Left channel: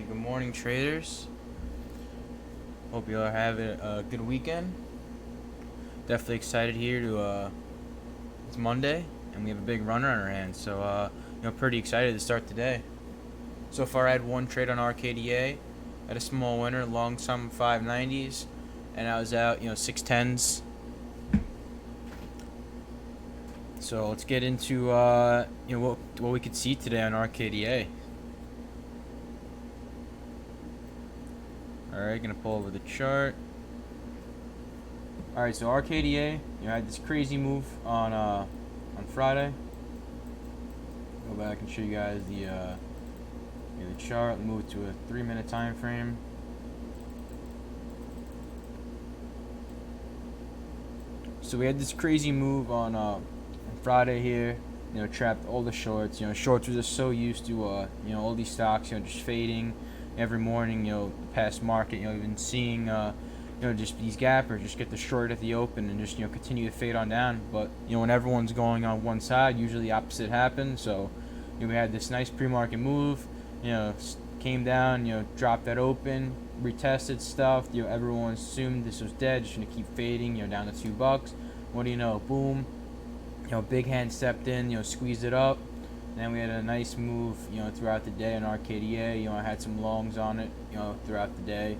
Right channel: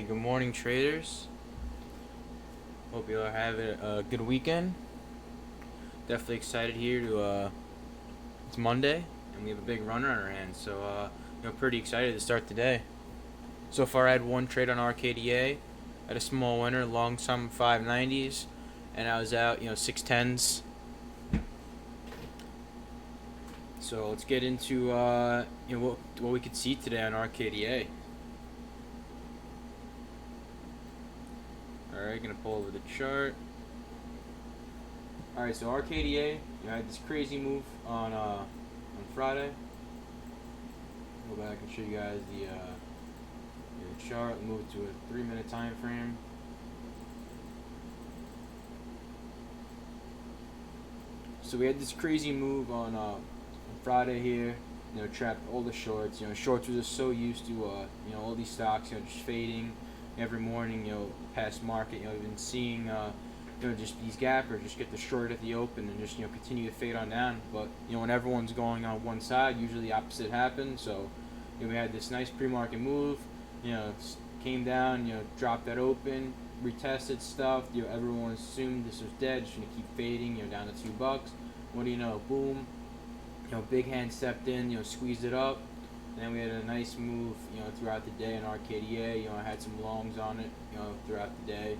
Hey, good morning, traders. Hope you are having a good weekend. Definitely excited here to. It's Monday, and we have a big runner on our hands, so pretty excited to start the day. So far, I had one trade on RKDA, had a small winner, long sum 590s, and I was out, 610s. So let's get into what we could see today on RKDA. All right, gonna pull over the chart. All right, so RKDA, had this crazy move on Friday. Go back and show you guys the chart. We move to a 3-minute time frame. So we had this crazy move on Friday here. Trapped all the shorts. Shorts were just so used to all these stocks just fading every morning. Past market. You've been seeing just these gappers just get the short at the open and just continue to fade on down. But when everyone's going on one side, usually the opposite happens. So we had this nice pre-market move. Came down. Dropped that open, retested stuff. Everyone assumed this was dead, just gonna keep fading. Down to $2. What do you know? Boom. Big hand stepped in. Squeezed it up. Then we had a nice move. Throughout the day on RKDA. I had some longs on it. Throughout the day.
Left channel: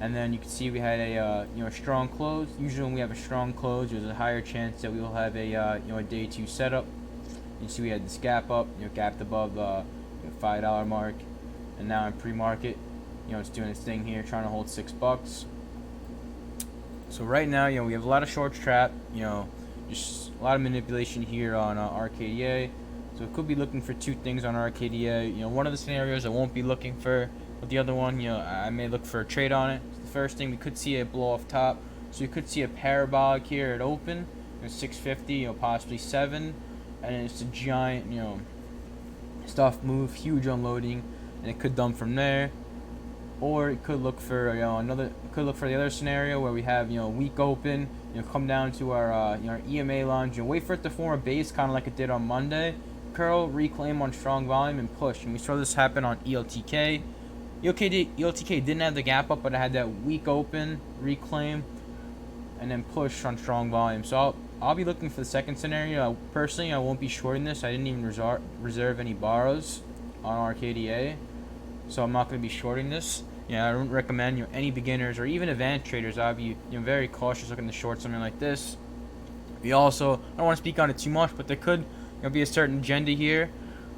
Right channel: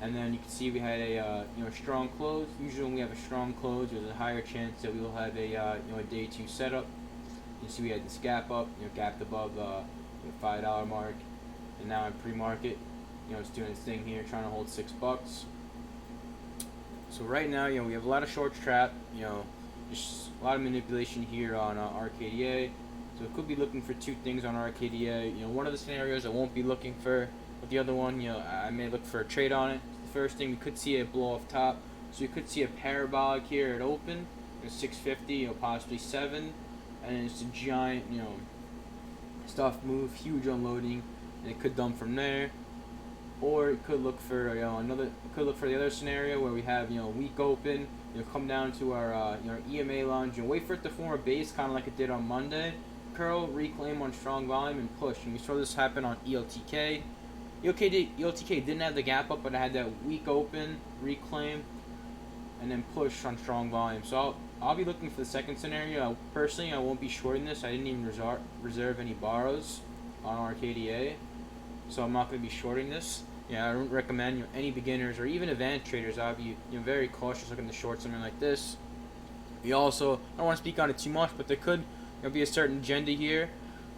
And then you can see we had a strong close. Usually when we have a strong close, there's a higher chance that we will have a day 2 setup. You see we had this gap up, gapped above the $5 mark, and now in pre-market, it's doing its thing here, trying to hold $6. So right now, we have a lot of shorts trapped. Just a lot of manipulation here on RKDA. So it could be looking for two things on RKDA. One of the scenarios I won't be looking for. But the other one, I may look for a trade on it. The first thing, we could see a blow off top. So you could see a parabolic here at open, 650, possibly 7, and it's a giant, stuff move, huge unloading, and it could dump from there. Or it could look for the other scenario where we have weak open, come down to our EMA lines, wait for it to form a base, kind of like it did on Monday. Curl, reclaim on strong volume, and push. And we saw this happen on ELTK. ELTK didn't have the gap up, but it had that weak open, reclaim, and then push on strong volume. So I'll be looking for the second scenario. Personally, I won't be shorting this. I didn't even reserve any borrows on RKDA, so I'm not going to be shorting this. I don't recommend any beginners or even advanced traders. I'll be very cautious looking to short something like this. We also, I don't want to speak on it too much, but there could be a certain agenda here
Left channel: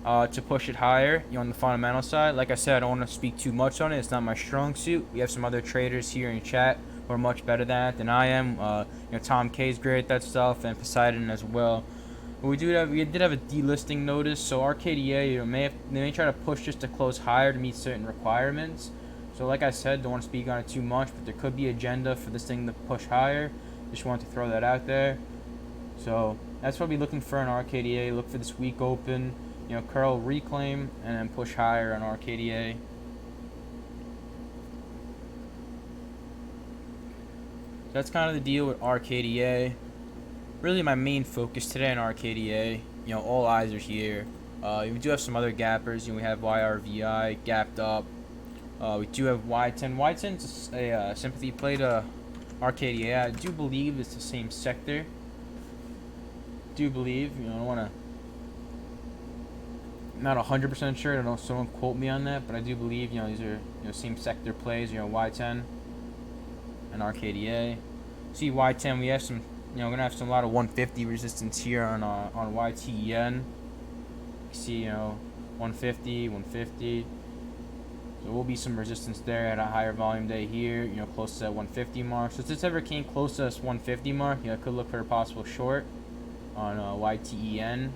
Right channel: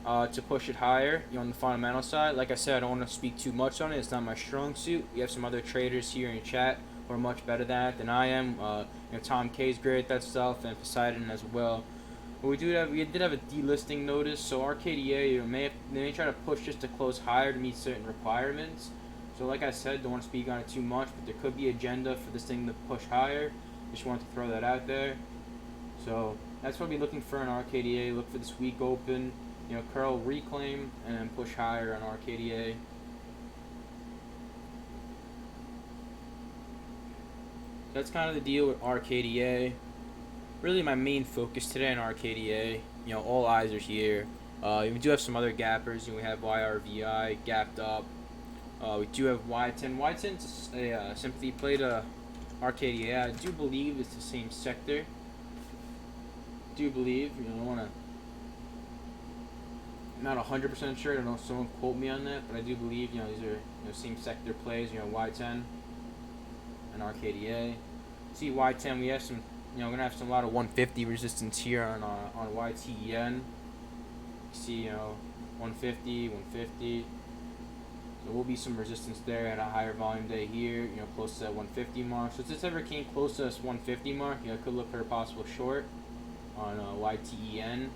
to push it higher, on the fundamental side. Like I said, I don't want to speak too much on it. It's not my strong suit. We have some other traders here in chat who are much better than that than I am. Tom K's great at that stuff, and Poseidon as well. But we did have a delisting notice, so RKDA they may try to push just to close higher to meet certain requirements. So like I said, don't want to speak on it too much, but there could be agenda for this thing to push higher. Just want to throw that out there. So that's what we'll be looking for in RKDA. Look for this weak open, curl, reclaim, and then push higher on RKDA. That's kind of the deal with RKDA. Really my main focus today on RKDA. All eyes are here. We do have some other gappers. We have YRVI gapped up. We do have YTEN. YTEN's a sympathy play to RKDA. I do believe it's the same sector. Do believe, I don't want to. Not 100% sure. I don't know if someone quote me on that, but I do believe these are same sector plays. YTEN and RKDA. See YTEN, we have some. Gonna have a lot of 150 resistance here on YTEN. See 150, 150. So will be some resistance there at a higher volume day here. Close to that 150 mark. So if this ever came close to this 150 mark, could look for a possible short on YTEN.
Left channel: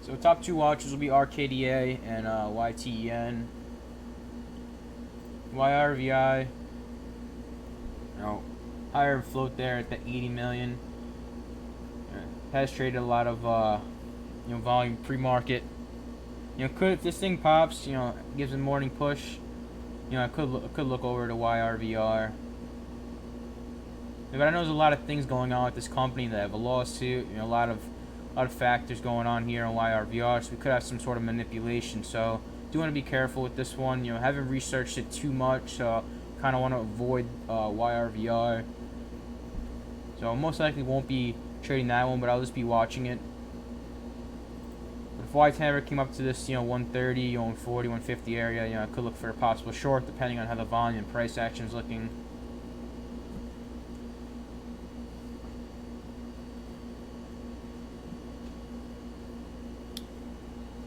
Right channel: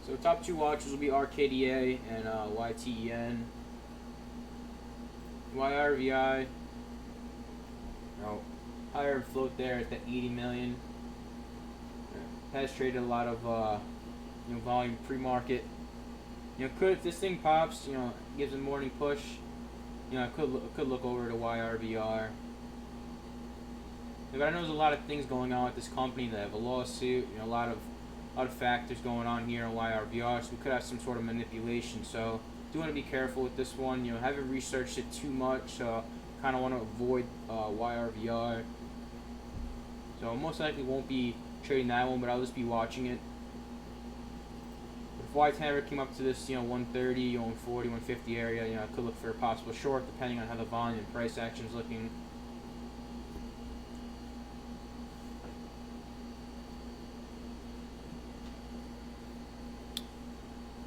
So top two watches will be RKDA and YTEN. YRVI, higher float there at the 80 million. Has traded a lot of volume pre-market. Could, if this thing pops, gives a morning push, could look over to YRVR. But I know there's a lot of things going on with this company. They have a lawsuit, a lot of factors going on here on YRVR, so we could have some sort of manipulation. So do want to be careful with this one. Haven't researched it too much, so kind of want to avoid YRVR. So most likely won't be trading that one, but I'll just be watching it. But if YTEN ever came up to this, 130, 140, 150 area, I could look for a possible short depending on how the volume and price action is looking.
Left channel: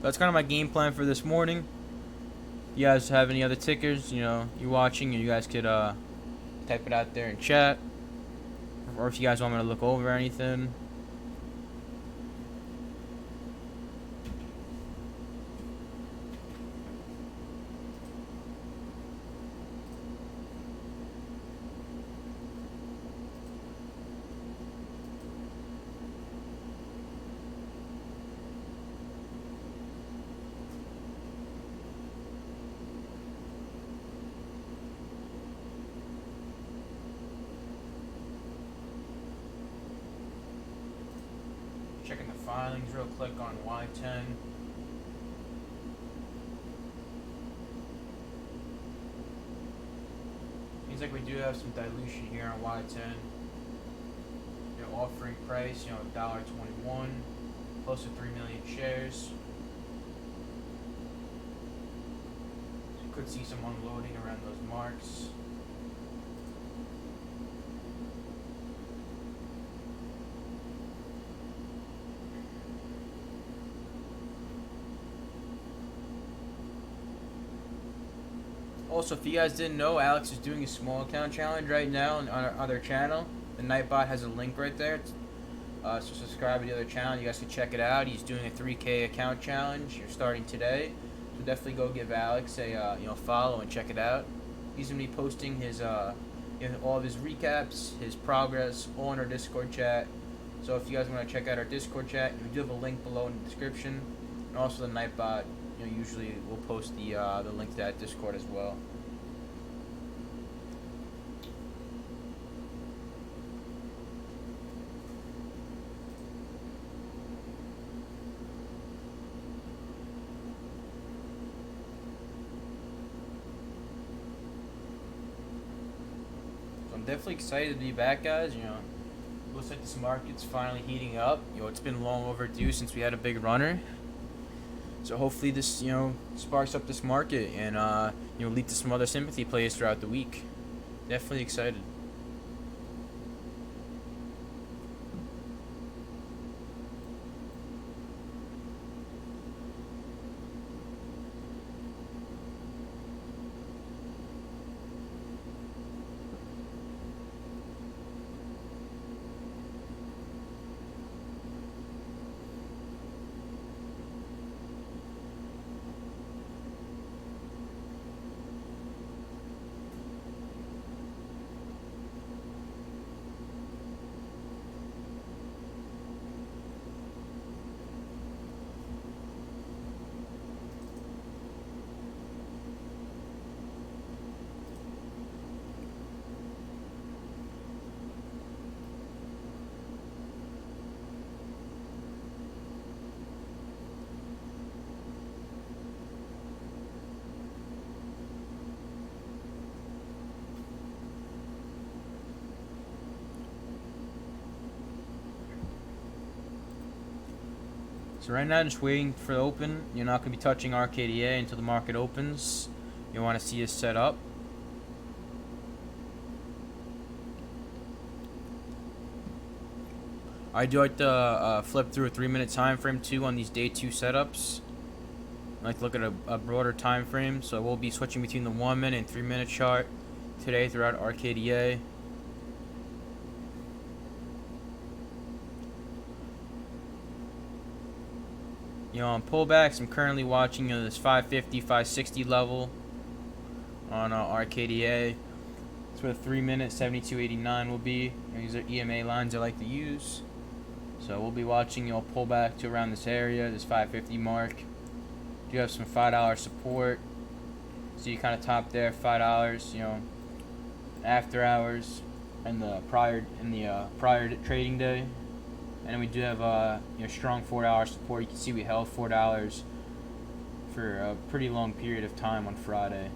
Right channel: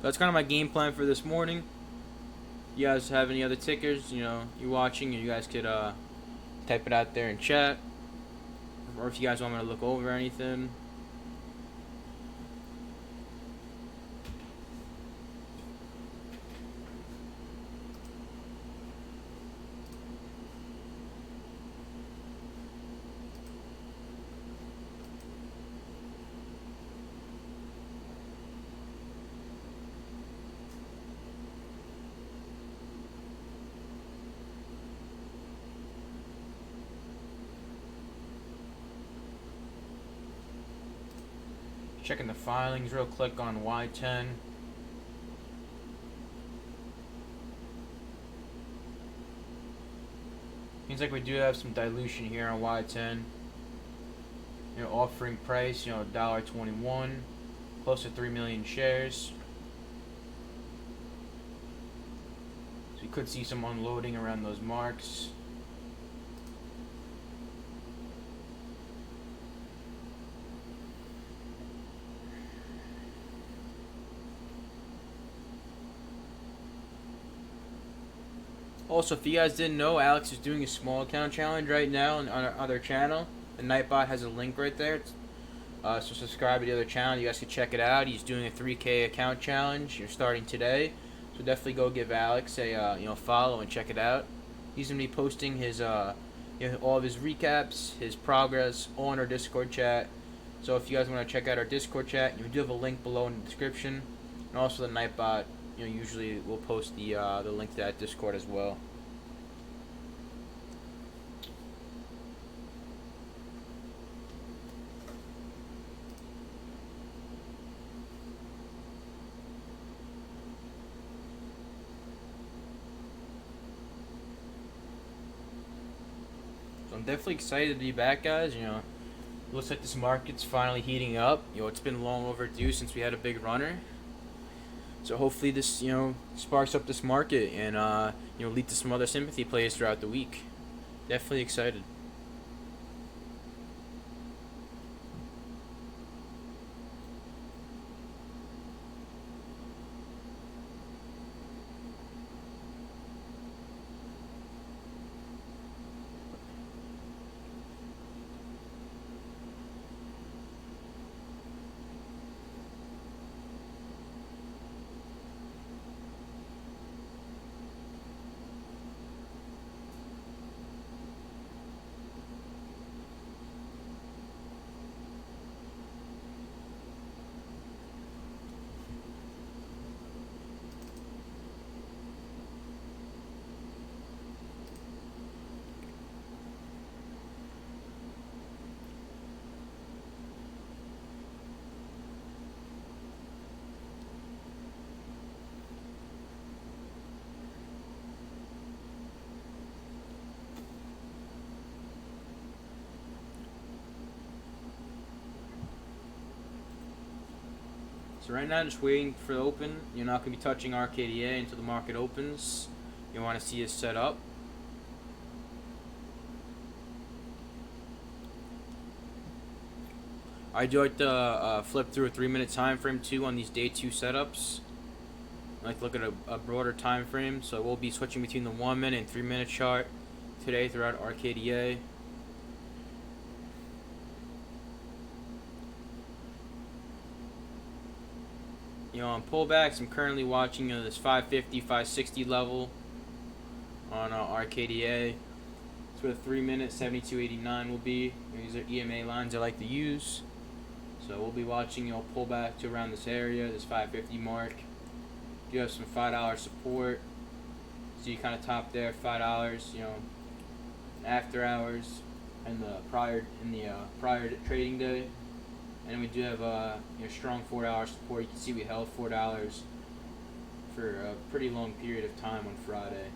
That's kind of my game plan for this morning. If you guys have any other tickers, you're watching, you guys could type it out there in chat. Or if you guys want me to look over anything. Checking the filings real quick on YTEN. Seems like we do have some dilution here on YTEN. Offering price, $1.21, close to 3 million shares. So you could see some unloading around those marks. Also, if you guys didn't know, Alex is doing a small account challenge right now on our other channel. The Nightbot has a link right there. So subscribe to the other channel. You guys can check it out. He's doing a 3K account challenge. You're starting today, so definitely go give Alex a follow and check it out. He's gonna be posting his all of his recaps, his progress on our Discord chat. So if you guys want to check out our Discord chat, we do have a link below in the description, and also the Nightbot. Usually we'll post the link to that Discord as well. So I'm definitely excited to be back, guys. Looks like this market's finally heating up. It's been long overdue since we had a big runner. So hopefully this, sparks up this market and, lead to some other sympathy plays throughout the week. Definitely excited. So right now, just waiting for the open. You're not going to be touching RKDA until the market opens. You want to see it set up. I do like to flip through a 3-minute time frame too on these day 2 setups. I like to look at a broader time frame, so we'll be switching between the 1-minute and 3-minute chart today throughout RKDA. On pullbacks, I'm currently watching this 550, 560 level on RKDA. That's where the 3-minute 72.89 will be. These are EMA lines I like to use. So we'll be watching pullback to around this area, this 550 mark. Do have some $5 support. So you kind of top there, $5. After hours. prior trading day, and we do have strong $4 support. You can see we held $4 for a pretty long period of time on Friday.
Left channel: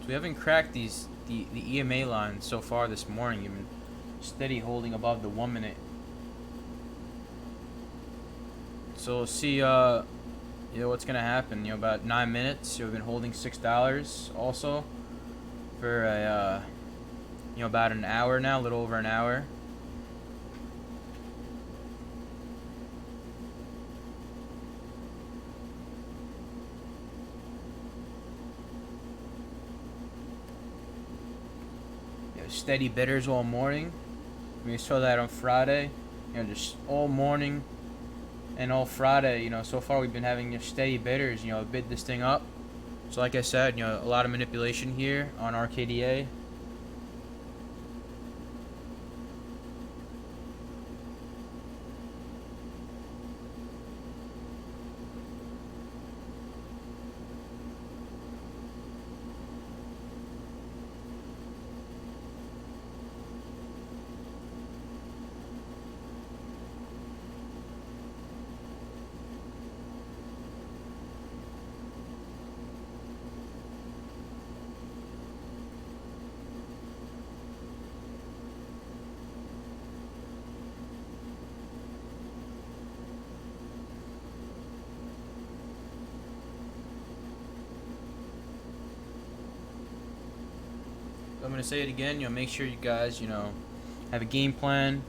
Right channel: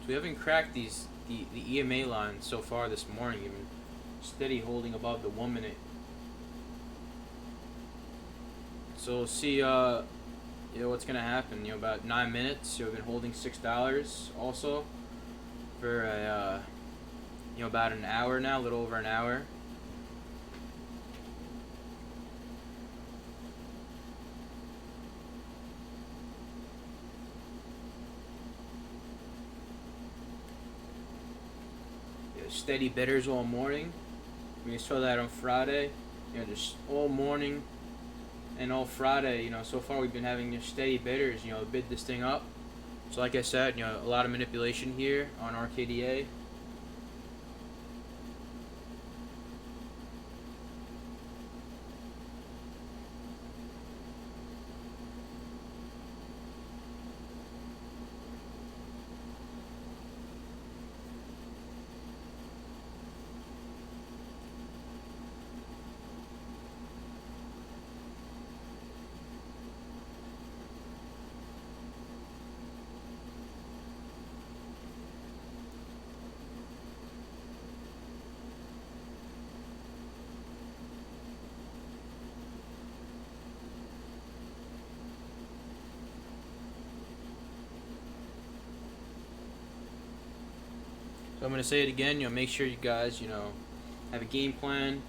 So we haven't cracked the EMA line so far this morning. We've been steady holding above the 1 minute. So we'll see what's gonna happen. About 9 minutes. We've been holding $6 also for about an hour now, a little over an hour. Steady bidders all morning. We saw that on Friday. Just all morning and all Friday. So far we've been having steady bidders. Bid this thing up. So like I said, a lot of manipulation here on RKDA. So I'm going to say it again, make sure you guys, have a game plan.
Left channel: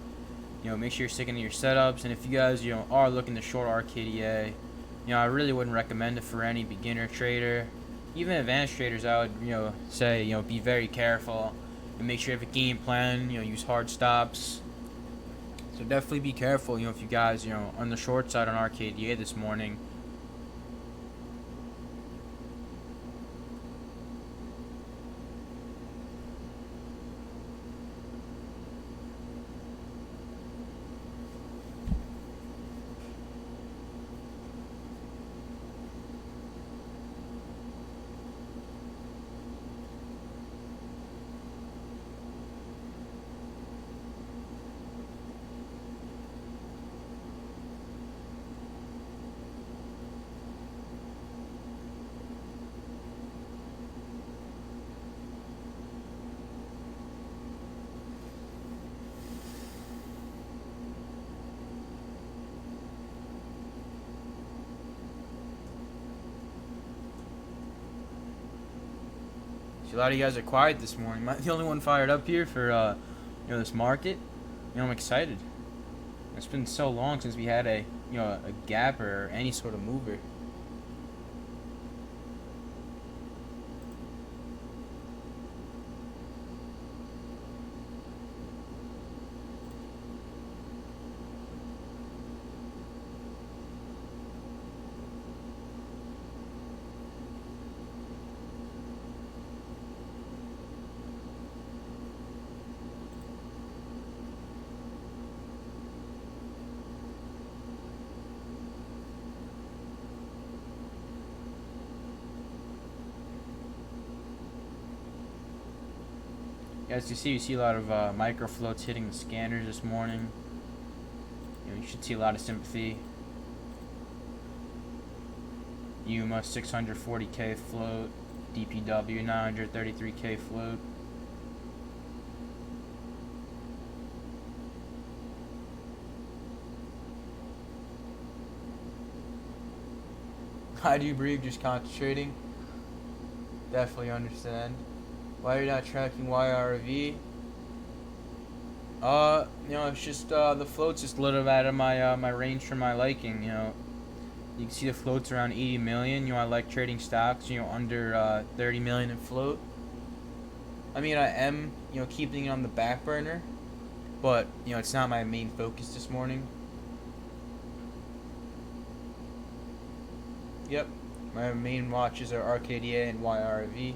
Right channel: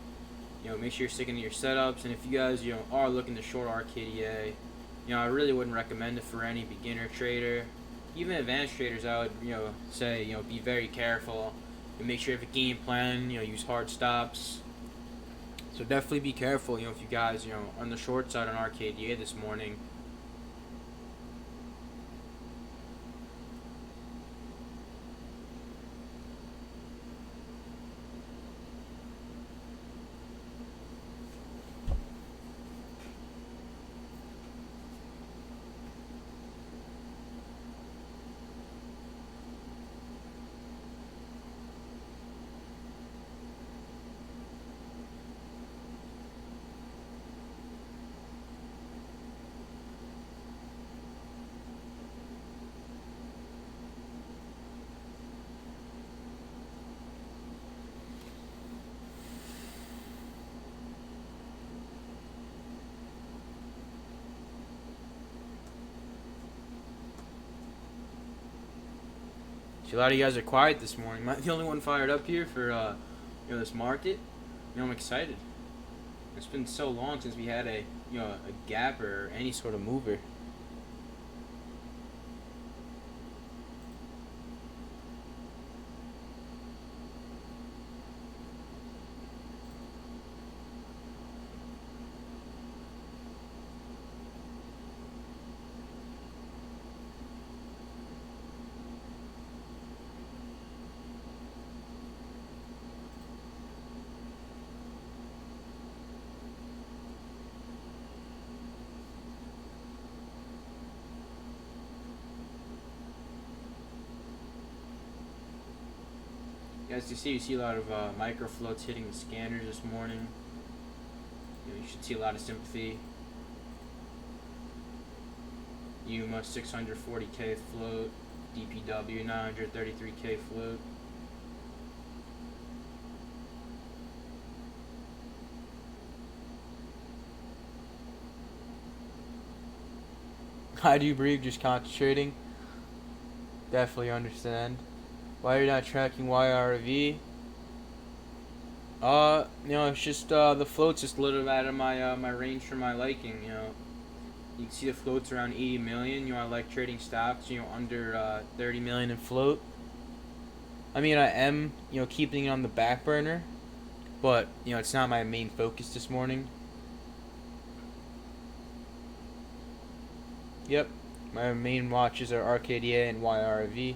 Make sure you're sticking to your setups. And if you guys, are looking to short RKDA, I really wouldn't recommend it for any beginner trader. Even advanced traders, I would, say, be very careful. And make sure you have a game plan, use hard stops. So definitely be careful, if you guys, on the short side on RKDA this morning. See, a lot of you guys are quiet this morning. Am I the only one fired up here for this market? I'm excited. It's been so long since we had a gap or any sort of mover. As you see a lot of micro floats hitting the scanners this morning. You should see a lot of sympathy. UMA 640K float, DPW 933K float. I do breathe, just concentrating. Definitely understand. Why you're not tracking YRV? It's just the float's just a little out of my range for my liking. You can see the float's around 80 million. I like trading stocks. Under 30 million in float. I mean, I am keeping it on the back burner, but it's not my main focus this morning. Yep, my main watches are RKDA and YRV.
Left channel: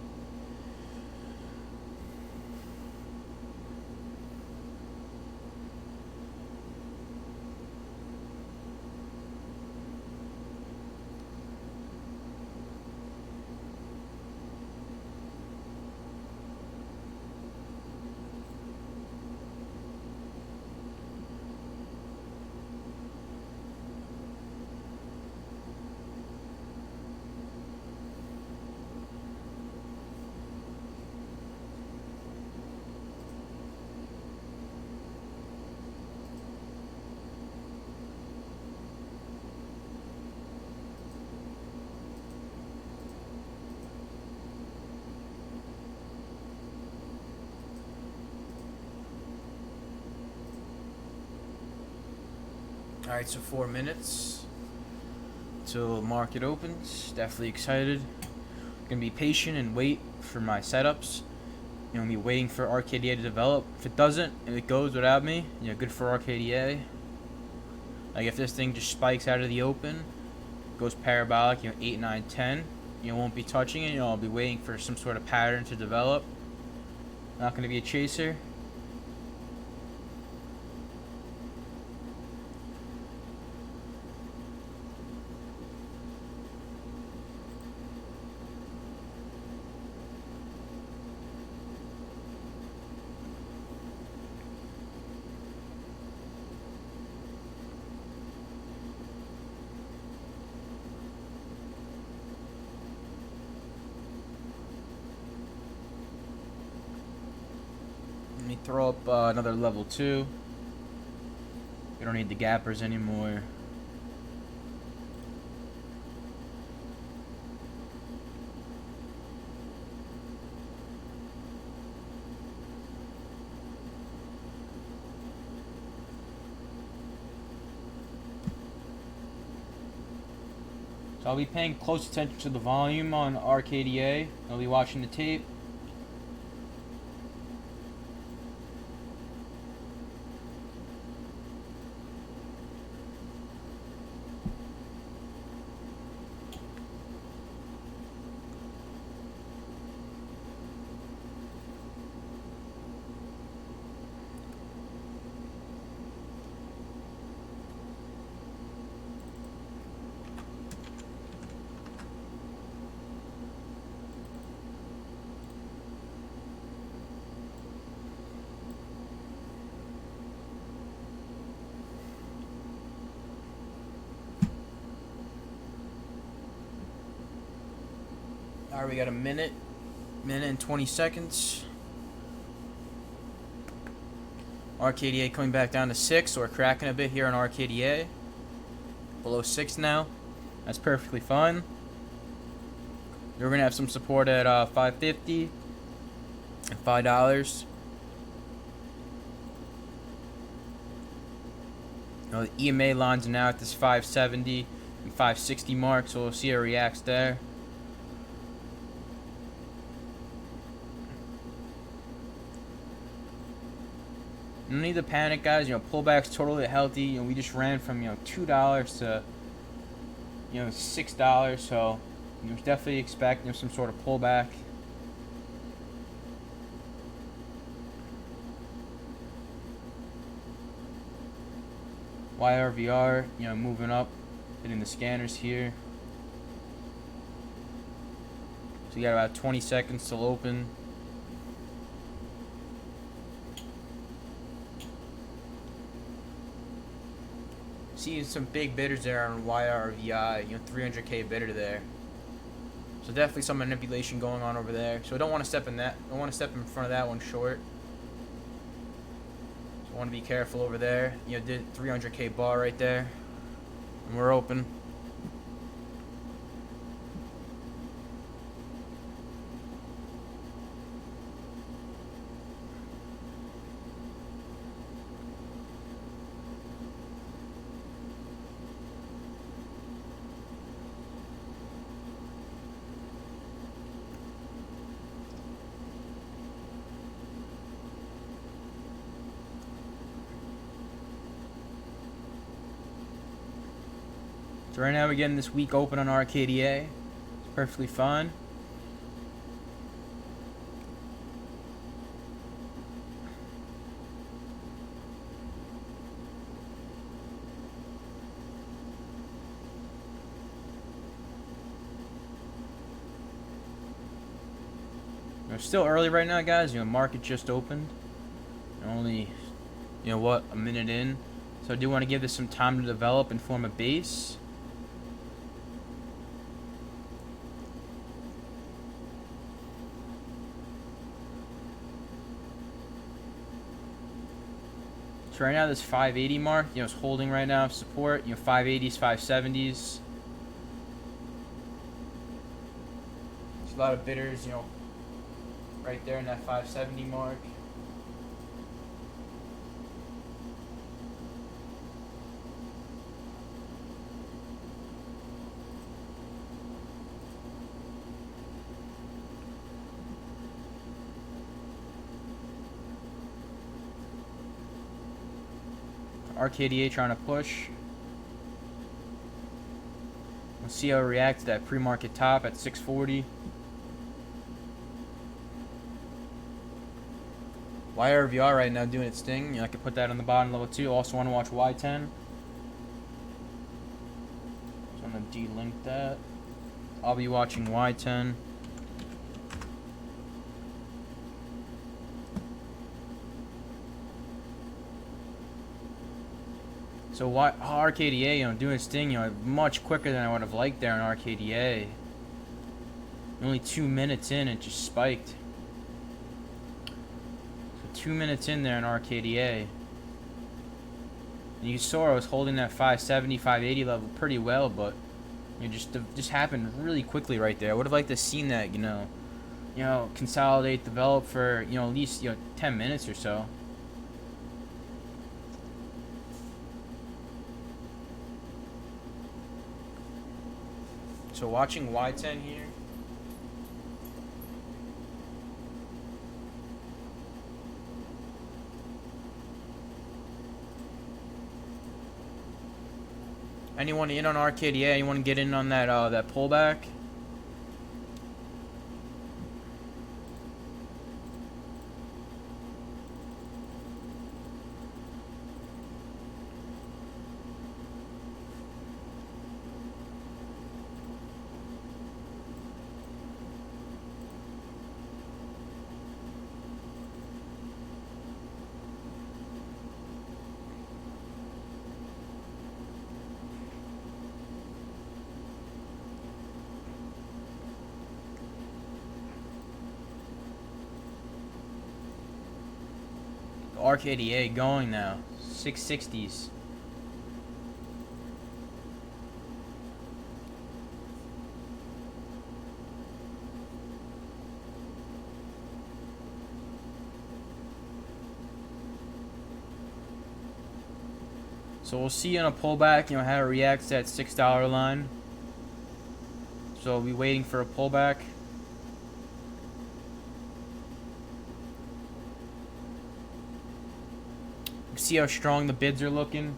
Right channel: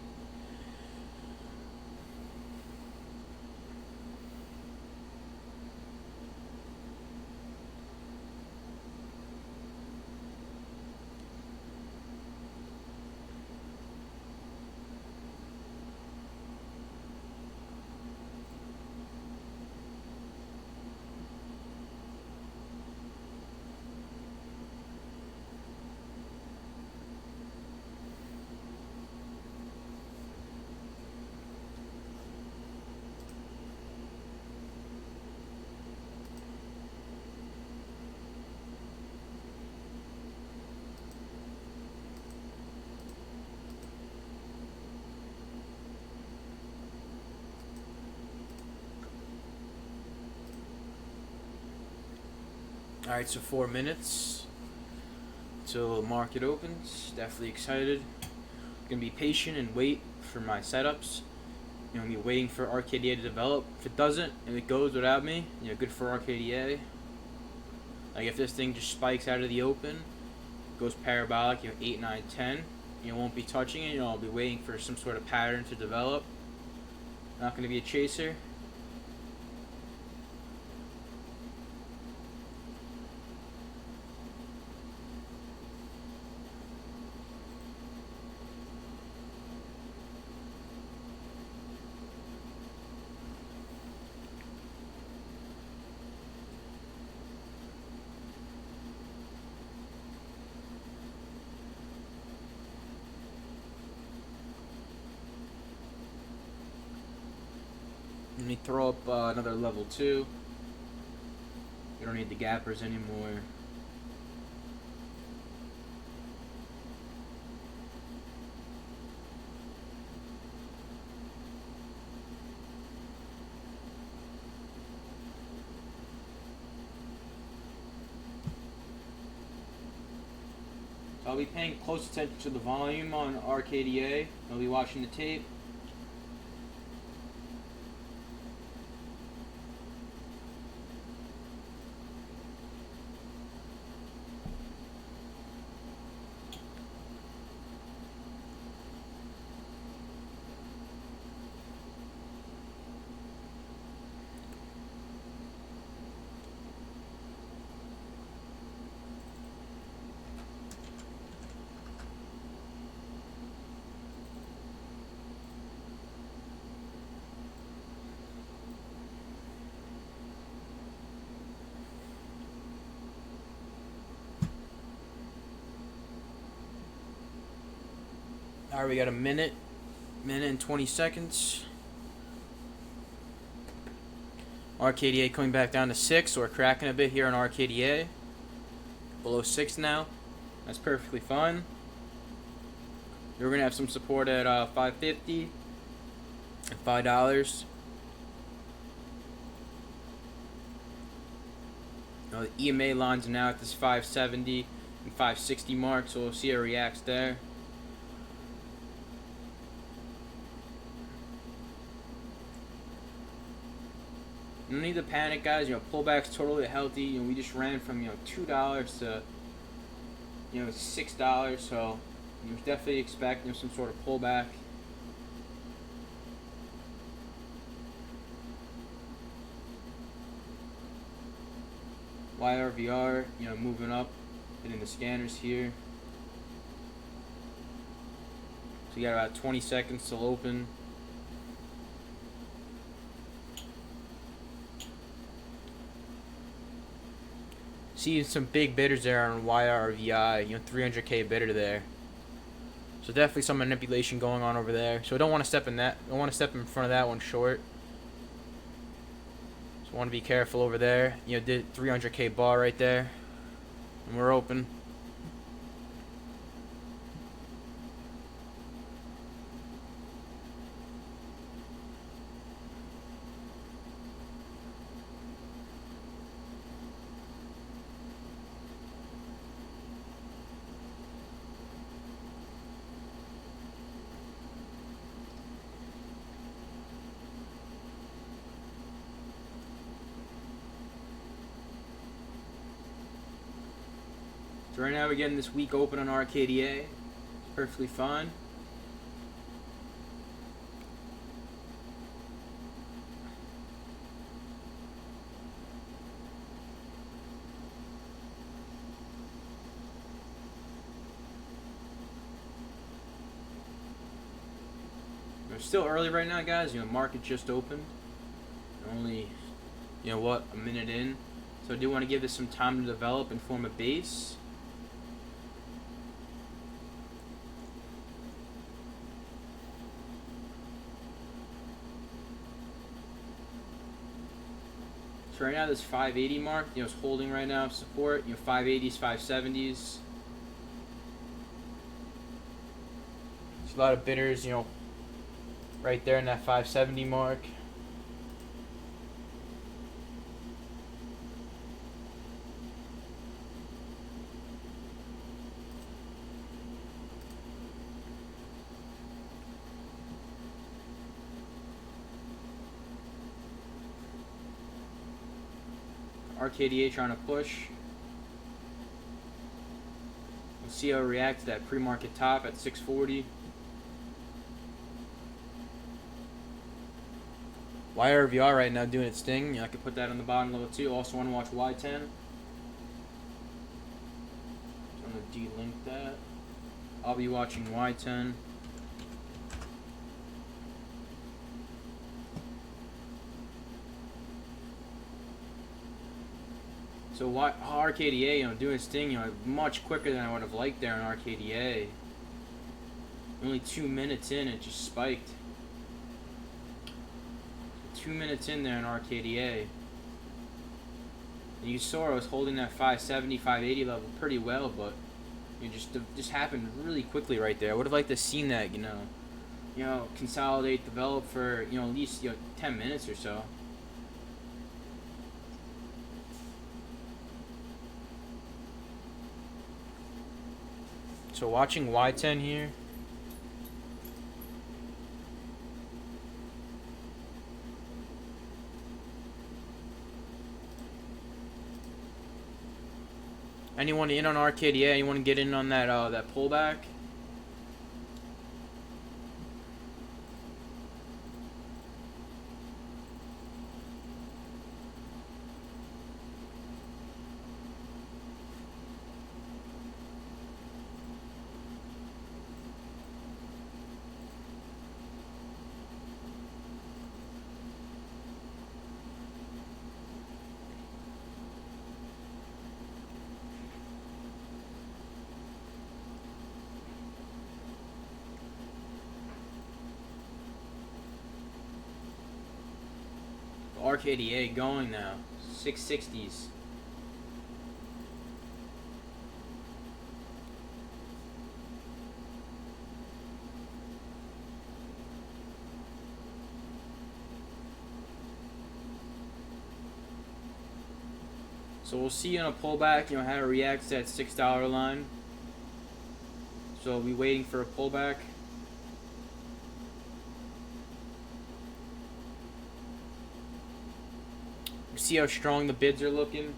All right, so 4 minutes till market opens. Definitely excited. Gonna be patient and wait for my setups. I'm gonna be waiting for RKDA to develop. If it doesn't and it goes without me, good for RKDA. Like if this thing just spikes out of the open, goes parabolic, 8, 9, 10, won't be touching it. I'll be waiting for some sort of pattern to develop. Not gonna be a chaser. Let me throw up another level 2. We don't need the gappers anymore. So I'll be paying close attention to the volume on RKDA. I'll be watching the tape. All right, we got a minute and 20 seconds. RKDA coming back down to 6, so we're cracking a bit here on RKDA. Below 6 now. That's perfectly fine. We're gonna have some support at $5.50 and $5. The EMA lines are now at this 570 and 560 mark, so we'll see how it reacts there. No need to panic, guys. Pullback's totally healthy. We just ran from $2 to $6, so definitely expect some sort of pullback. YRVR, moving up, hitting the scanners here. So you got about 20 seconds till open. See some big bidders there on YRVI, 300K bidder there. So definitely some manipulation going on over there. So I don't want to step in that. I don't want to step in front of that one short. So I want to be careful over there. Did 300K bar right there, and we're open. So right now we're getting this week open on RKDA. It's perfectly fine. It's still early right now, guys. Market just opened. Only, a minute in. So I do want to give this some time to develop and form a base. So right now this 580 mark, it's holding right now support. 580s, 570s. There's a lot of bidders, right there in that 570 mark. RKDA trying to push. We'll see how it reacts to that pre-market top at 640. YRVR right now doing its thing. I could put that on the bottom level too. Also want to watch YTEN. So I'm going to delink that. I'll be watching YTEN. So RKDA, doing its thing, much quicker than I would have liked there in RKDA. Only 2 minutes in, it just spiked. So 2 minutes in there in RKDA. And you saw I was holding that 570, 580 level pretty well, but it just happened really quickly right there. I would have liked to have seen that, consolidate, develop for, at least 10 minutes or so. So watching YTEN here. Anyone in on RKDA? Anyone get in on that that pullback? RKDA going now. 660s. So we'll see on a pullback, how it reacts to that $6 line. So we'll be waiting for a pullback. See how strong the bids are looking.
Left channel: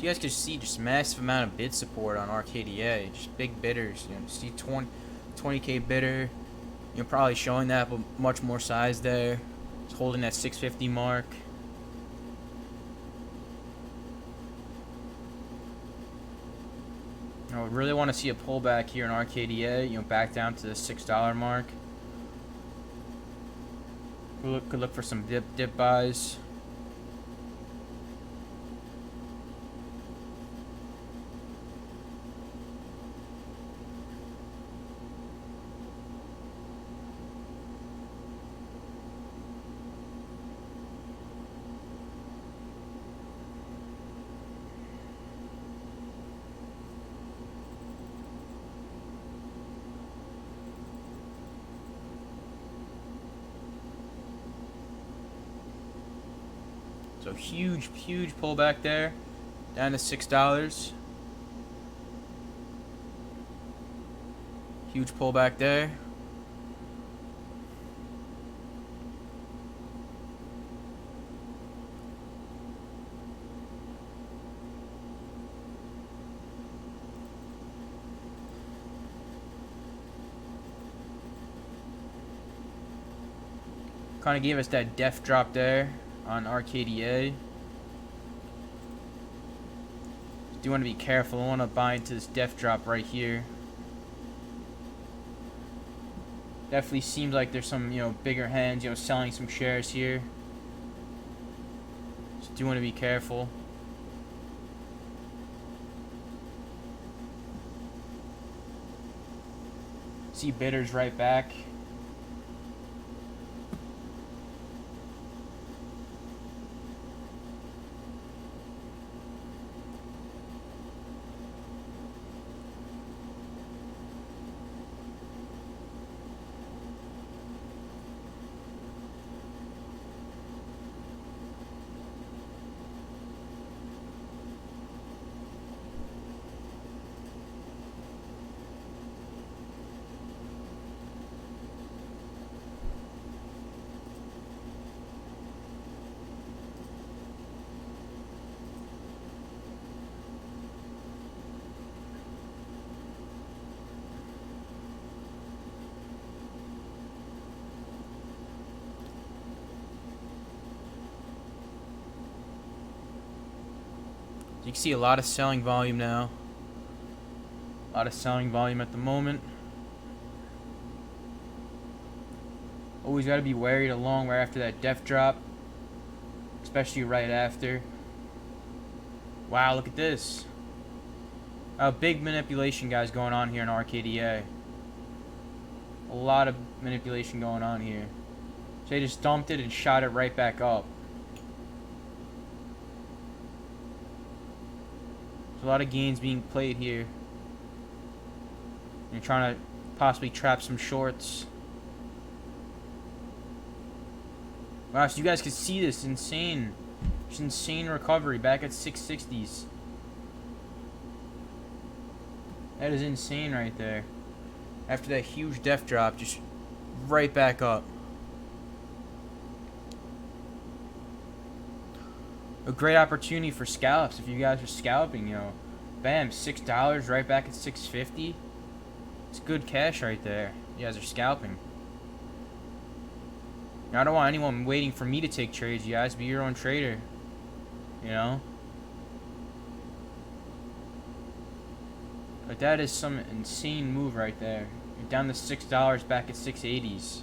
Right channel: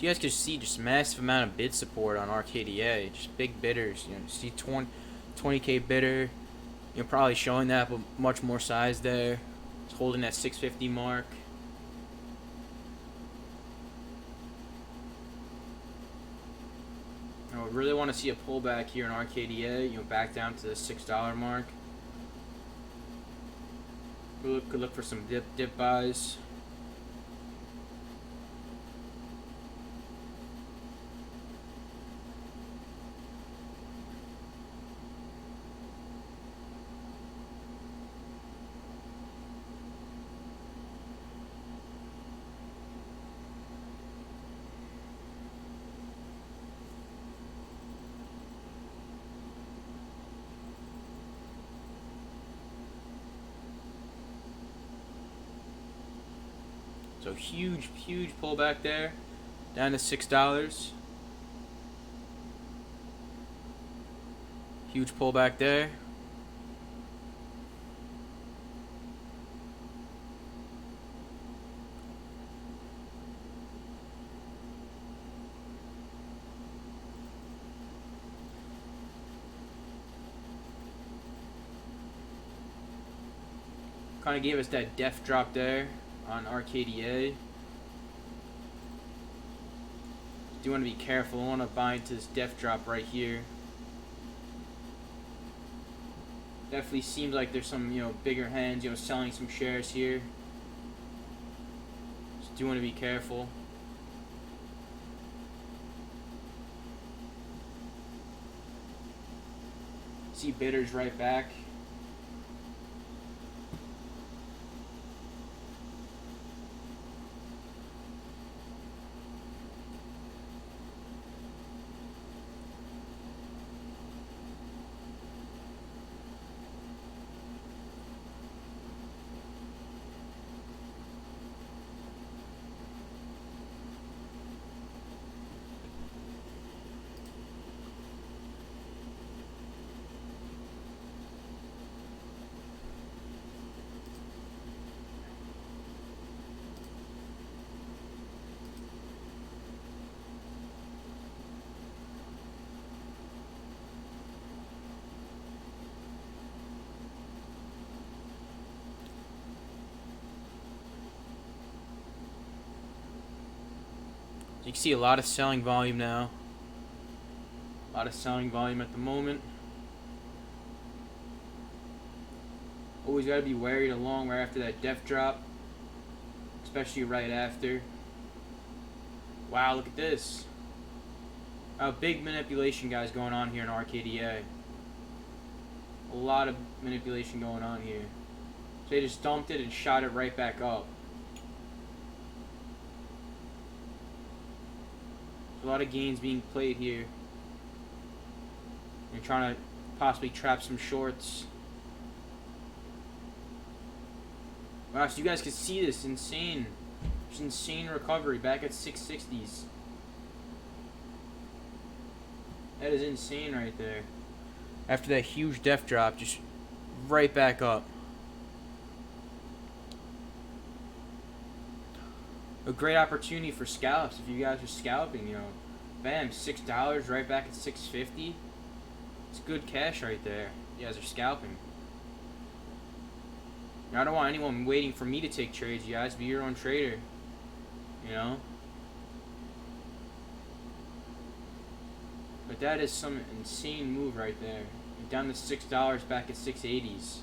You guys can see just massive amount of bid support on RKDA, just big bidders. See 20K bidder, probably showing that, but much more size there. It's holding that 650 mark. I would really want to see a pullback here in RKDA, you know, back down to the $6 mark. Could look for some dip buys. So huge pullback there, down to $6. Huge pullback there. Kind of gave us that death drop there on RKDA. Do want to be careful. I want to buy into this death drop right here. Definitely seems like there's some, you know, bigger hands, you know, selling some shares here. Just do want to be careful. See bidders right back. You can see a lot of selling volume now. A lot of selling volume at the moment. Always got to be wary along right after that death drop. Especially right after. Wow, look at this. A big manipulation, guys, going on here in RKDA. A lot of manipulation going on here. So they just dumped it and shot it right back up. A lot of gains being played here. You're trying to possibly trap some shorts. Wow, so you guys can see this insane recovery back at 660s. That is insane right there. After that huge death drop, just right back up. A great opportunity for scalps if you guys are scalping, you know. Bam, $6 right back at 650. It's good cash right there. You guys are scalping. Now, I don't want anyone waiting for me to take trades. You guys be your own trader. You know. But that is some insane move right there. You're down to $6 back at 680s.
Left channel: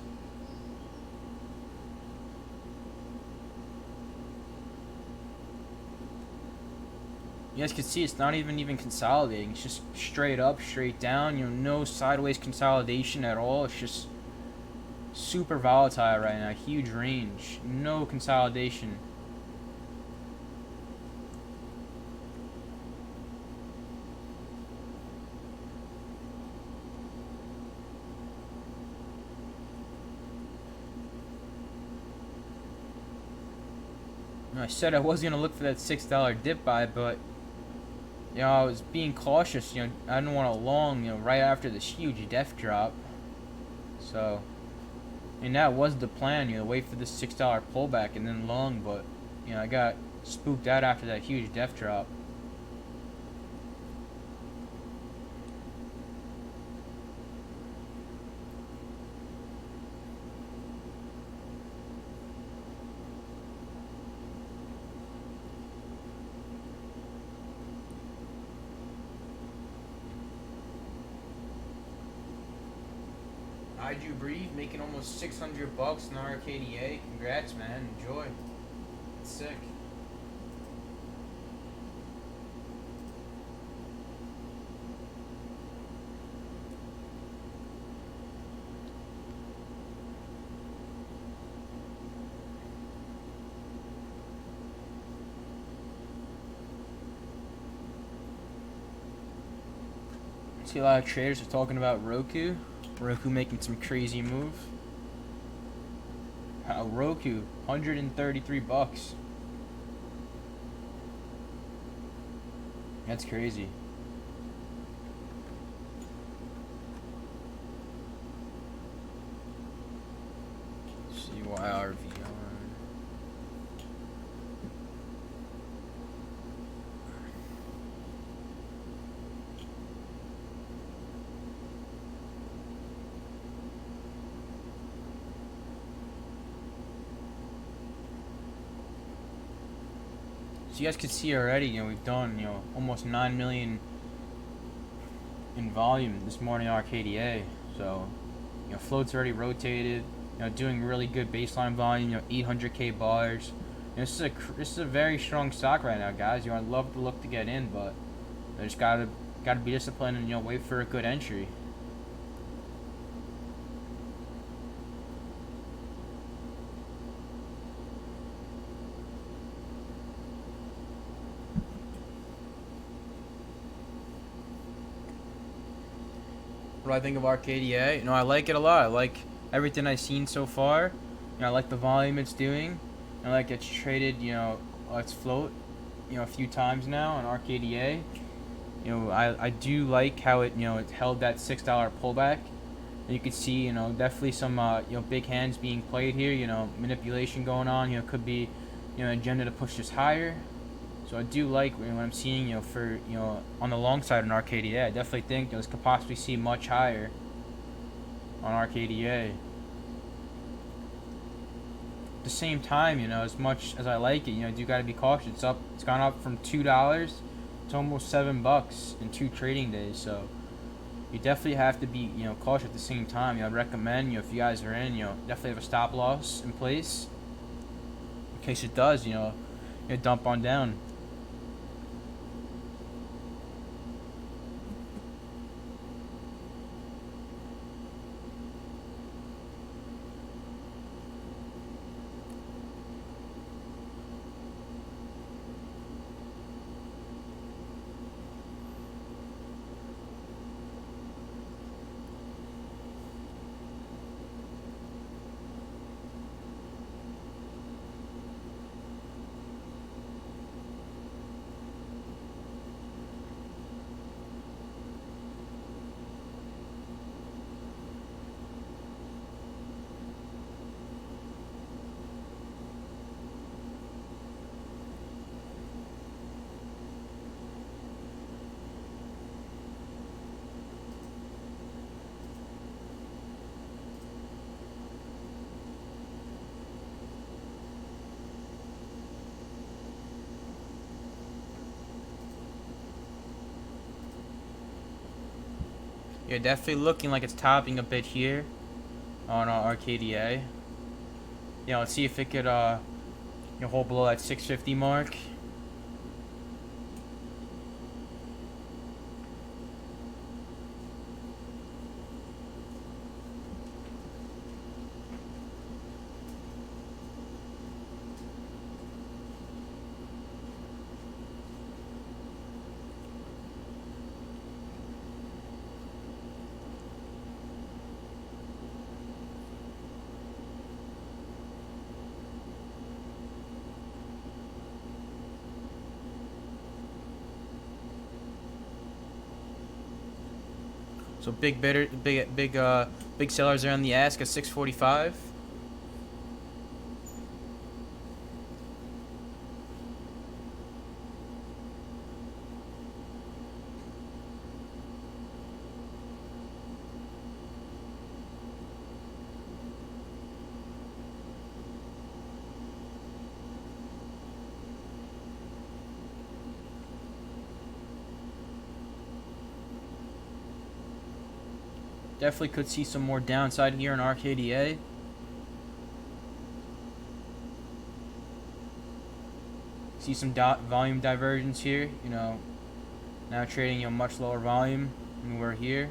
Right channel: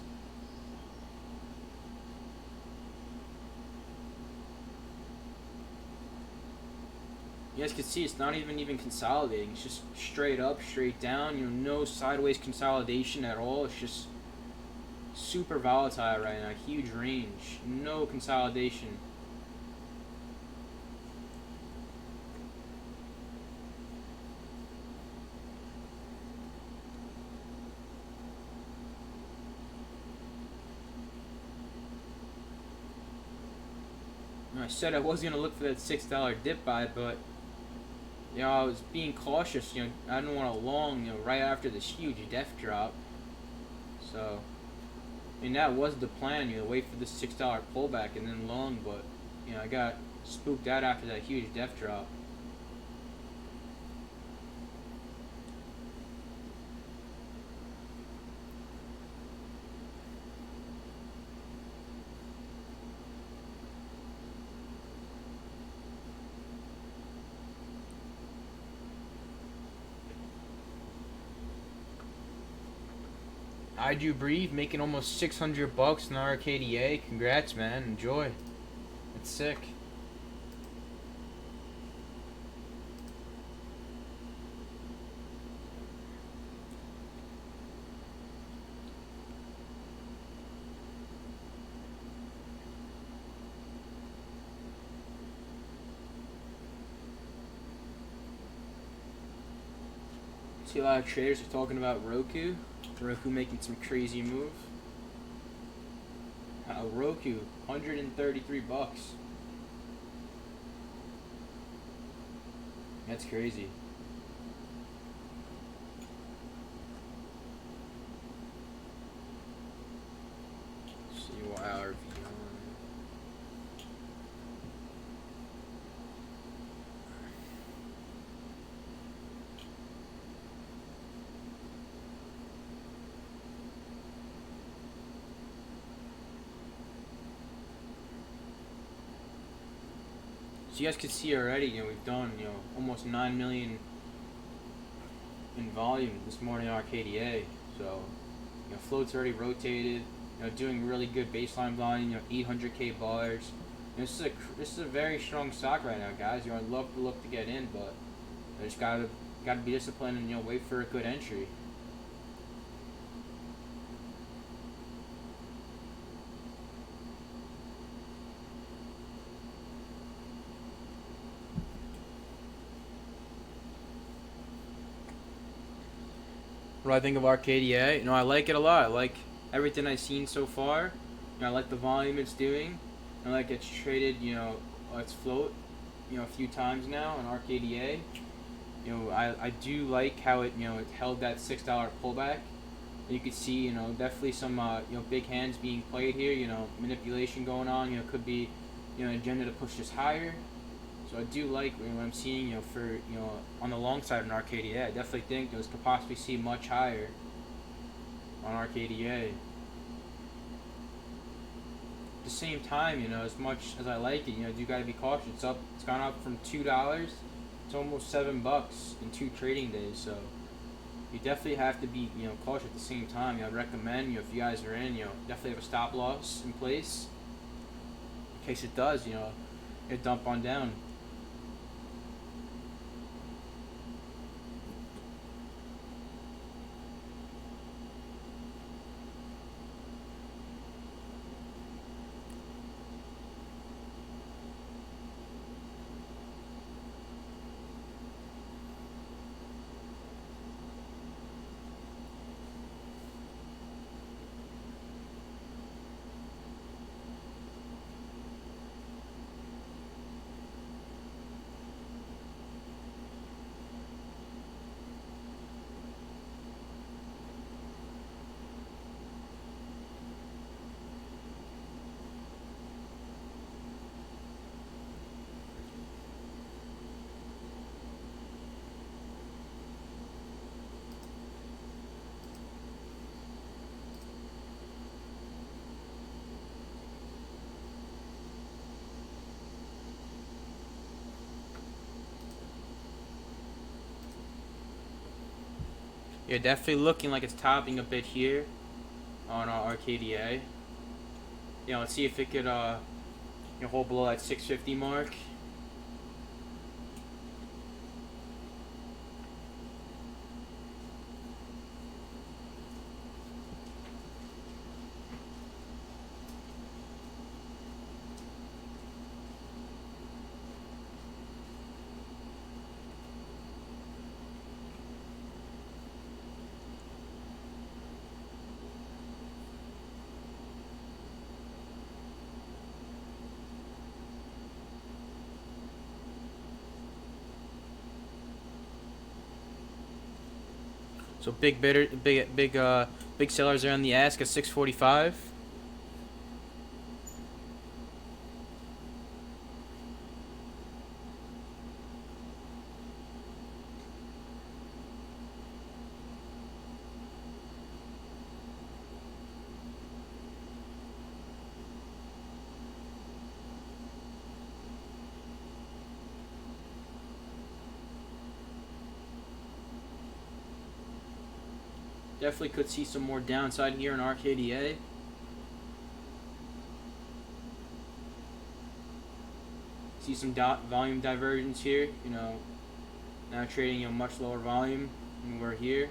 You guys can see it's not even consolidating. It's just straight up, straight down. You know, no sideways consolidation at all. It's just super volatile right now. Huge range. No consolidation. I said I was going to look for that $6 dip buy, but you know, I was being cautious. You know, I didn't want to long, you know, right after this huge death drop. So, I mean, that was the plan, you know, wait for this $6 pullback and then long, but, you know, I got spooked out after that huge death drop. I do breathe, making almost 600 bucks in RKDA. Congrats, man. Enjoy. It's sick. See a lot of traders are talking about Roku. Roku making some crazy move. Roku, 133 bucks. That's crazy. CYRV on. So you guys can see already, we've done, almost 9 million in volume this morning RKDA. So, float's already rotated, doing really good baseline volume, 800k bars. This is a very strong stock right now, guys. I'd love to look to get in, but I just gotta be disciplined and wait for a good entry. What do I think of RKDA? I like it a lot. I like everything I've seen so far. I like the volume it's doing. I like it's traded, its float, a few times now on RKDA. I do like how it held that $6 pullback. And you can see, definitely some big hands being played here. Manipulation going on. Could be agenda to push this higher. So I do like what I'm seeing, for on the long side on RKDA. I definitely think this could possibly see much higher on RKDA. At the same time, as much as I like it, you gotta be cautious. It's gone up from $2 to almost $7 in 2 trading days. So you definitely have to be cautious at the same time. I recommend if you guys are in, definitely have a stop loss in place in case it does dump on down. Yeah, definitely looking like it's topping a bit here on RKDA. Let's see if it could hold below that 650 mark. So big sellers are on the ask at 645. Definitely could see some more downside here in RKDA. See some volume divergence here. Now trading a much lower volume than we're here.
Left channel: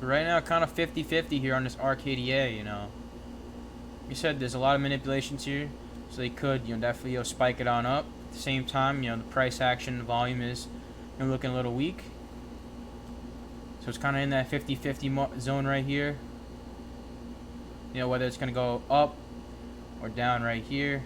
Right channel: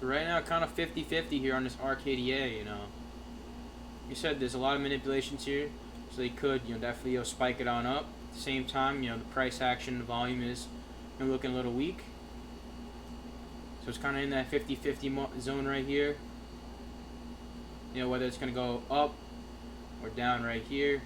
So right now, kind of 50-50 here on this RKDA, Like you said, there's a lot of manipulations here. So they could, definitely spike it on up. At the same time, the price action, the volume is looking a little weak. So it's kind of in that 50-50 zone right here. Whether it's going to go up or down right here.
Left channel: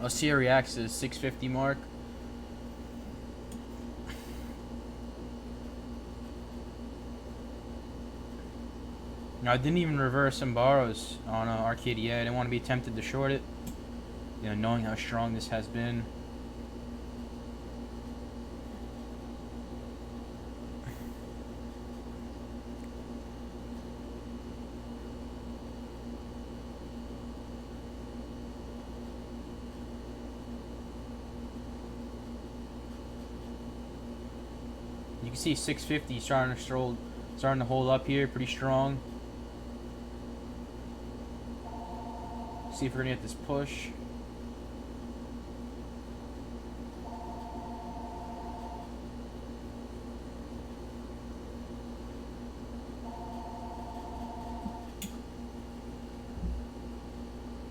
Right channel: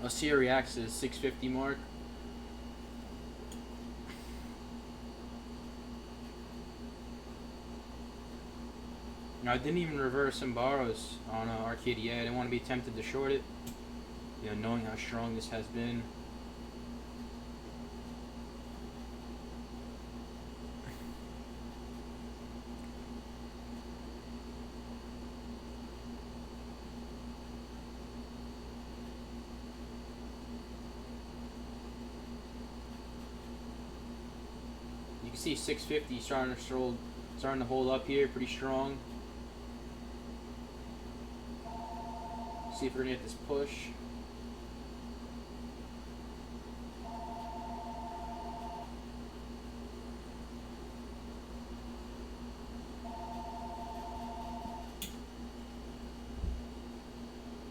I'll see how it reacts to the 650 mark. I didn't even reverse some borrows on RKDA. I didn't want to be tempted to short it. Knowing how strong this has been. You can see 650 starting to hold up here pretty strong. See if we're gonna get this push.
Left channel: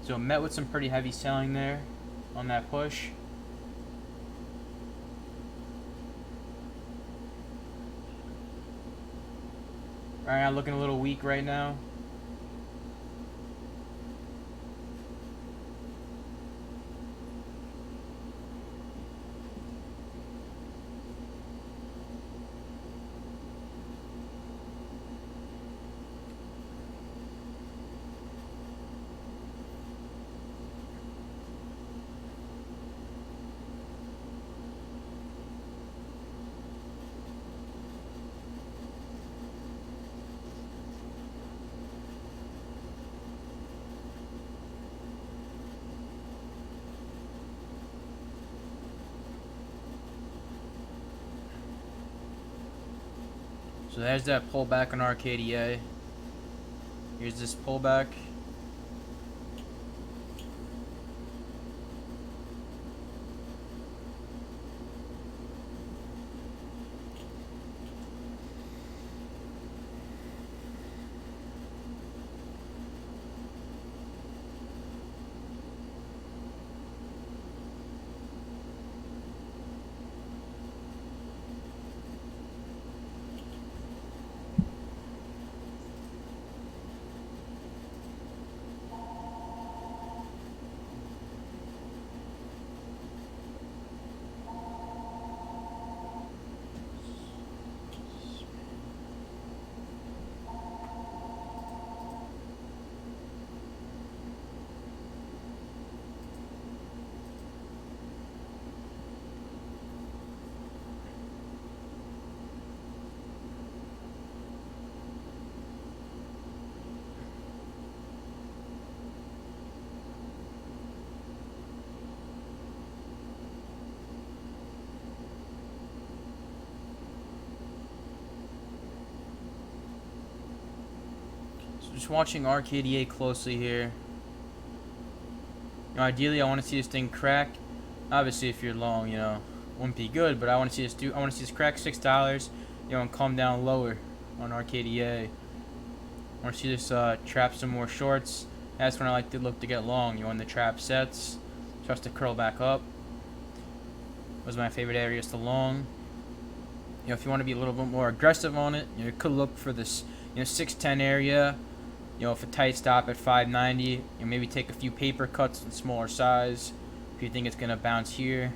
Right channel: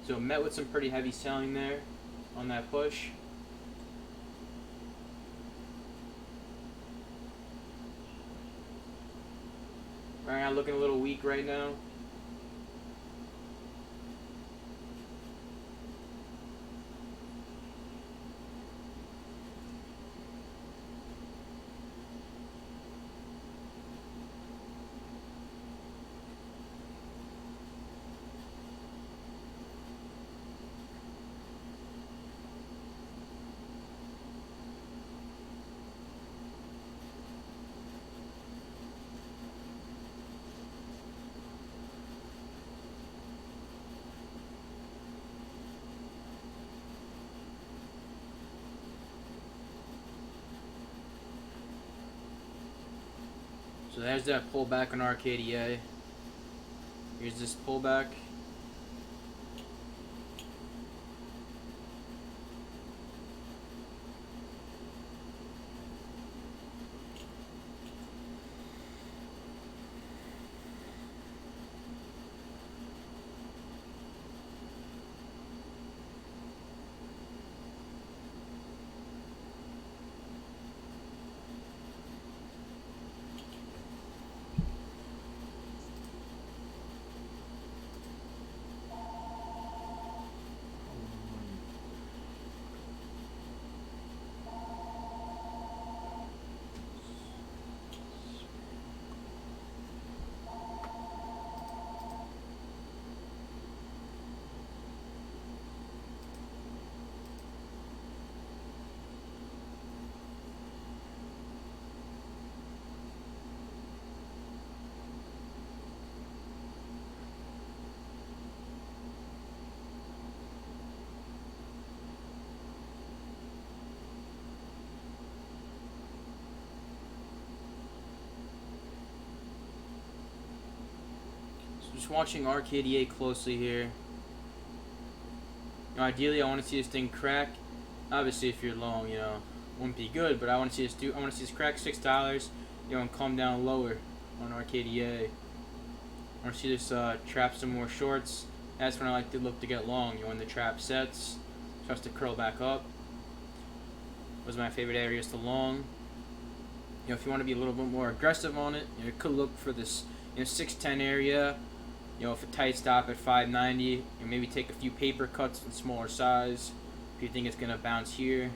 So it met with some pretty heavy selling there on that push. Right now looking a little weak right now. So there's that pullback on RKDA. Here's this pullback. So just watching RKDA closely here. Ideally, I want to see this thing crack. Obviously, if you're long, wouldn't be good. But I want to see this I want to see this crack $6. And come down lower on RKDA. I want to see this trap some more shorts. That's when I like to look to get long. When the trap sets, starts to curl back up. Those are my favorite areas to long. If you want to be a little bit more aggressive on it, you could look for this 610 area. If a tight stop at 590, maybe take a few paper cuts in smaller size if you think it's gonna bounce here.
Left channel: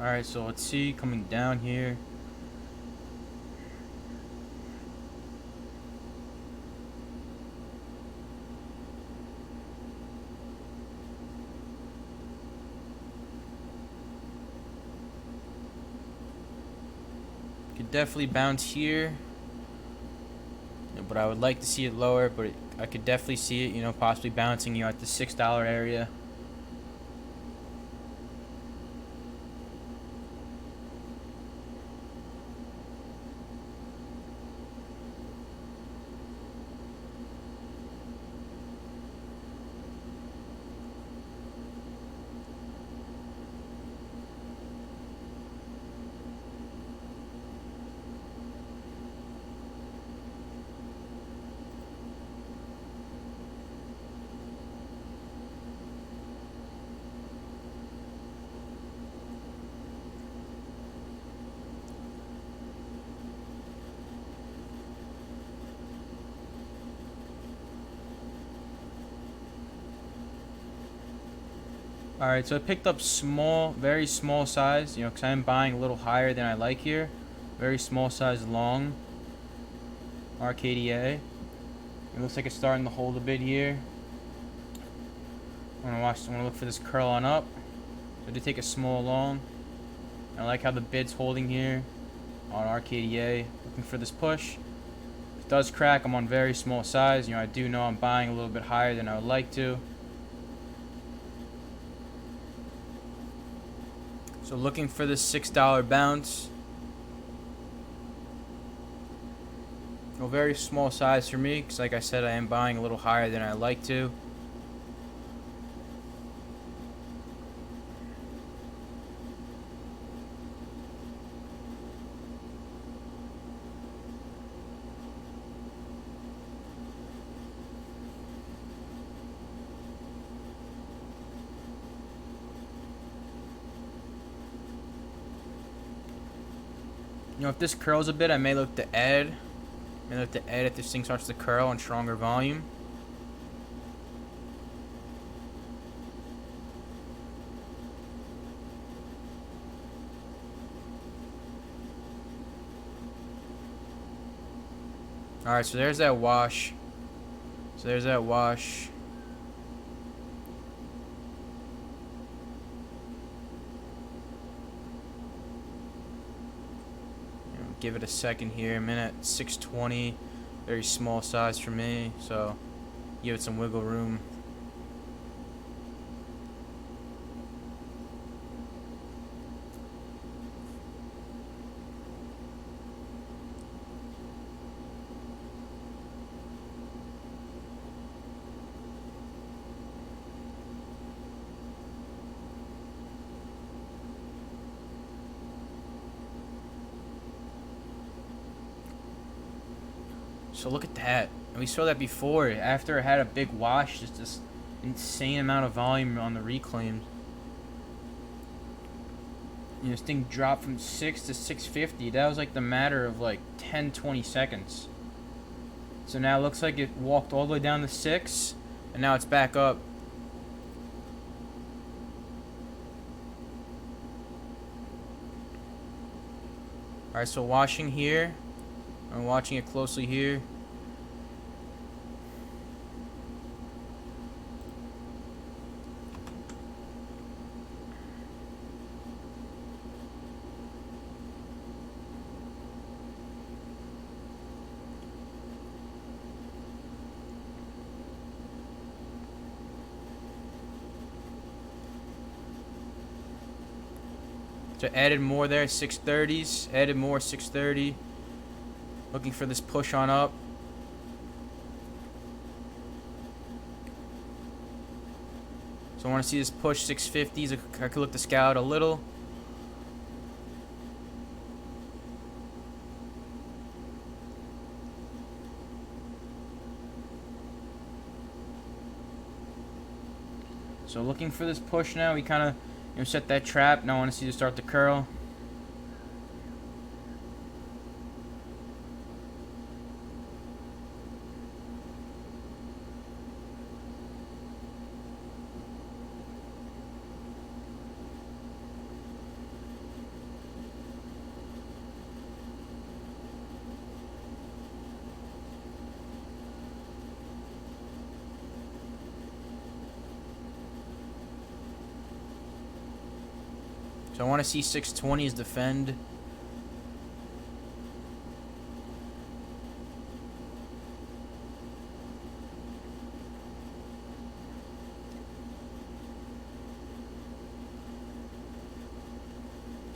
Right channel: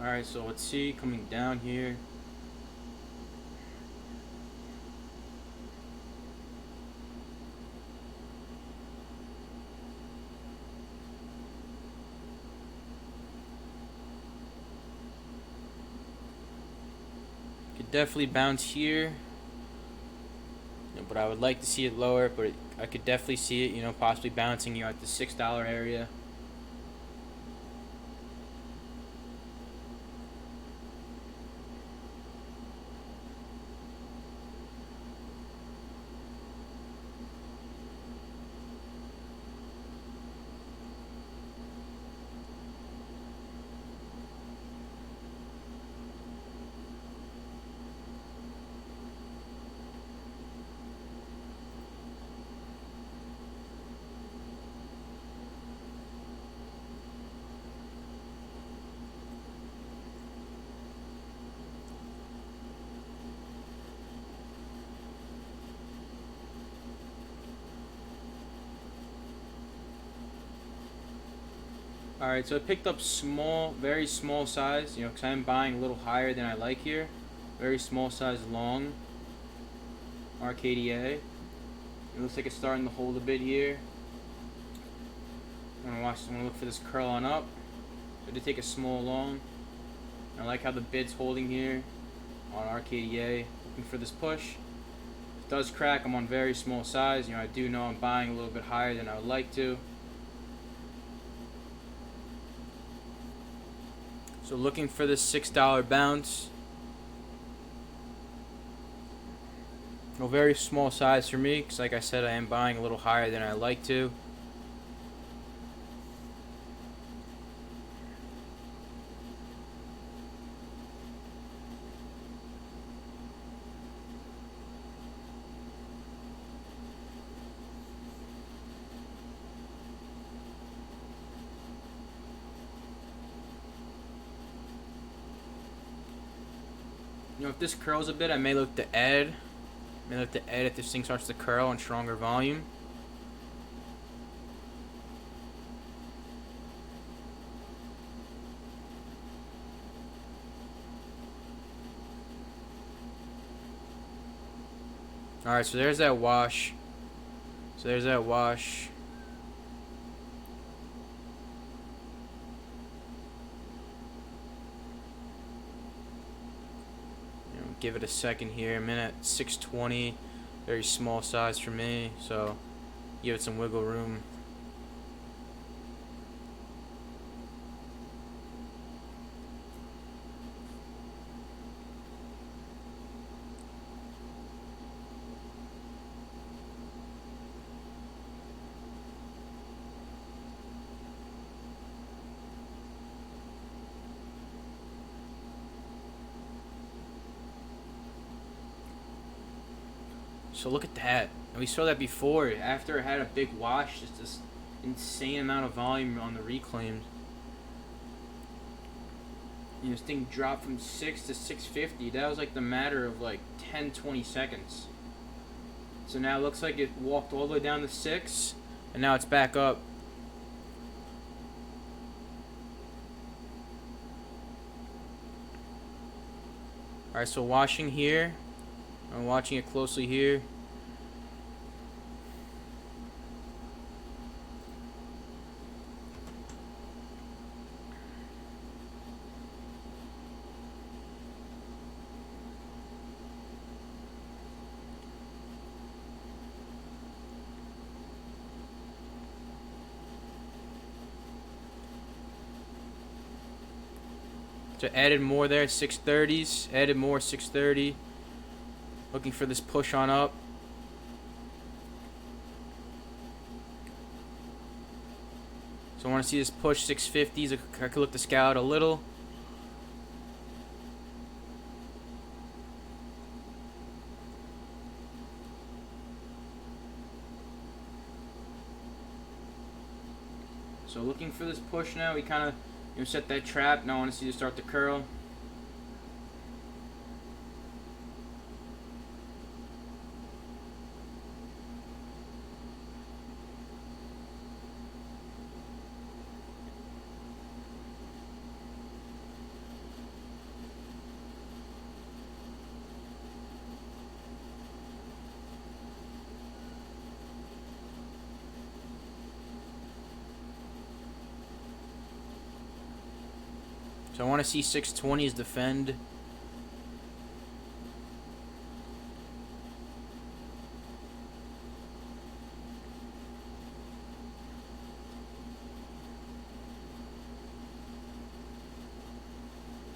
Alright, so let's see, coming down here. Could definitely bounce here. But I would like to see it lower, but I could definitely see it, possibly bouncing at the $6 area. Alright, so I picked up small, very small size, because I'm buying a little higher than I like here. Very small size long RKDA. It looks like it's starting to hold a bit here. I'm gonna look for this curl on up. So I did take a small long. I like how the bid's holding here on RKDA. Looking for this push. If it does crack, I'm on very small size. I do know I'm buying a little bit higher than I would like to. So looking for this $6 bounce. Very small size for me, because like I said, I am buying a little higher than I like to. If this curls a bit, I may look to add. If this thing starts to curl on stronger volume. Alright, so there's that wash. Give it a second here. I'm in at 620. Very small size for me, so give it some wiggle room. So look at that. And we saw that before. After it had a big wash, just this insane amount of volume on the reclaims. this thing dropped from 6 to 650. That was like the matter of like 10-20 seconds. So now it looks like it walked all the way down to 6, and now it's back up. Alright, so watching here. I'm watching it closely here. So added more there, 630s. Added more, 630. Looking for this push on up. So I want to see this push 650s. I could look the scout a little. So looking for this push now. We kind of set that trap. Now I want to see this start to curl. So I want to see 620s defend.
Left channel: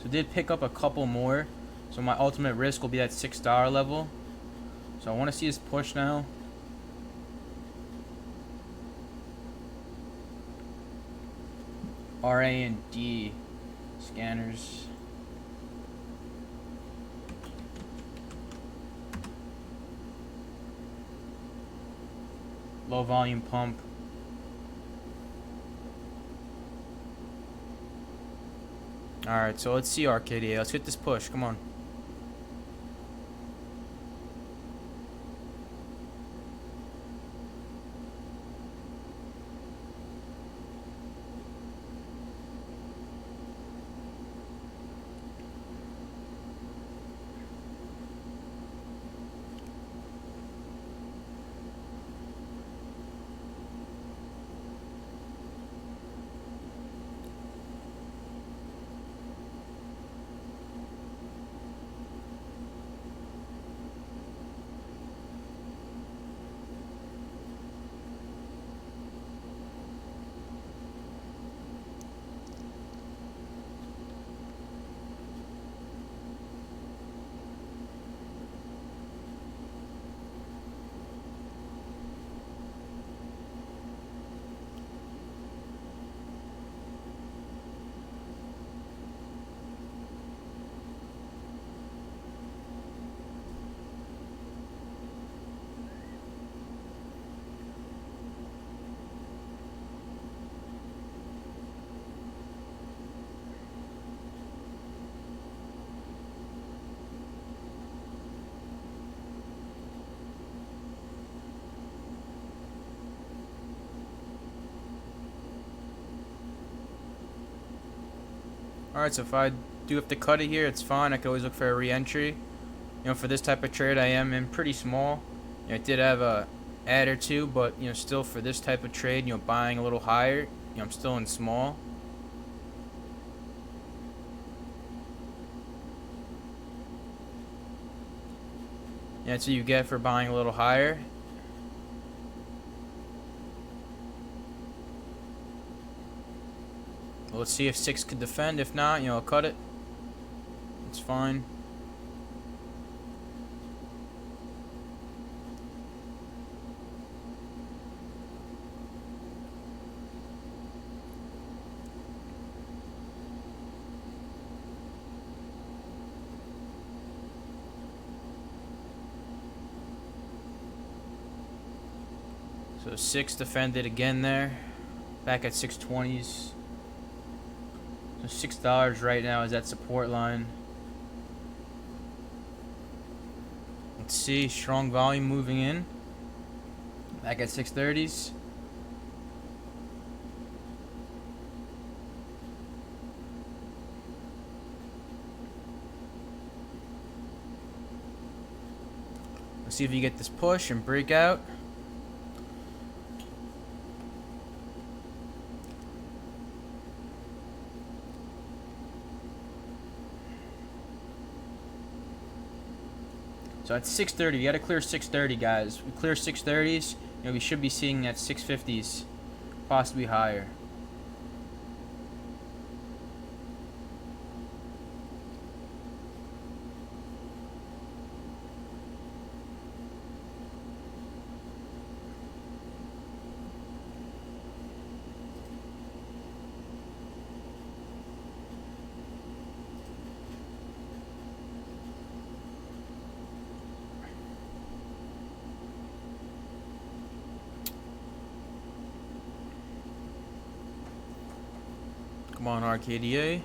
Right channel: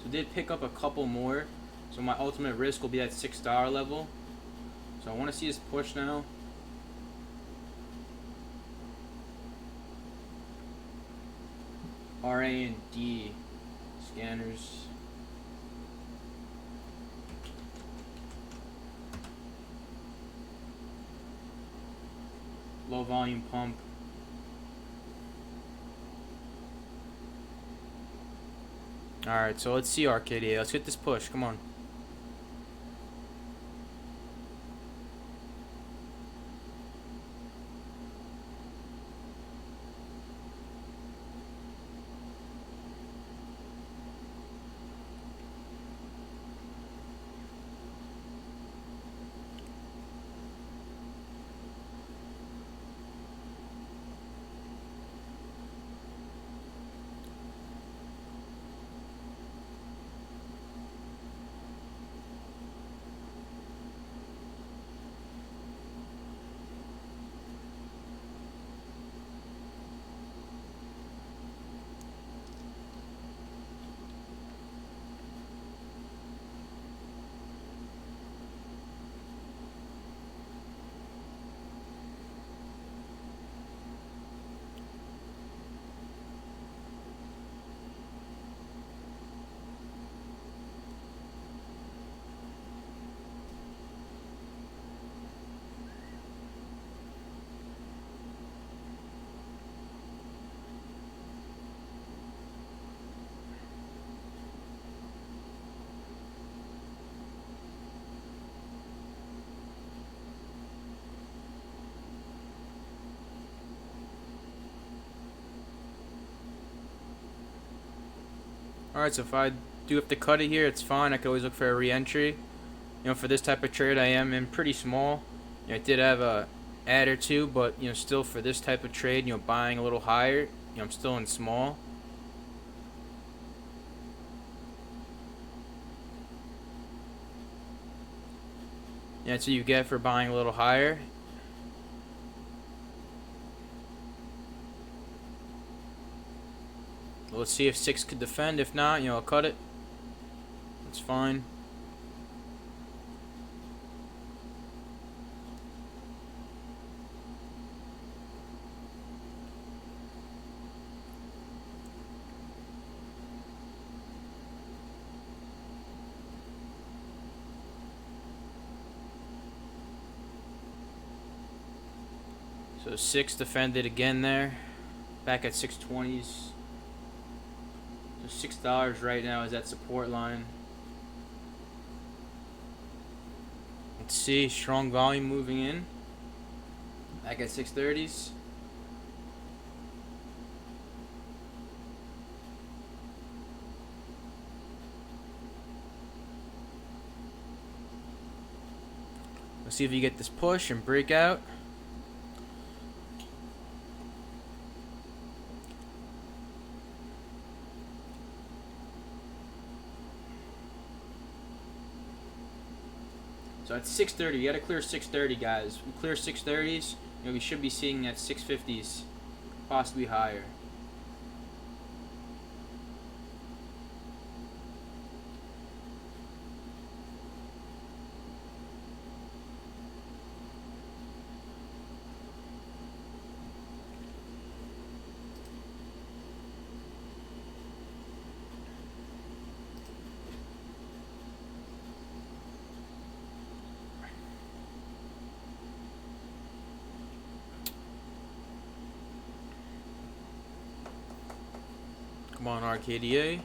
So did pick up a couple more. So my ultimate risk will be at $6 level. So I want to see this push now. RA and D scanners. Low volume pump. Alright, so let's see RKDA. Let's get this push. Come on. Alright, so if I do have to cut it here, it's fine. I can always look for a re-entry. For this type of trade, I am in pretty small. I did have a add or two, but still for this type of trade, buying a little higher, I'm still in small. That's what you get for buying a little higher. Well, let's see if 6 could defend. If not, I'll cut it. It's fine. So 6 defended again there. Back at 620s. So $6 right now is that support line. Let's see, strong volume moving in. Back at 630s. Let's see if you get this push and break out. So at 630, we got to clear 630, guys. We clear 630s, we should be seeing at 650s, possibly higher. Come on, RKDA.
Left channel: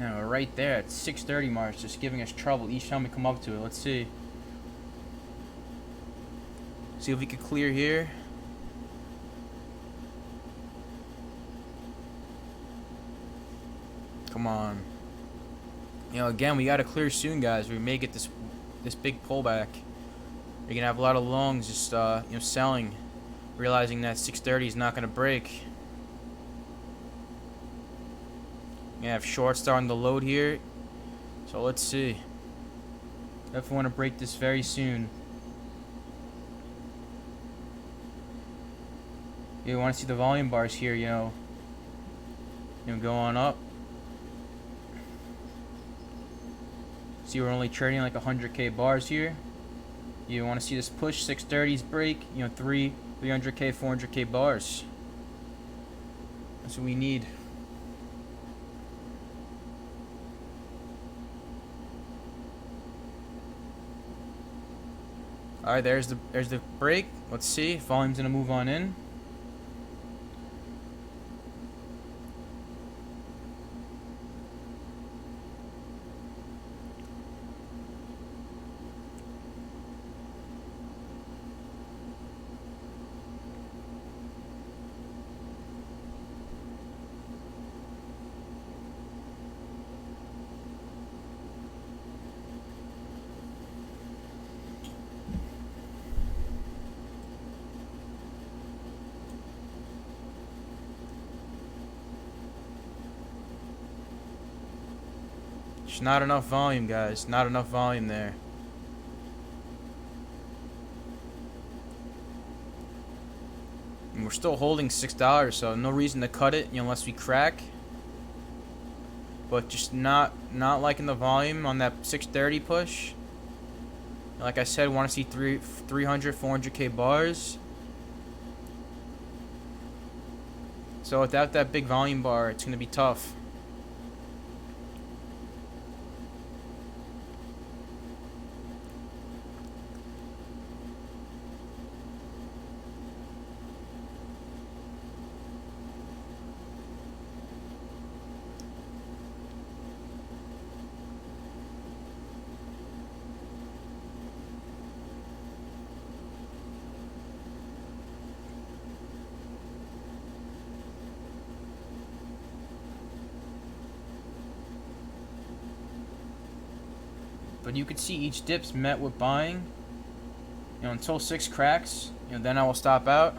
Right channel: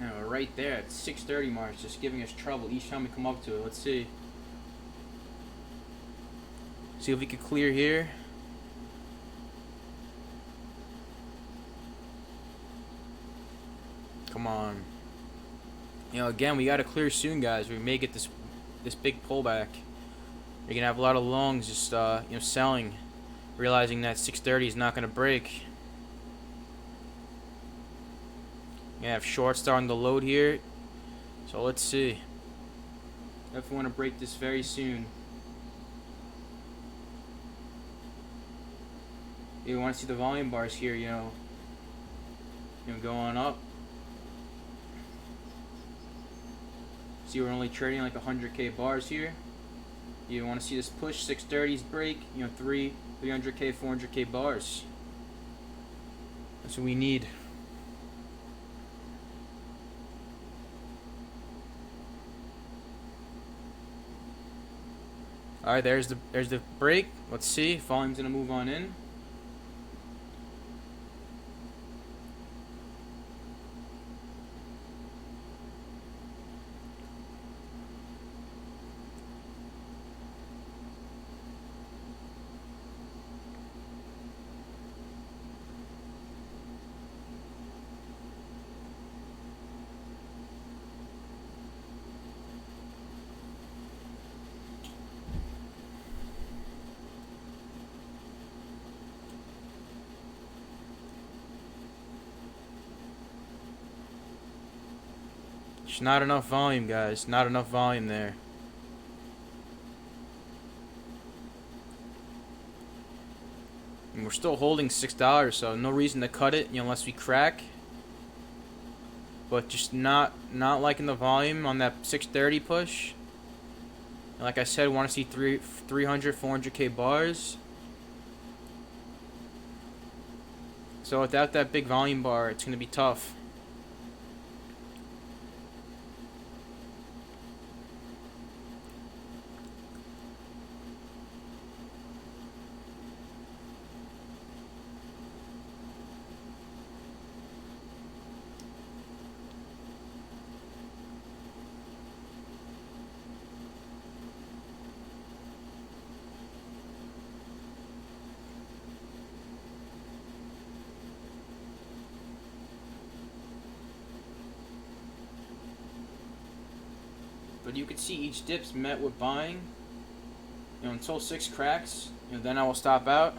Now, right there at 630 mark, it's just giving us trouble each time we come up to it. Let's see. See if we can clear here. Come on. Again, we gotta clear soon, guys. We may get this big pullback. You're gonna have a lot of longs just selling, realizing that 630 is not gonna break. You have shorts starting to load here, so let's see. Definitely want to break this very soon. You want to see the volume bars here, go on up. See, we're only trading like 100k bars here. You want to see this push 630s break, 300k, 400k bars. That's what we need. All right, there's the break. Let's see. Volume's gonna move on in. Just not enough volume, guys. Not enough volume there. And we're still holding $6, so no reason to cut it, unless we crack. But just not liking the volume on that 630 push. Like I said, want to see 300, 400k bars. So without that big volume bar, it's going to be tough. But you could see each dip's met with buying. Until 6 cracks, then I will stop out.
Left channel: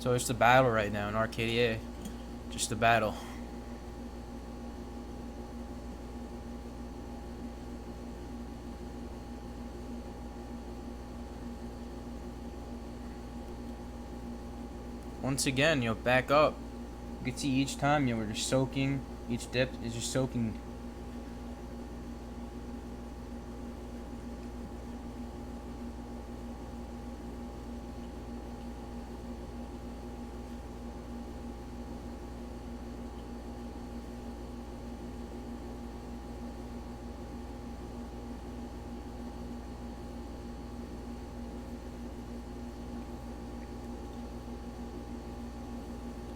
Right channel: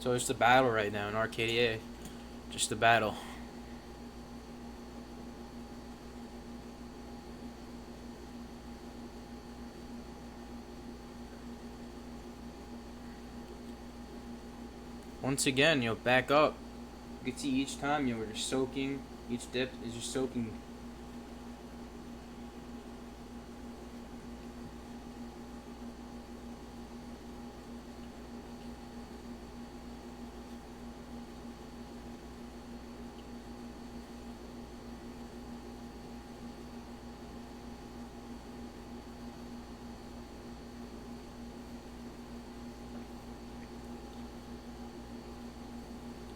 So it's the battle right now in RKDA. Just the battle. Once again, back up. You can see each time, we're just soaking. Each dip is just soaking.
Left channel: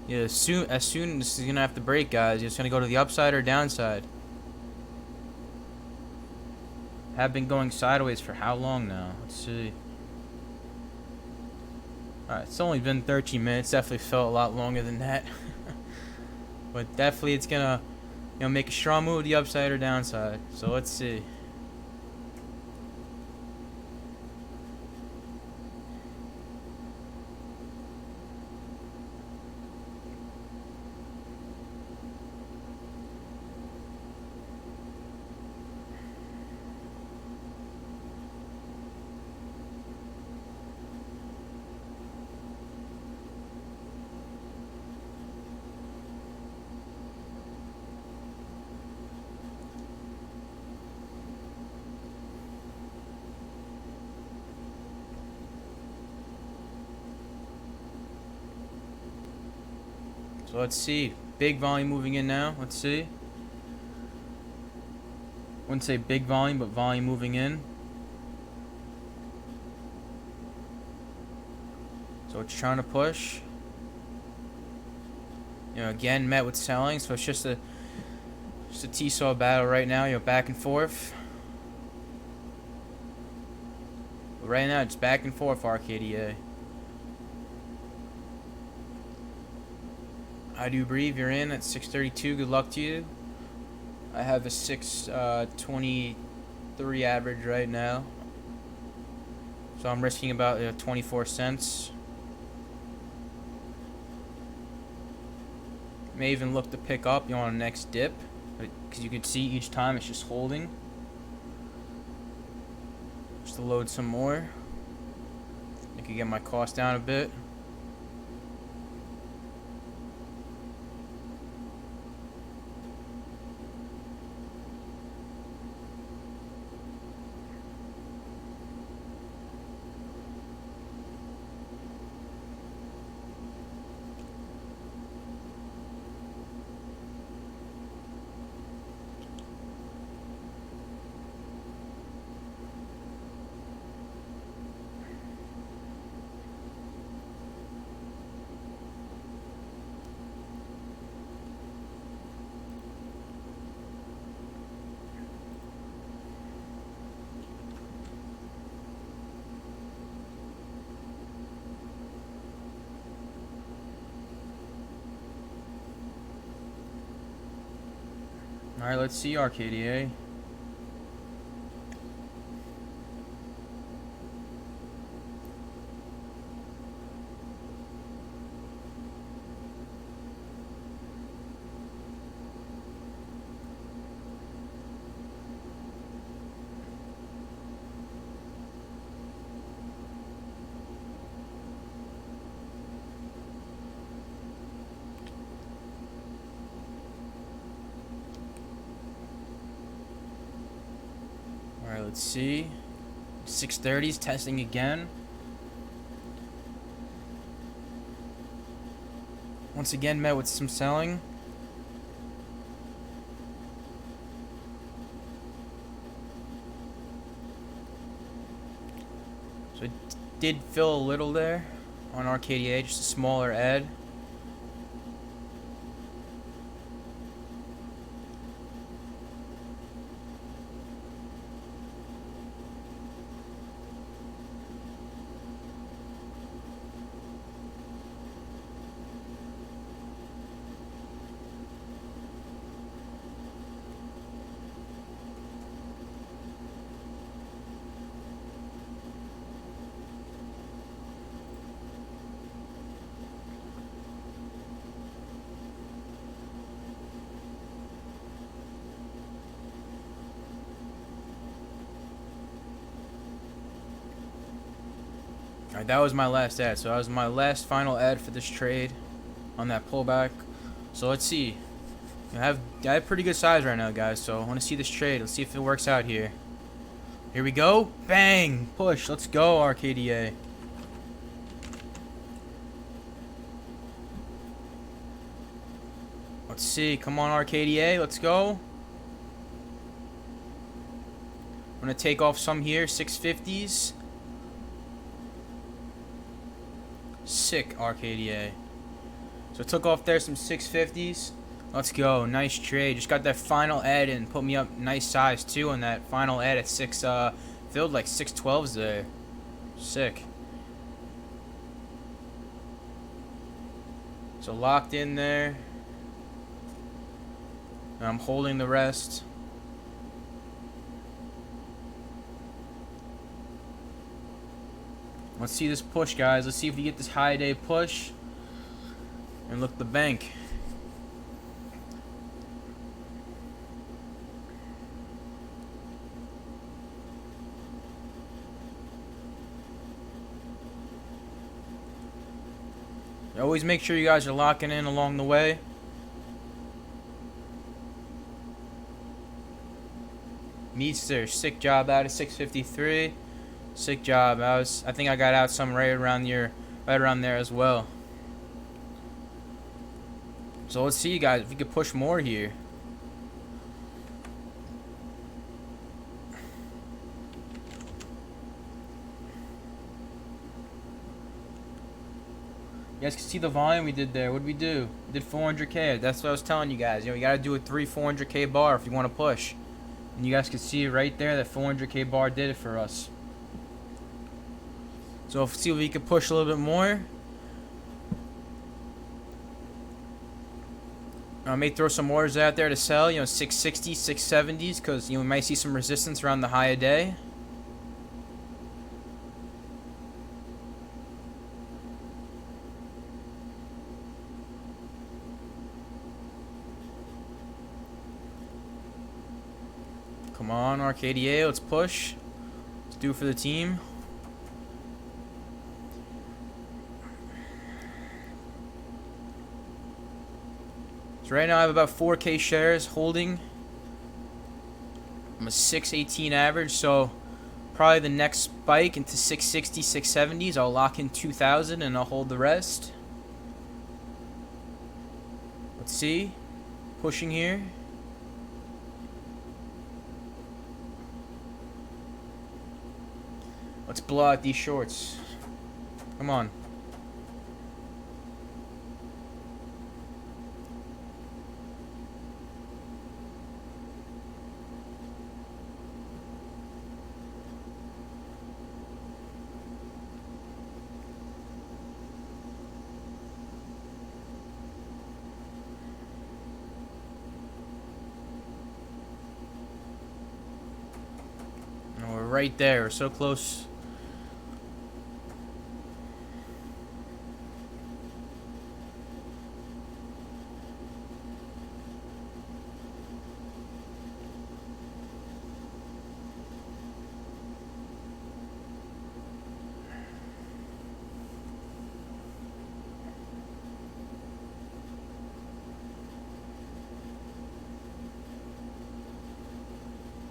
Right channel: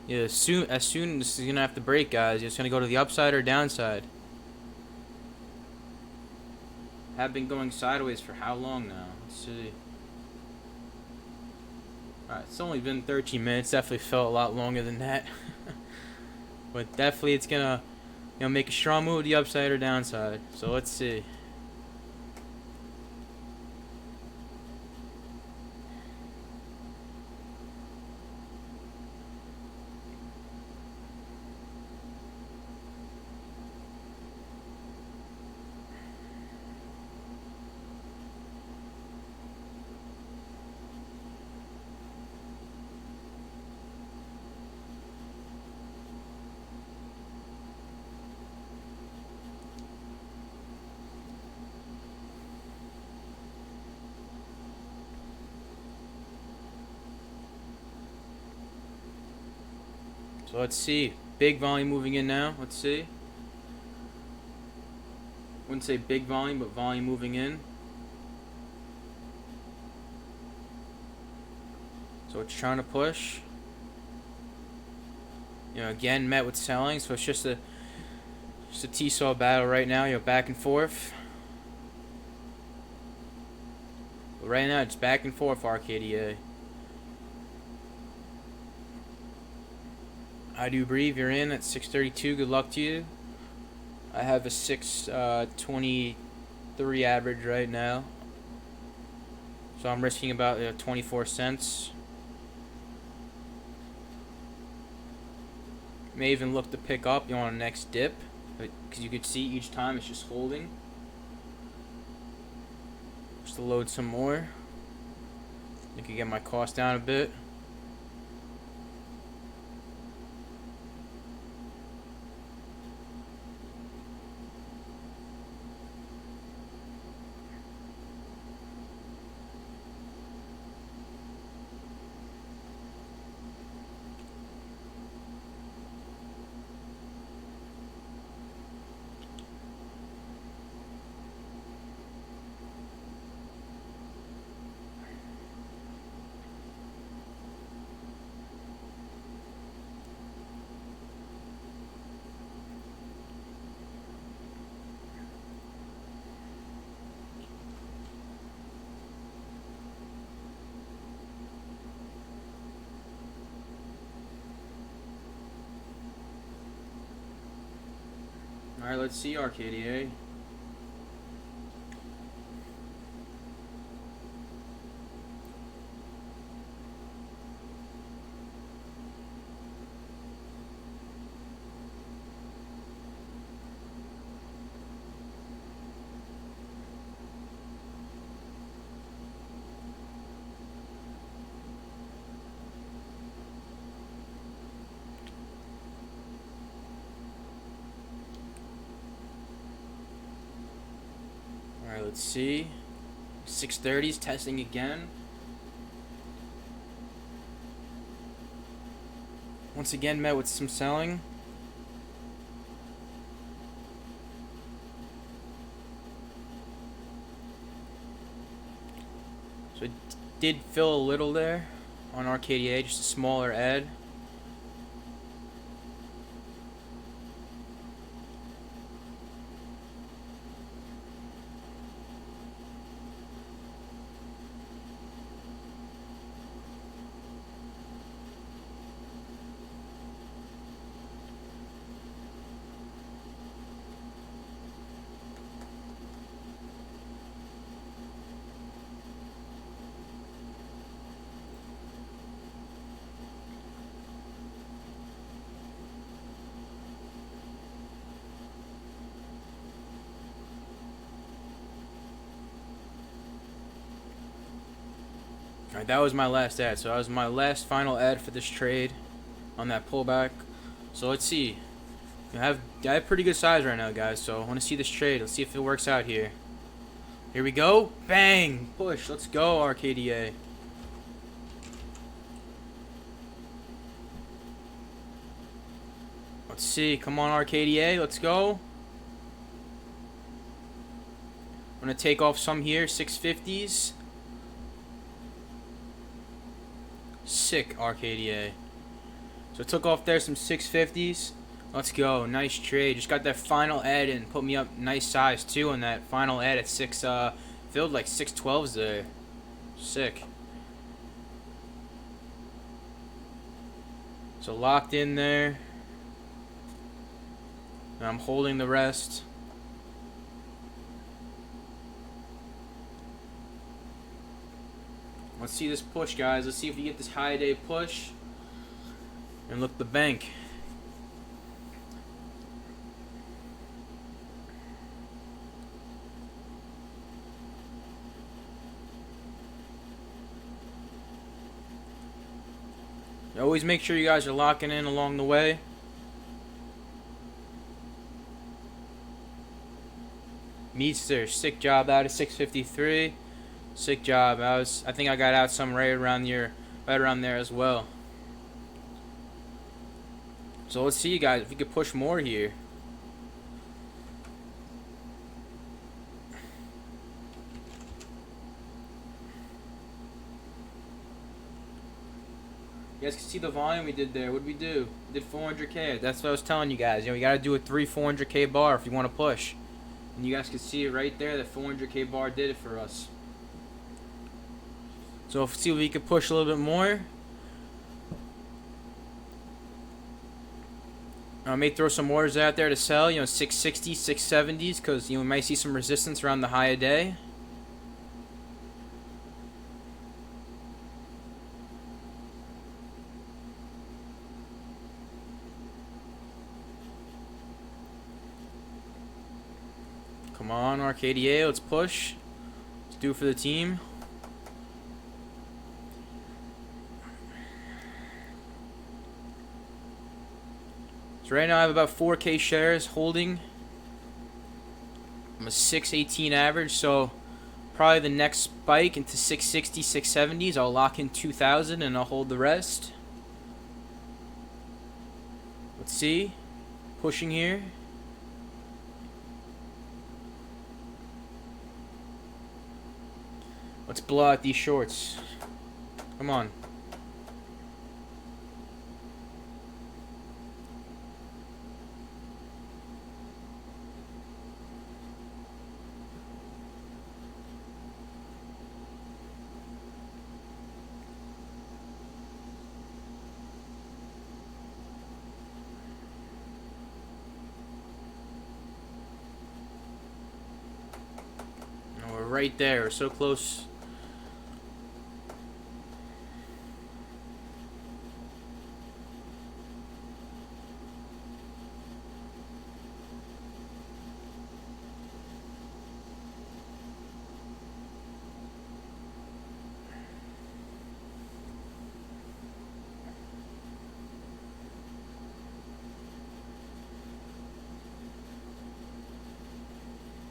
Yeah, as soon this is gonna have to break, guys. It's gonna go to the upside or downside. Have been going sideways for how long now? Let's see. Alright, it's only been 13 minutes. Definitely felt a lot longer than that. But definitely it's gonna, make a strong move to the upside or downside. So let's see. So let's see. Big volume moving in now. Let's see. Wouldn't say big volume, but volume moving in. So it's trying to push. Again met with selling, so it's just a T-saw battle right now. Back and forth. But right now it's back and forth RKDA. I do breathe. You're in at 632. Good luck to you. I have a 623 average right now. So I'm risking about 24 cents. May even look to pick up on the next dip, because you can see each time it's just holding. Just to load some more. I can get my cost down a bit. Alright, let's see RKDA. Alright, let's see. 630s testing again. Once again met with some selling. So it did fill a little there on RKDA, just a smaller ad. Alright, that was my last ad. So that was my last final ad for this trade on that pullback. So let's see. I have pretty good size right now, guys. So I want to see this trade. Let's see if it works out here. Here we go. Bang! Push. Let's go, RKDA. Let's see. Come on, RKDA. Let's go. I'm going to take off some here. 650s. Sick, RKDA. So I took off there some 650s. Let's go. Nice trade. Just got that final ad and put me up nice size too on that final ad at 6 filled like 612s there. Sick. So locked in there. And I'm holding the rest. Let's see this push, guys. Let's see if we get this high day push. And look the bank. Always make sure you guys are locking in along the way. Meester, sick job out of 653. Sick job. I think I got out some right around there as well. So let's see, guys, if we could push more here. You guys can see the volume we did there. What did we do? We did 400K. That's what I was telling you guys. You know, you gotta do a 400K bar if you want to push. And you guys can see it right there. That 400K bar did it for us. So let's see if we can push a little bit more. I may throw some orders out there to sell, you know, 660s, 670s, because you know, we might see some resistance around the high a day. Come on, RKDA, let's push. Let's do it for the team. So right now I have about 4K shares holding. I'm a 618 average, so probably the next spike into 660, 670s, I'll lock in 2,000 and I'll hold the rest. Let's see. Pushing here. Let's blow out these shorts. Come on. And we're right there. We're so close.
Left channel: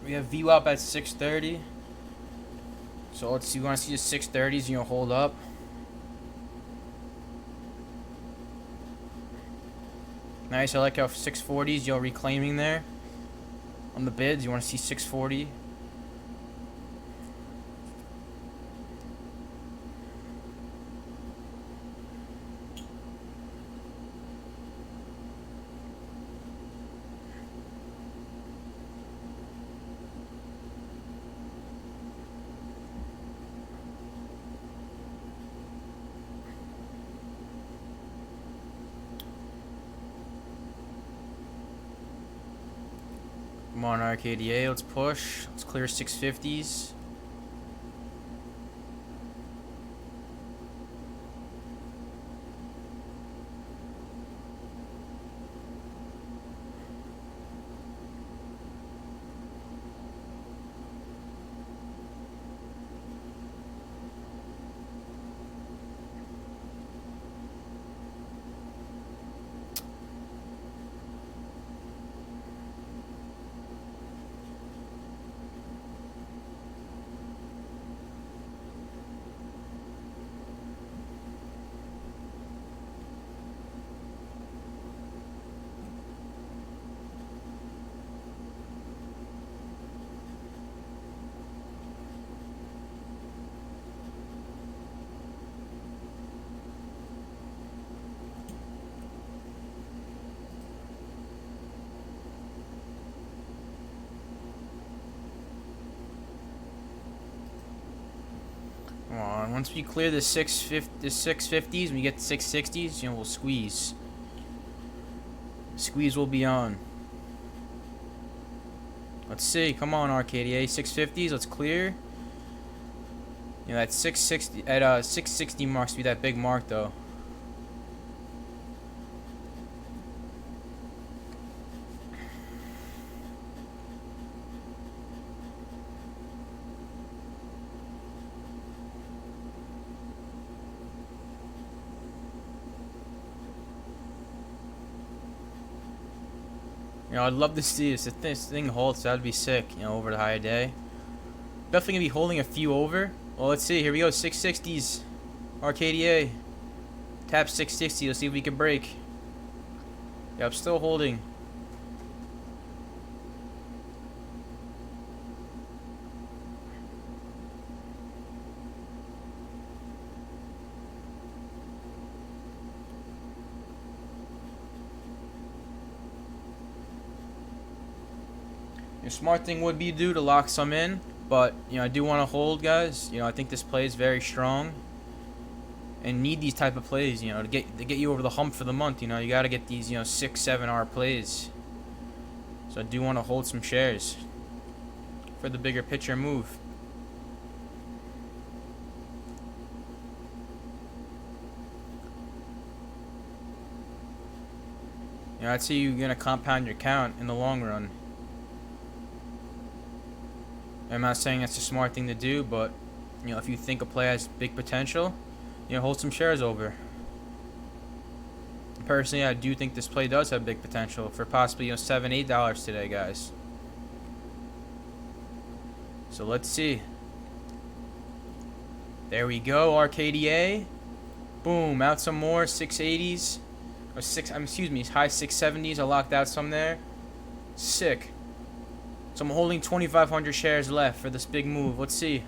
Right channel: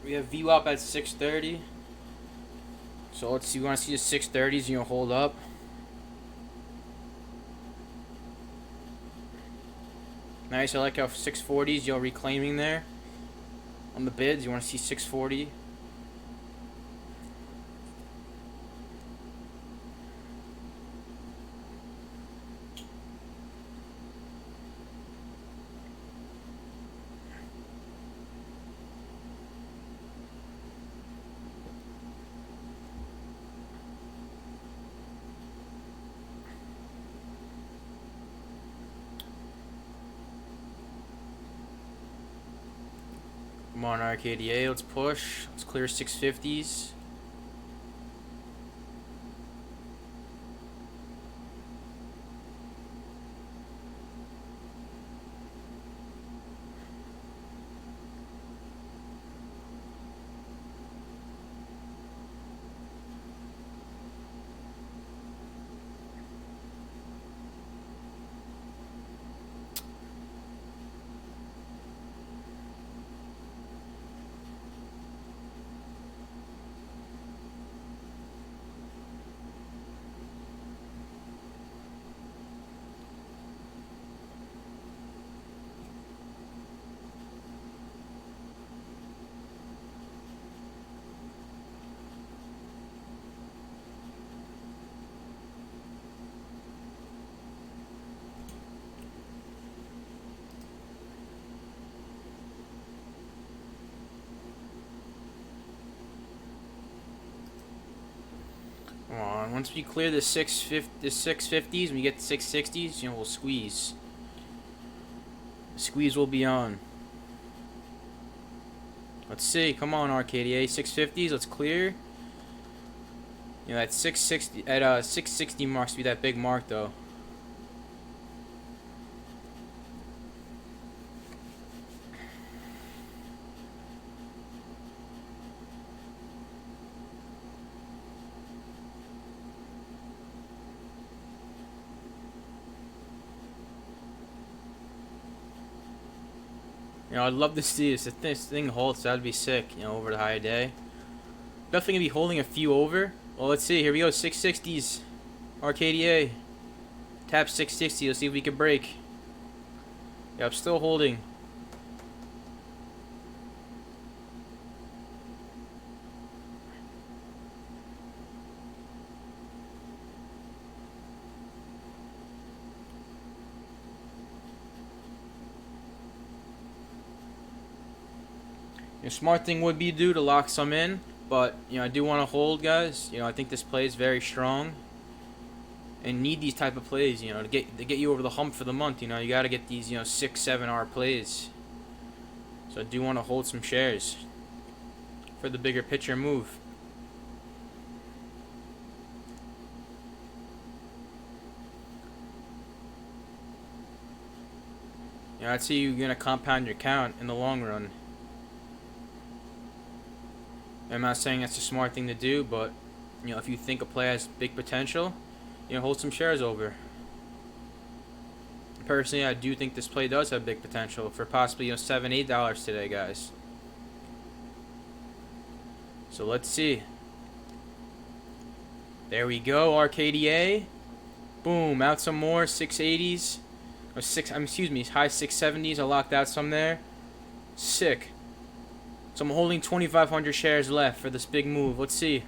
We have VWAP at 630. So let's see. You want to see the 630s? You know, hold up. Nice. I like how 640s you're reclaiming there on the bids. You want to see 640. Come on, RKDA, let's push. Let's clear 650s. once we clear the 650s, when we get to 660s, you know, we'll squeeze. Squeeze will be on. Let's see. Come on, RKDA. 650s. Let's clear. You know, that 660 at 660 marks to be that big mark though. You know, I'd love to see if this thing holds. That'd be sick. You know, over the high day. Definitely gonna be holding a few over. Well, let's see. Here we go. 660s. RKDA. Tap 660. Let's see if we can break. Yeah, I'm still holding. Your smart thing would be to lock some in, but you know I do want to hold, guys. You know I think this play is very strong, and need these type of plays. You know to get you over the hump for the month. You know you got to get these 6-7 hour plays. So I do want to hold some shares for the bigger picture move. You know I'd see you're gonna compound your count in the long run. I'm not saying that's a smart thing to do, but you know, if you think a play has big potential, you know, hold some shares over. Personally, I do think this play does have big potential for possibly $7-8 today, guys. So let's see. There we go, RKDA. Boom, out some more 680s or high 670s. I locked out some there. Sick. So I'm holding 2,500 shares left for this big move. Let's see.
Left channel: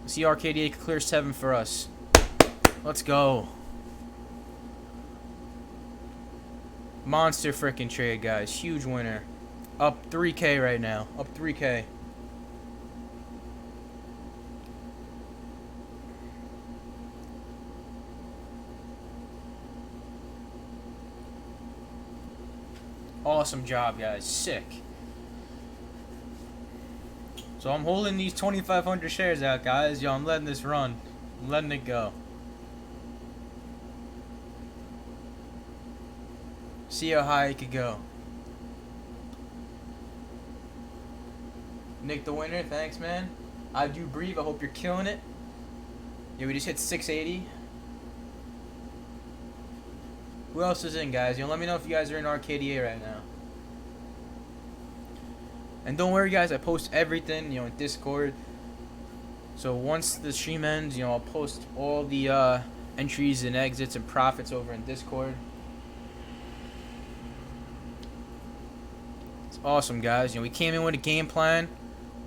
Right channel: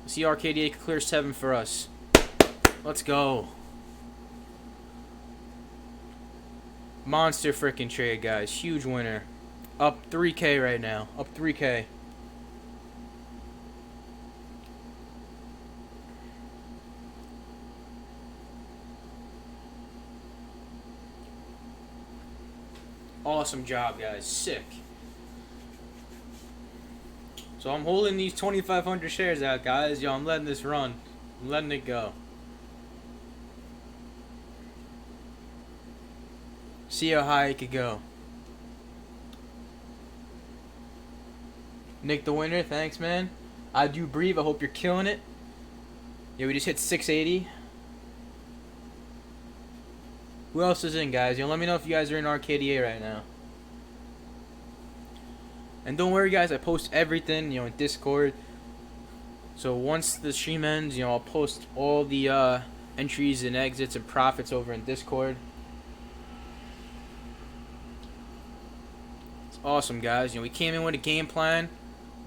Let's see RKDA clear 7 for us. Let's go. Monster freaking trade, guys. Huge winner. Up 3K right now. Up 3K. Awesome job, guys. Sick. So I'm holding these 2,500 shares out, guys. Yo, I'm letting this run. I'm letting it go. See how high it could go. Nick the winner, thanks, man. I do breathe. I hope you're killing it. Yeah, we just hit 680. Who else is in, guys? Let me know if you guys are in RKDA right now. And don't worry, guys, I post everything, in Discord. So once the stream ends, I'll post all the entries and exits and profits over in Discord. It's awesome, guys. We came in with a game plan,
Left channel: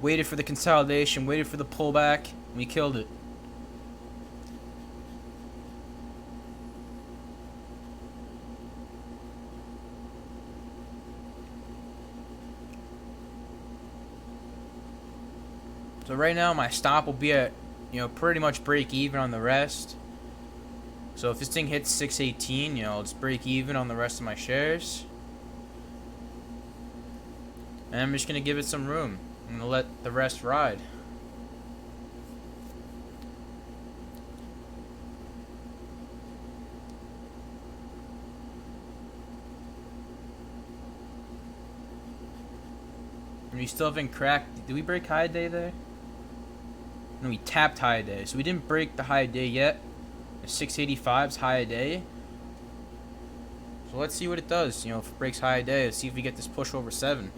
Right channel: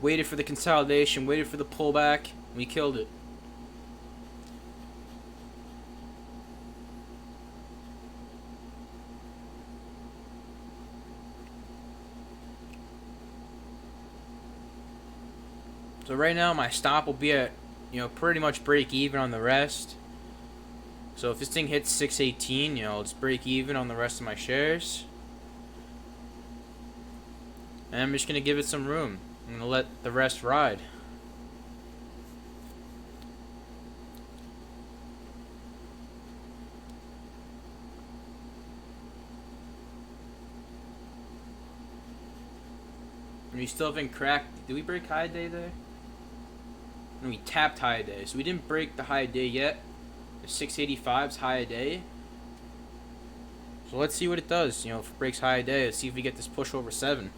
waited for the consolidation, waited for the pullback, and we killed it. So right now my stop will be at, pretty much break even on the rest. So if this thing hits 618, it's break even on the rest of my shares. And I'm just going to give it some room. I'm going to let the rest ride. And we still haven't cracked. Did we break high day there? No, we tapped high day. So we didn't break the high day yet. The 685's high day. So let's see what it does. If it breaks high day, let's see if we get this push over 7.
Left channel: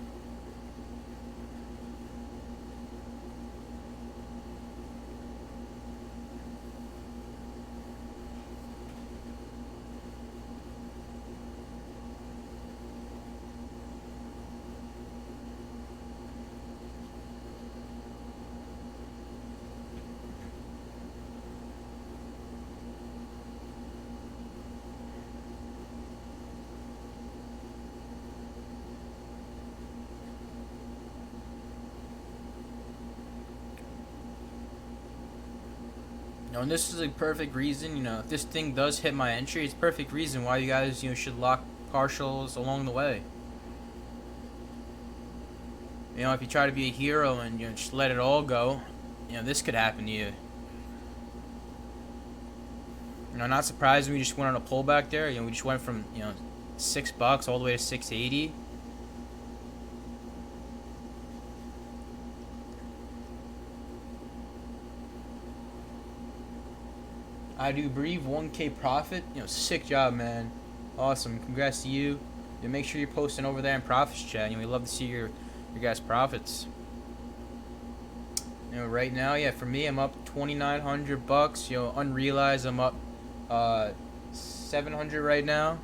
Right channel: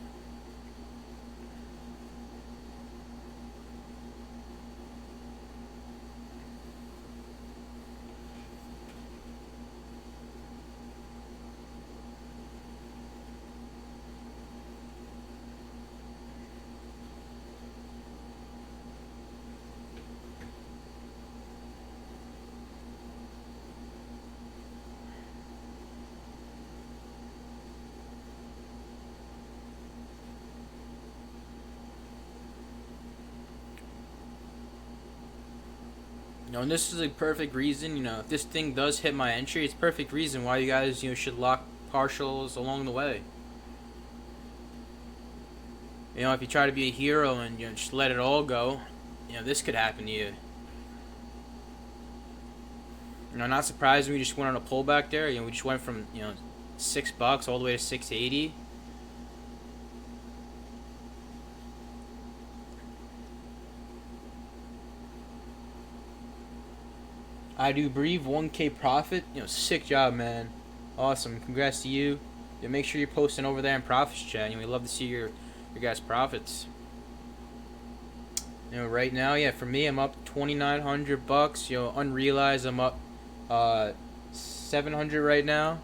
And this is a perfect reason, if this thing does hit my entry, it's perfect reason why you guys, should lock partials along the way. If you try to be a hero and just let it all go, this could happen to you. Not surprised we just went on a pullback there. We just went from $6 all the way to 680. I do breathe 1K profit. Sick job, man. Awesome. Congrats to you. Make sure you're posting over there in profits chat. We love to see your guys' profits. Right now, for me, I'm up $2,900. Unrealized, I'm up 700 right now.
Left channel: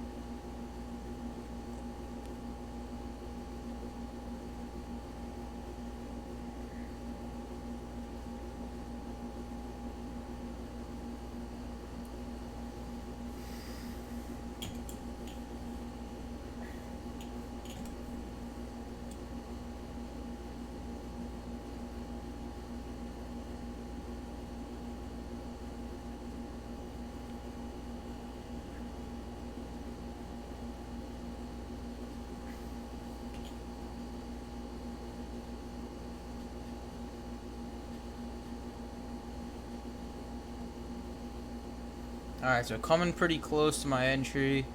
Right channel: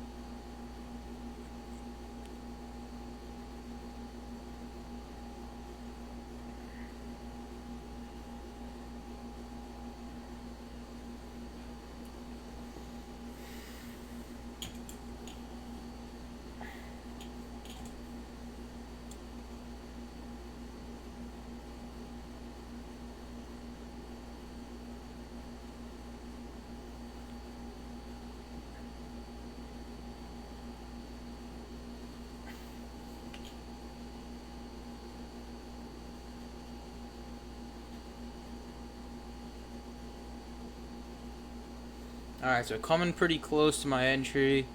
Alright, so coming pretty close to my entry.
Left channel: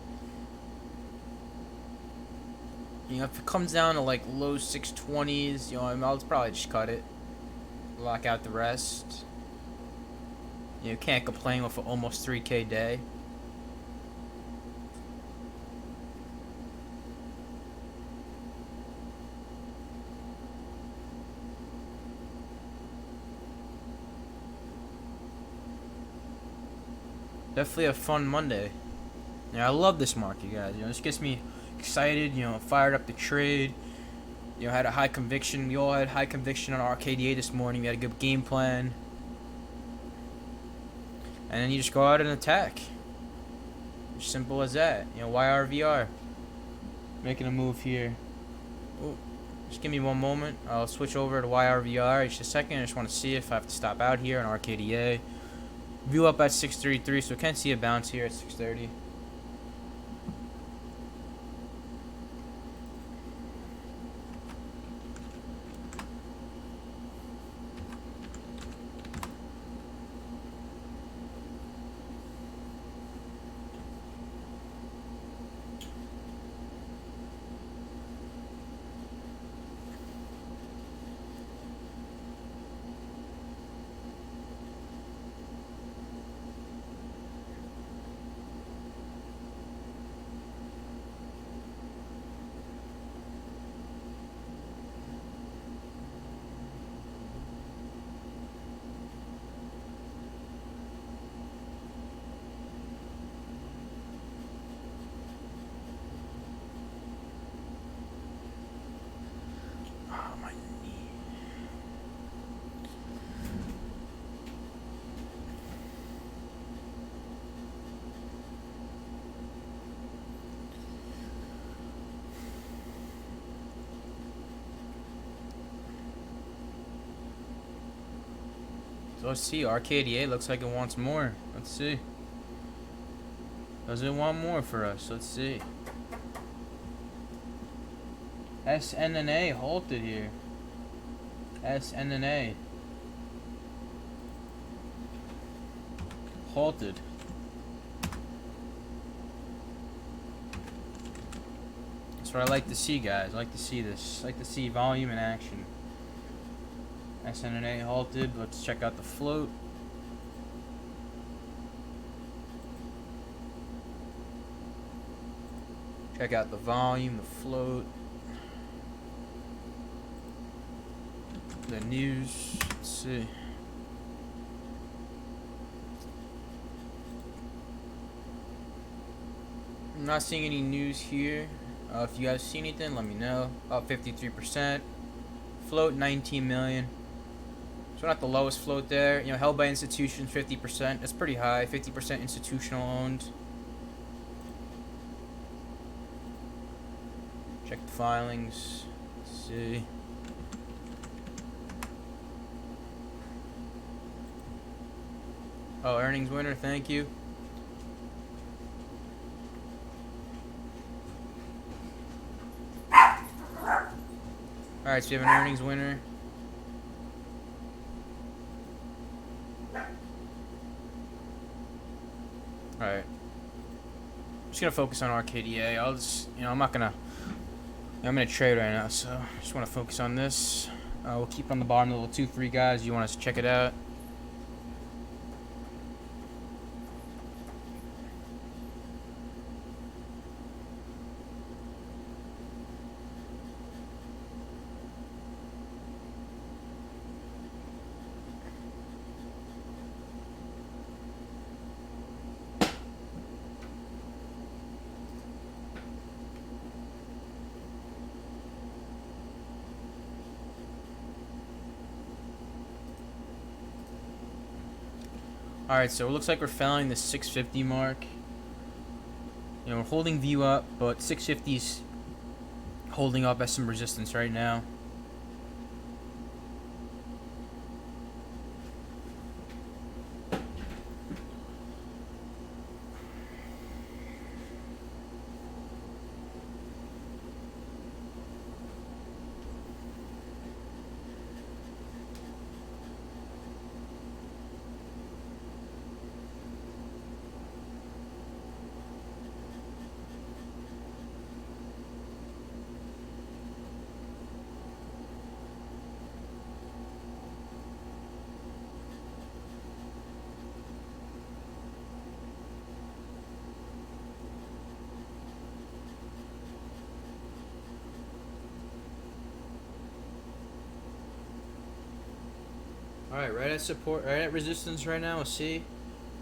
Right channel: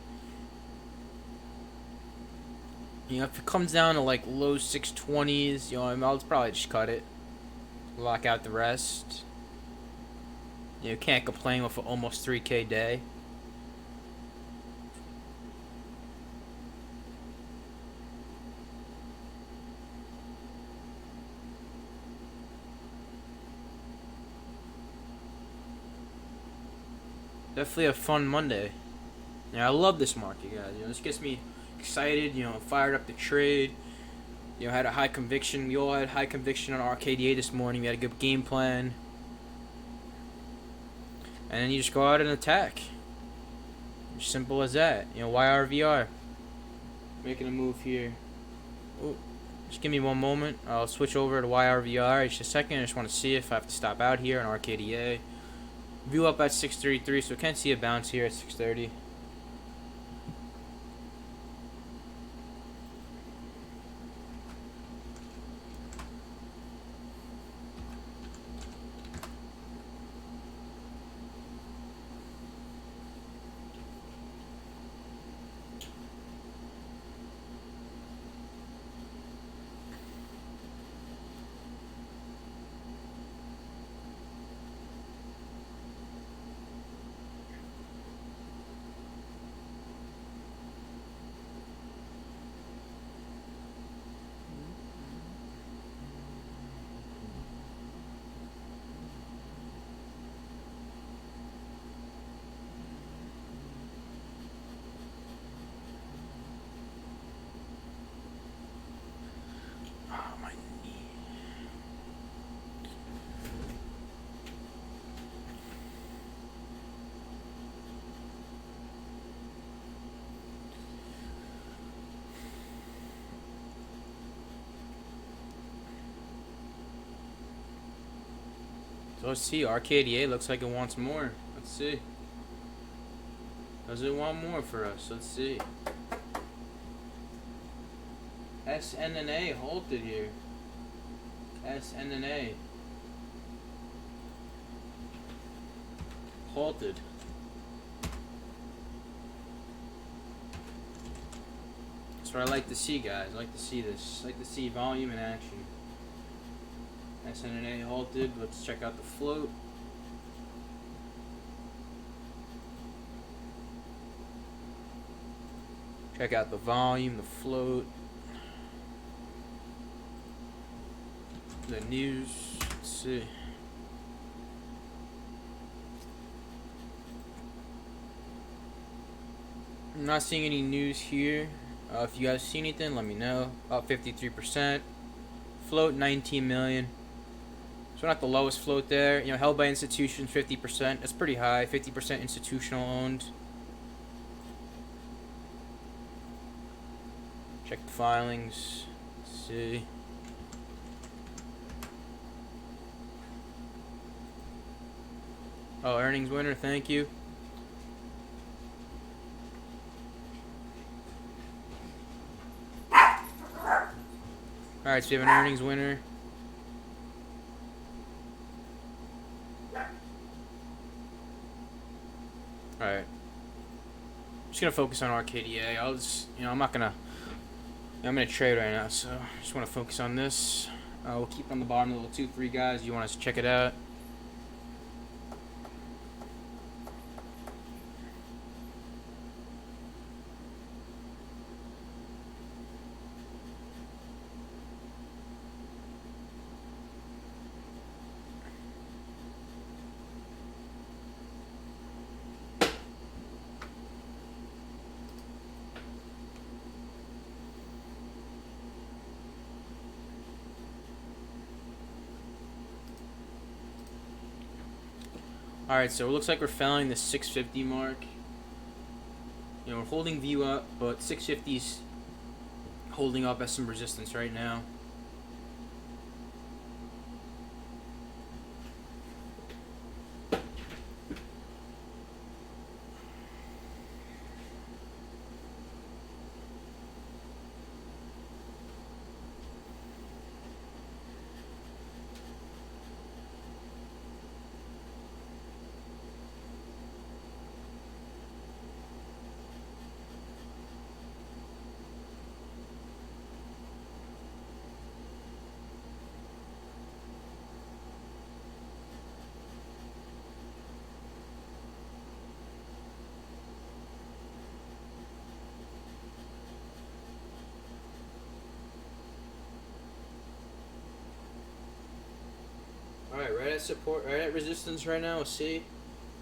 If it comes down to like low 620s, I'll probably just cut it. Lock out the rest. Can't complain with an almost 3K day. Definitely a fun Monday. I love this market, guys. This gets me excited. Fired up the trade. Had a high conviction. We all had high conviction on RKDA this morning. We had a good game plan. And then you just go out and attack. Simple as that. YRVR. Making a move here. Oh, just give me one moment. I'll switch over to YRVR. Just a second. I just want to see if I have to stop out here on RKDA. View up at 633, so can't see a bounce here at 630. So let's see. RKDA looks like it wants more. Let's see. Does it want more for us? Let's see. SNNA halted here. SNNA halted. That's what I like to see, guys. I like to see this. I like to see volume in action. SNNA halted. Let's check out the float. Check out the volume, the float, the news. Let's see. I'm not seeing any news here. If you guys see anything, let me know. Up 53%. Float 19 million. So not the lowest float there. Held by institutions 50%. That's pretty high. 50% institutional owned. Check the filings. Let's see. Oh, earnings winner, thank you. Alright, so we have an earnings winner. Alright. Just gonna focus on RKDA. I'll just, I'm not gonna, I'm gonna trade right now, so just wanna focus on this. We'll keep on the bottom the little 2-3 guys. You want us to check it out? Alright, so it looks like we're failing the 650 mark. We're holding view up, but 650's holding up as some resistance right now. Alright, right at support, right at resistance right now. We'll see.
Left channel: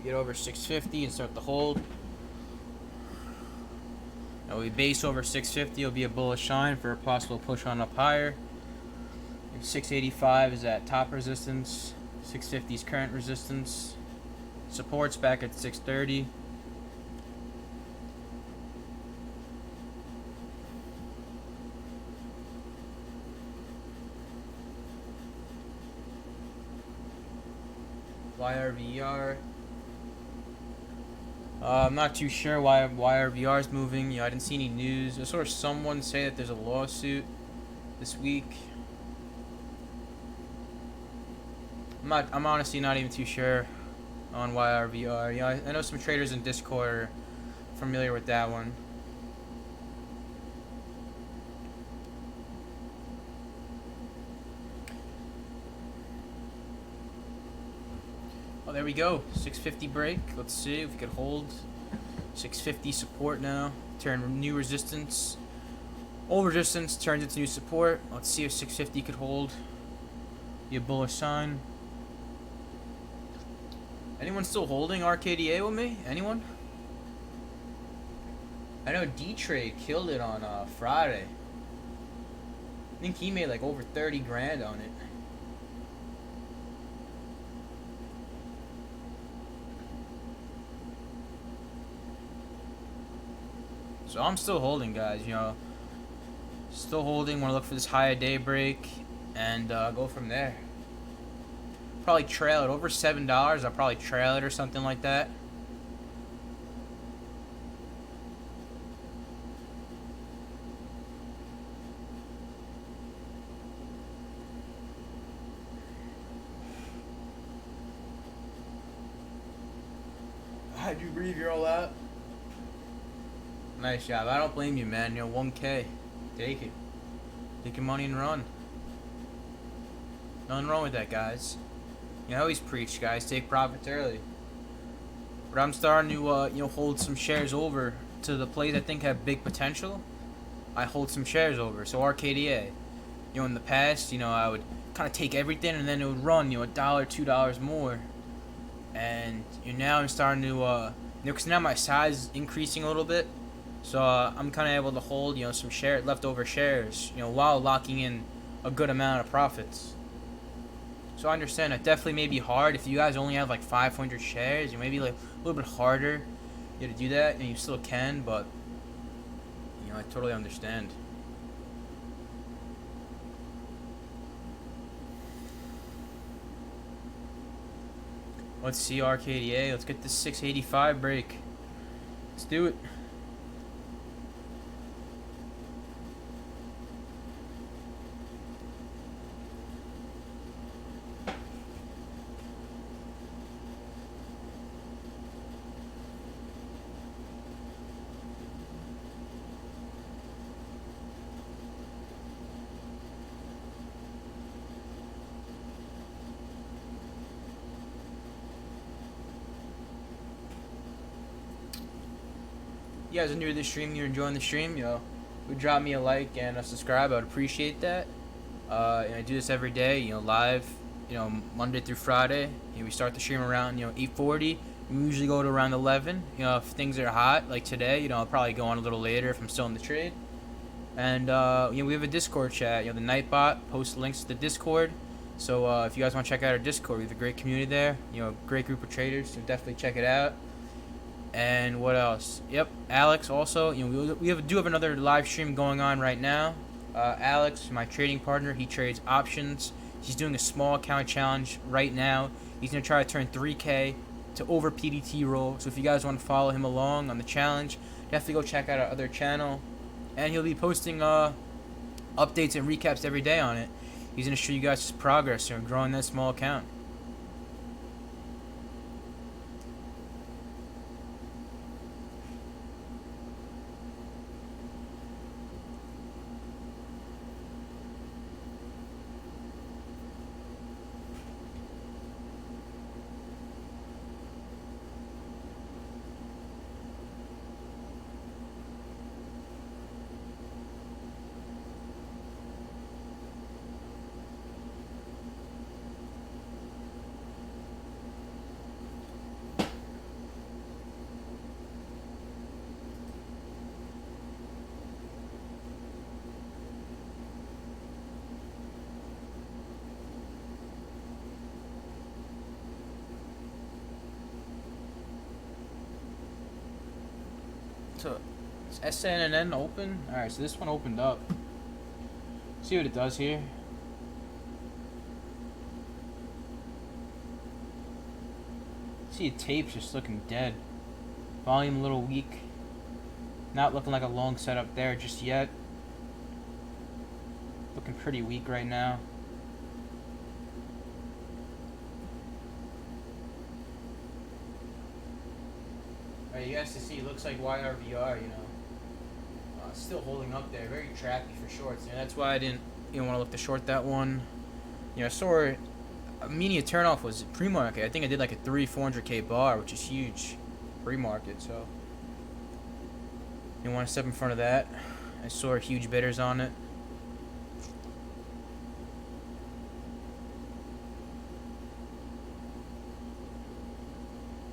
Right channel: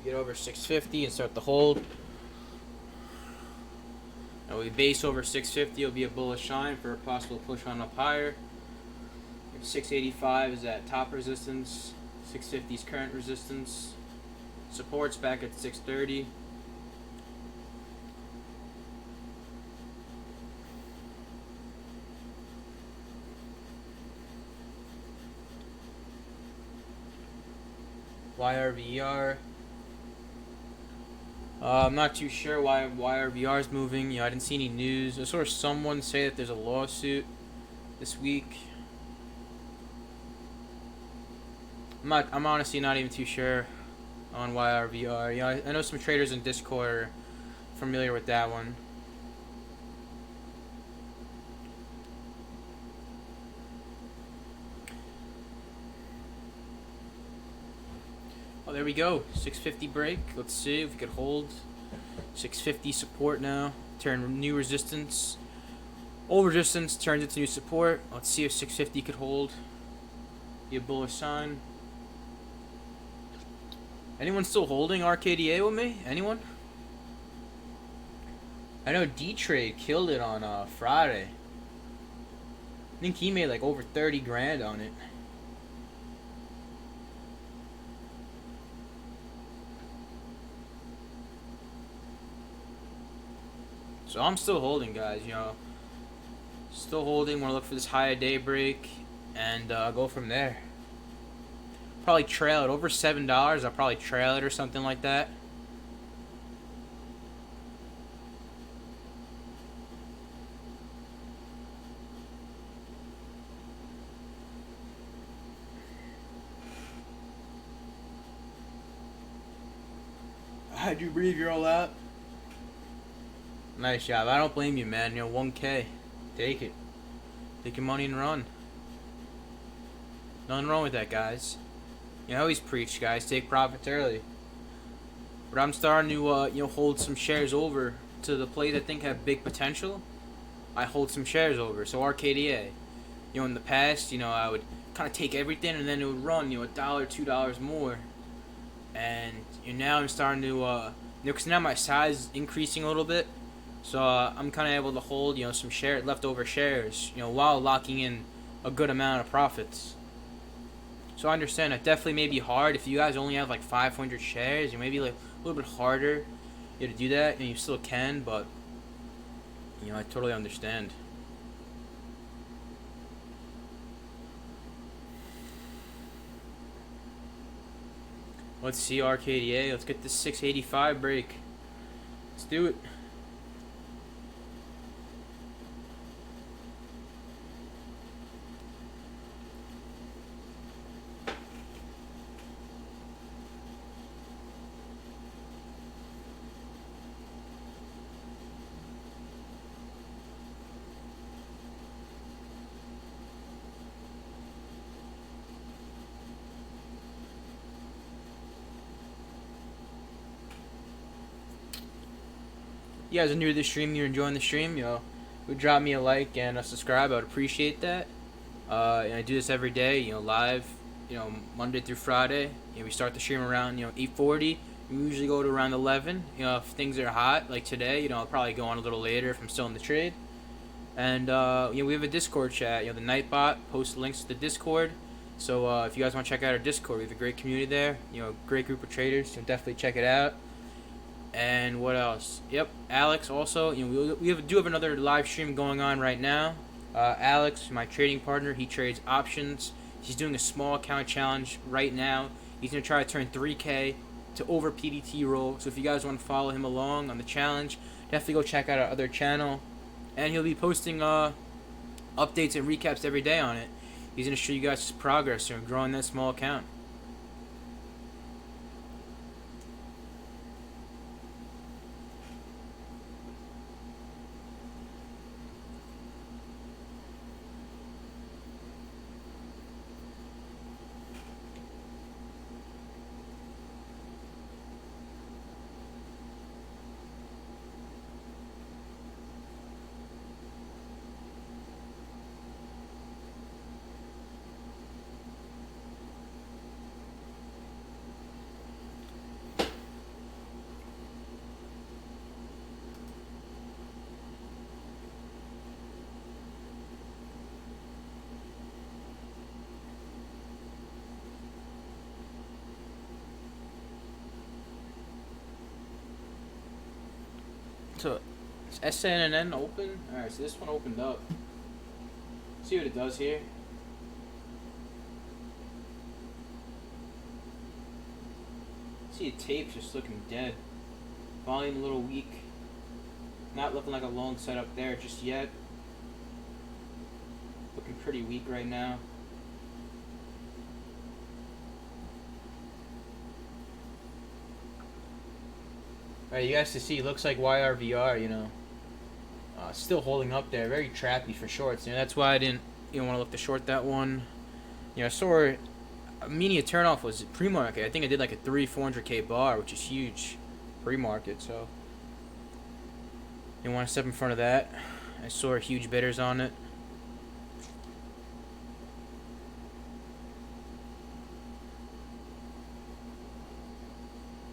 Get over 650 and start the hold. Now we base over 650, it'll be a bullish sign for a possible push on up higher. 685 is at top resistance. 650 is current resistance. Support's back at 630. YRVR. I'm not too sure why YRVR is moving. I didn't see any news. I saw someone say that there's a lawsuit this week. I'm honestly not even too sure on YRVR. I know some traders in Discord are familiar with that one. Oh, there we go. 650 break. Let's see if we could hold 650 support now. Turn new resistance. Old resistance turns into new support. Let's see if 650 could hold. Be a bullish sign. Anyone still holding RKDA with me? Anyone? I know D-Trade killed it on Friday. I think he made like over 30 grand on it. So I'm still holding, guys, Still holding. Want to look for this high day break and go from there. Probably trail it over $7. I'll probably trail it or something like that. How'd you breathe? You're all out. Nice job. I don't blame you, man. 1K. Take it. Take your money and run. Nothing wrong with that, guys. I always preach, guys. Take profits early. But I'm starting to, hold some shares over to the plays I think have big potential. I hold some shares over. So RKDA. In the past, I would kind of take everything and then it would run, $1, $2 more. And now I'm starting to, because now my size is increasing a little bit. So I'm kind of able to hold, some leftover shares, while locking in a good amount of profits. So I understand it definitely may be hard if you guys only have like 500 shares. Maybe like a little bit harder to do that, and you still can, but I totally understand. Let's see RKDA. Let's get this 685 break. Let's do it. You guys are new to the stream, you're enjoying the stream, would drop me a like and a subscribe. I would appreciate that. And I do this every day, live, Monday through Friday. We start the stream around, 8:40. We usually go to around 11. If things are hot, like today, I'll probably go on a little later if I'm still in the trade. And, we have a Discord chat. The Nightbot posts links to the Discord. So, if you guys want to check out our Discord, we have a great community there. Great group of traders, so definitely check it out. And what else? Yep, Alex also. We do have another live stream going on right now. Alex, my trading partner, he trades options. He's doing a small account challenge right now. He's gonna try to turn 3K to over PDT roll. So if you guys want to follow him along on the challenge, definitely go check out our other channel. And he'll be posting updates and recaps every day on it. He's gonna show you guys his progress in growing that small account. So, is SNN open? Alright, so this one opened up. See what it does here. See the tape's just looking dead. Volume a little weak. Not looking like a long setup there just yet. Looking pretty weak right now. Alright, you guys to see, looks like YRVR, still holding up there. Very trappy for shorts. That's why I didn't want to look to short that one. I saw a media turnoff was pre-market. I think I did like a 400K bar, which is huge pre-market. So you want to step in front of that. I saw huge bidders on it.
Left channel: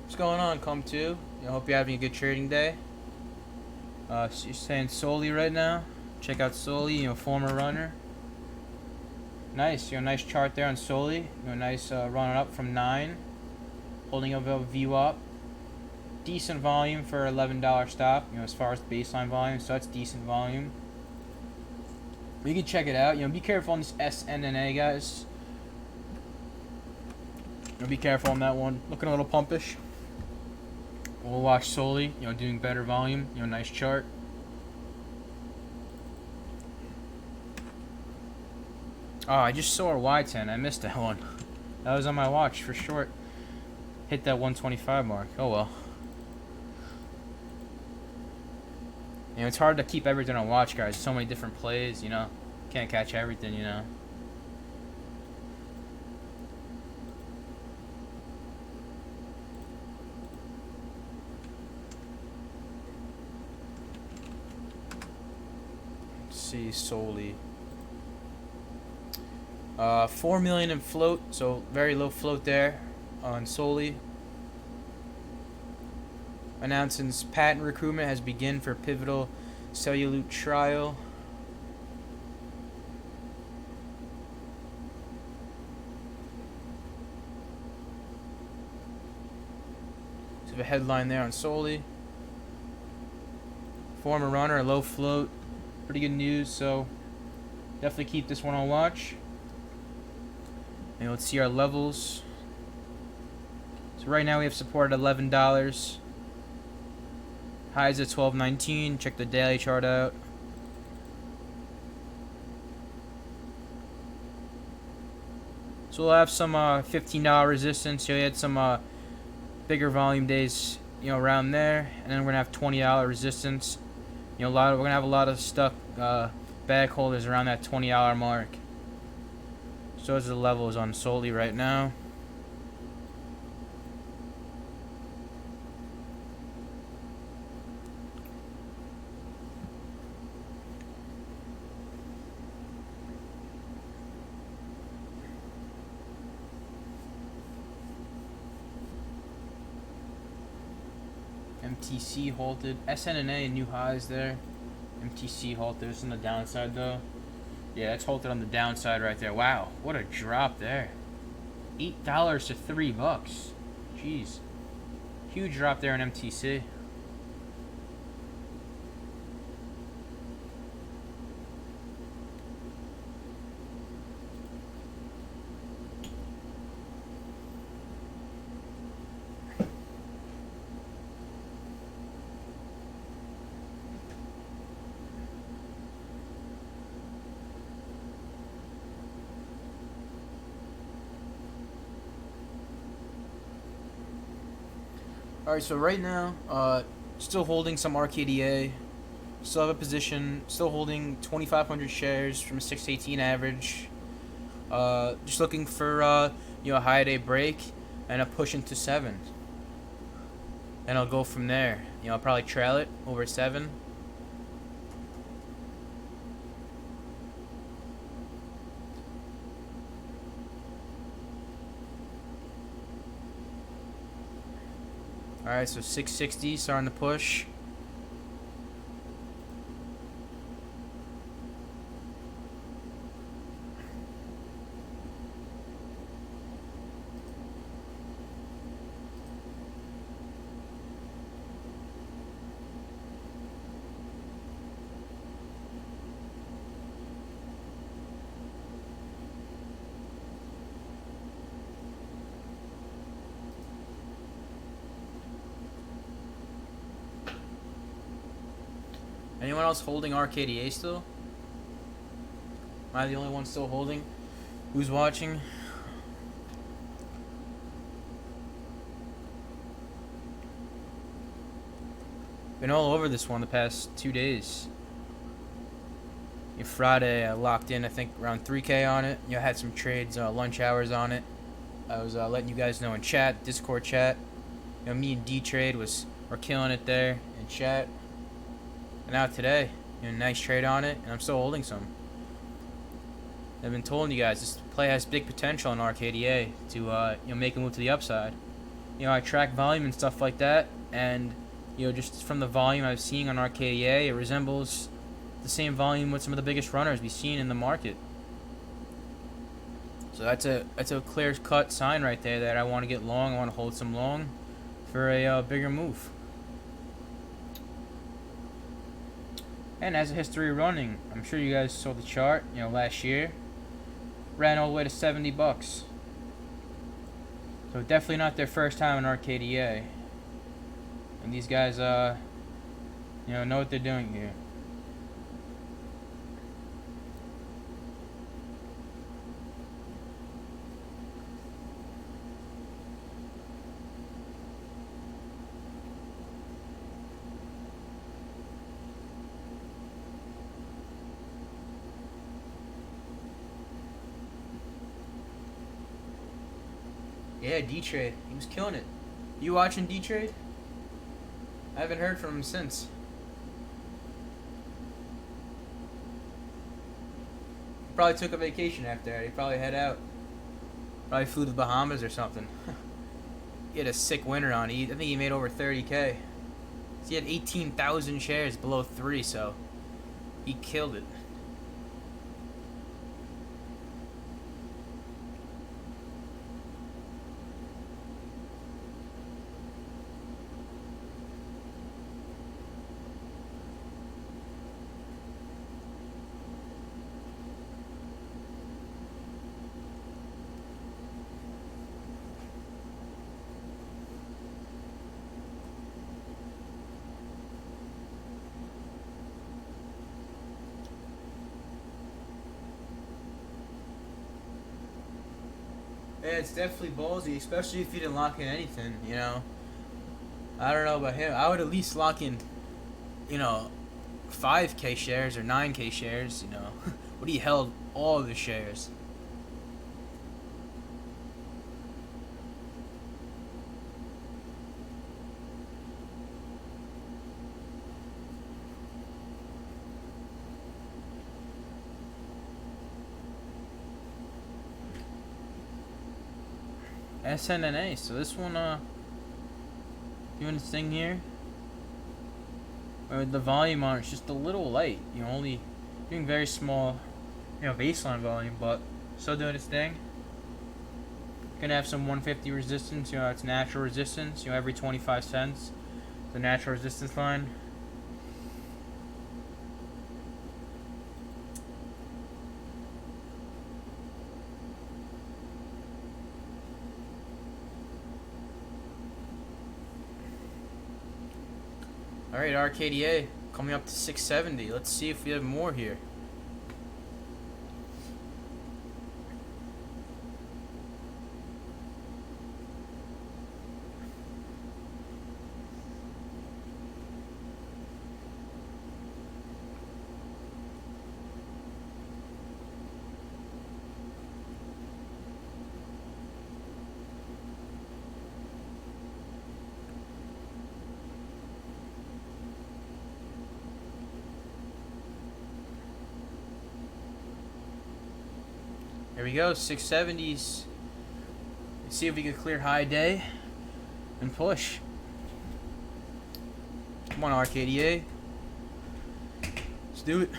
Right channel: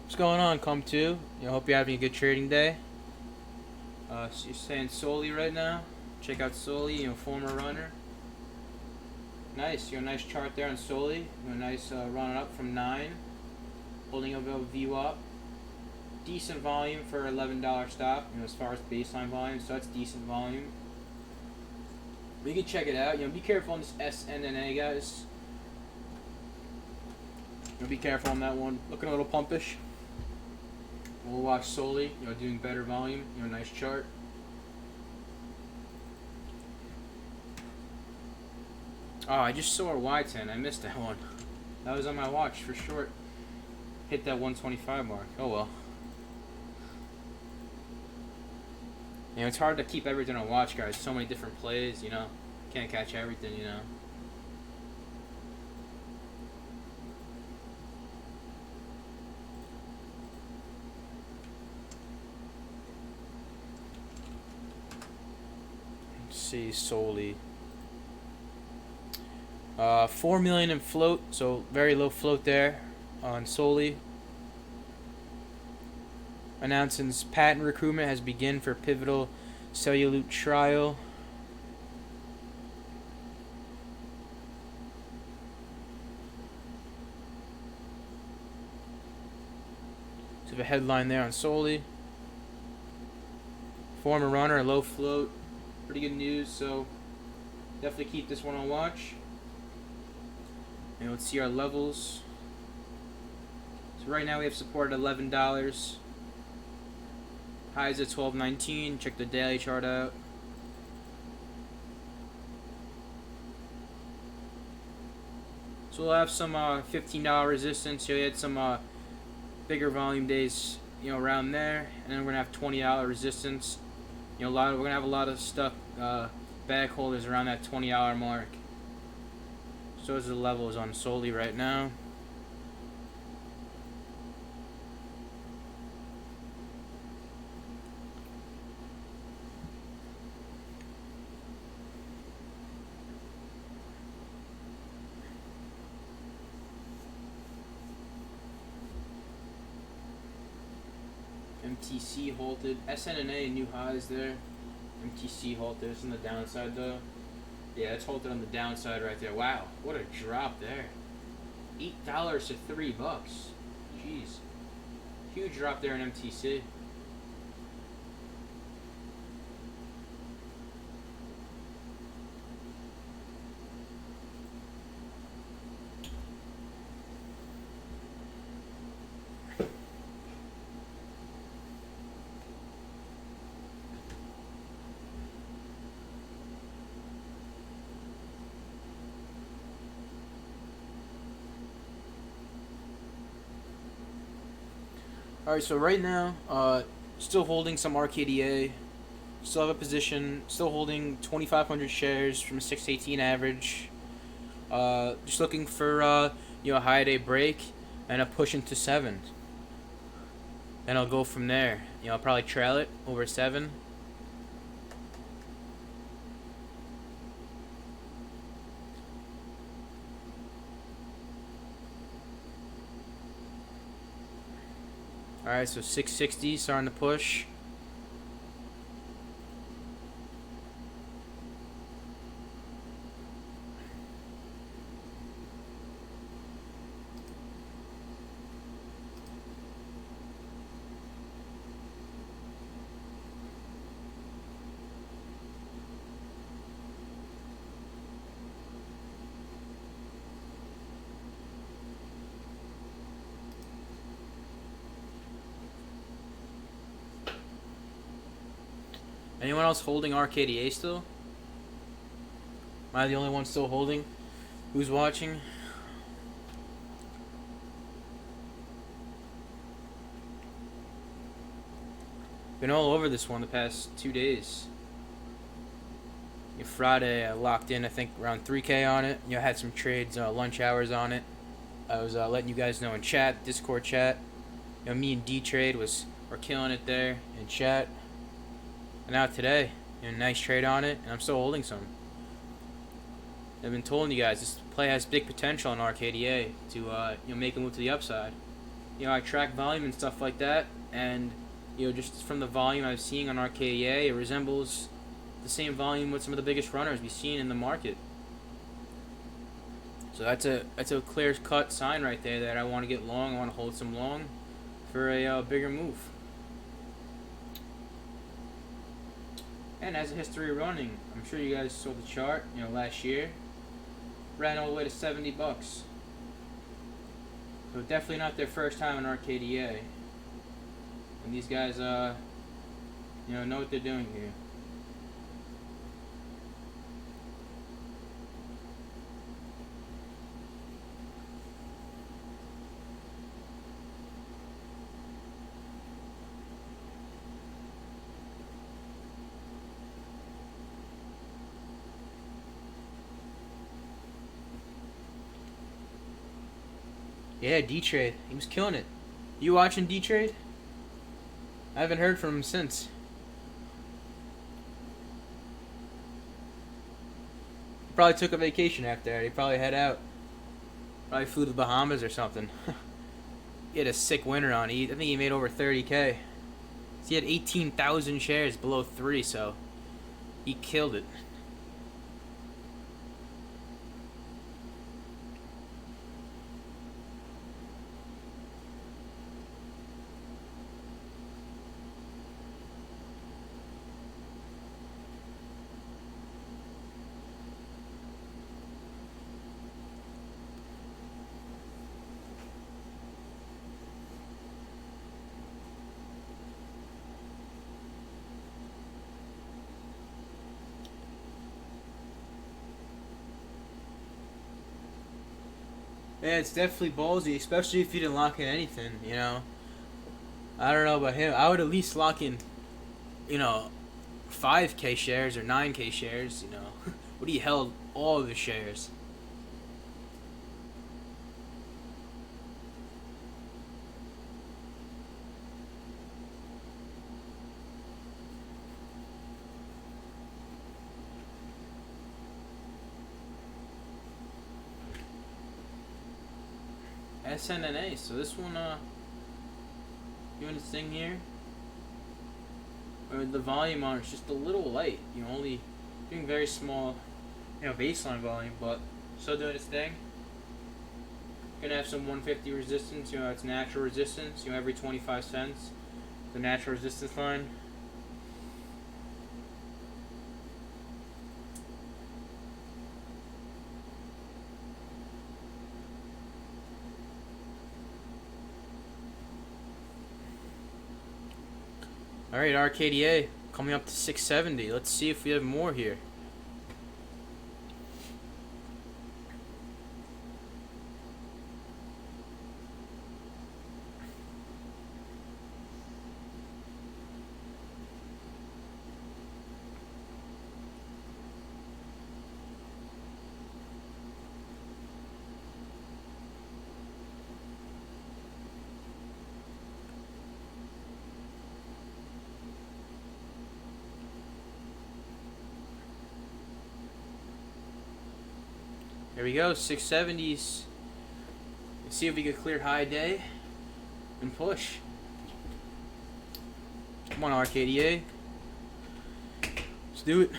What's going on, Come To? Hope you're having a good trading day. So you're saying Soli right now. Check out Soli, former runner. Nice, nice chart there on Soli. Nice run up from 9. Holding up a VWAP. Decent volume for $11 stop, as far as baseline volume, so that's decent volume. But you can check it out. Be careful on this SNNA, guys. Be careful on that one. Looking a little pumpish. We'll watch Soli, doing better volume. Nice chart. Oh, I just saw a YTEN. I missed that one. That was on my watch for short. Hit that 125 mark. Oh well. It's hard to keep everything on watch, guys. So many different plays, Can't catch everything, See Soli. 4 million in float, so very low float there on Soli. Announces patent recruitment has begun for pivotal cellulite trial. So the headline there on Soli. Former runner, low float. Pretty good news, so definitely keep this one on watch. And let's see our levels. So right now we have support at $11. Highs at 12.19. Check the daily chart out. So we'll have some $15 resistance. So we had some bigger volume days, around there, and then we're gonna have $20 resistance. We're gonna have a lot of stuck bag holders around that $20 mark. So those are the levels on Soli right now. MTC halted. SNNA new highs there. MTC halted. It's on the downside though. Yeah, it's halted on the downside right there. Wow, what a drop there. $8 to $3. Jeez. Huge drop there in MTC. Alright, so right now, still holding some RKDA. Still have a position. Still holding 2,500 shares from a 618 average. Just looking for a high day break and a push into 7. And I'll go from there. I'll probably trail it over 7. Alright, so 660 starting to push. Anyone else holding RKDA still? Am I the only one still holding? Who's watching? Been all over this one the past 2 days. Friday, I locked in, I think, around 3K on it. I had some trades, lunch hours on it. I was letting you guys know in chat, Discord chat. Me and D-Trade were killing it there in chat. And now today, nice trade on it, and I'm still holding some. I've been telling you guys this play has big potential in RKDA to make a move to the upside. I track volume and stuff like that, and just from the volume I'm seeing on RKDA, it resembles the same volume with some of the biggest runners we've seen in the market. So that's a clear cut sign right there that I want to get long. I want to hold some long for a bigger move. And as a history running, I'm sure you guys saw the chart, last year. Ran all the way to $70. So definitely not their first time in RKDA. And these guys, know what they're doing here. Yeah, D-Trade. He was killing it. You watching D-Trade? I haven't heard from him since. He probably took a vacation after that. He probably head out. Probably flew to the Bahamas or something. He had a sick winter on. I think he made over 30K. He had 18,000 shares below 3, so he killed it. Yeah, it's definitely ballsy, especially if you didn't lock in anything. I don't know about him. I would at least lock in, you know, 5K shares or 9K shares. What he held all the shares. SNNA. So this one, doing its thing here. Or the volume on it's just a little light. Only doing very small, baseline volume, but still doing its thing. Gonna have some 150 resistance. It's natural resistance. Every 25 cents, the natural resistance line. All right, RKDA coming up to 670. Let's see if we have more here. There we go, 670s. Let's see if we can clear high day and push. Come on, RKDA. Let's do it.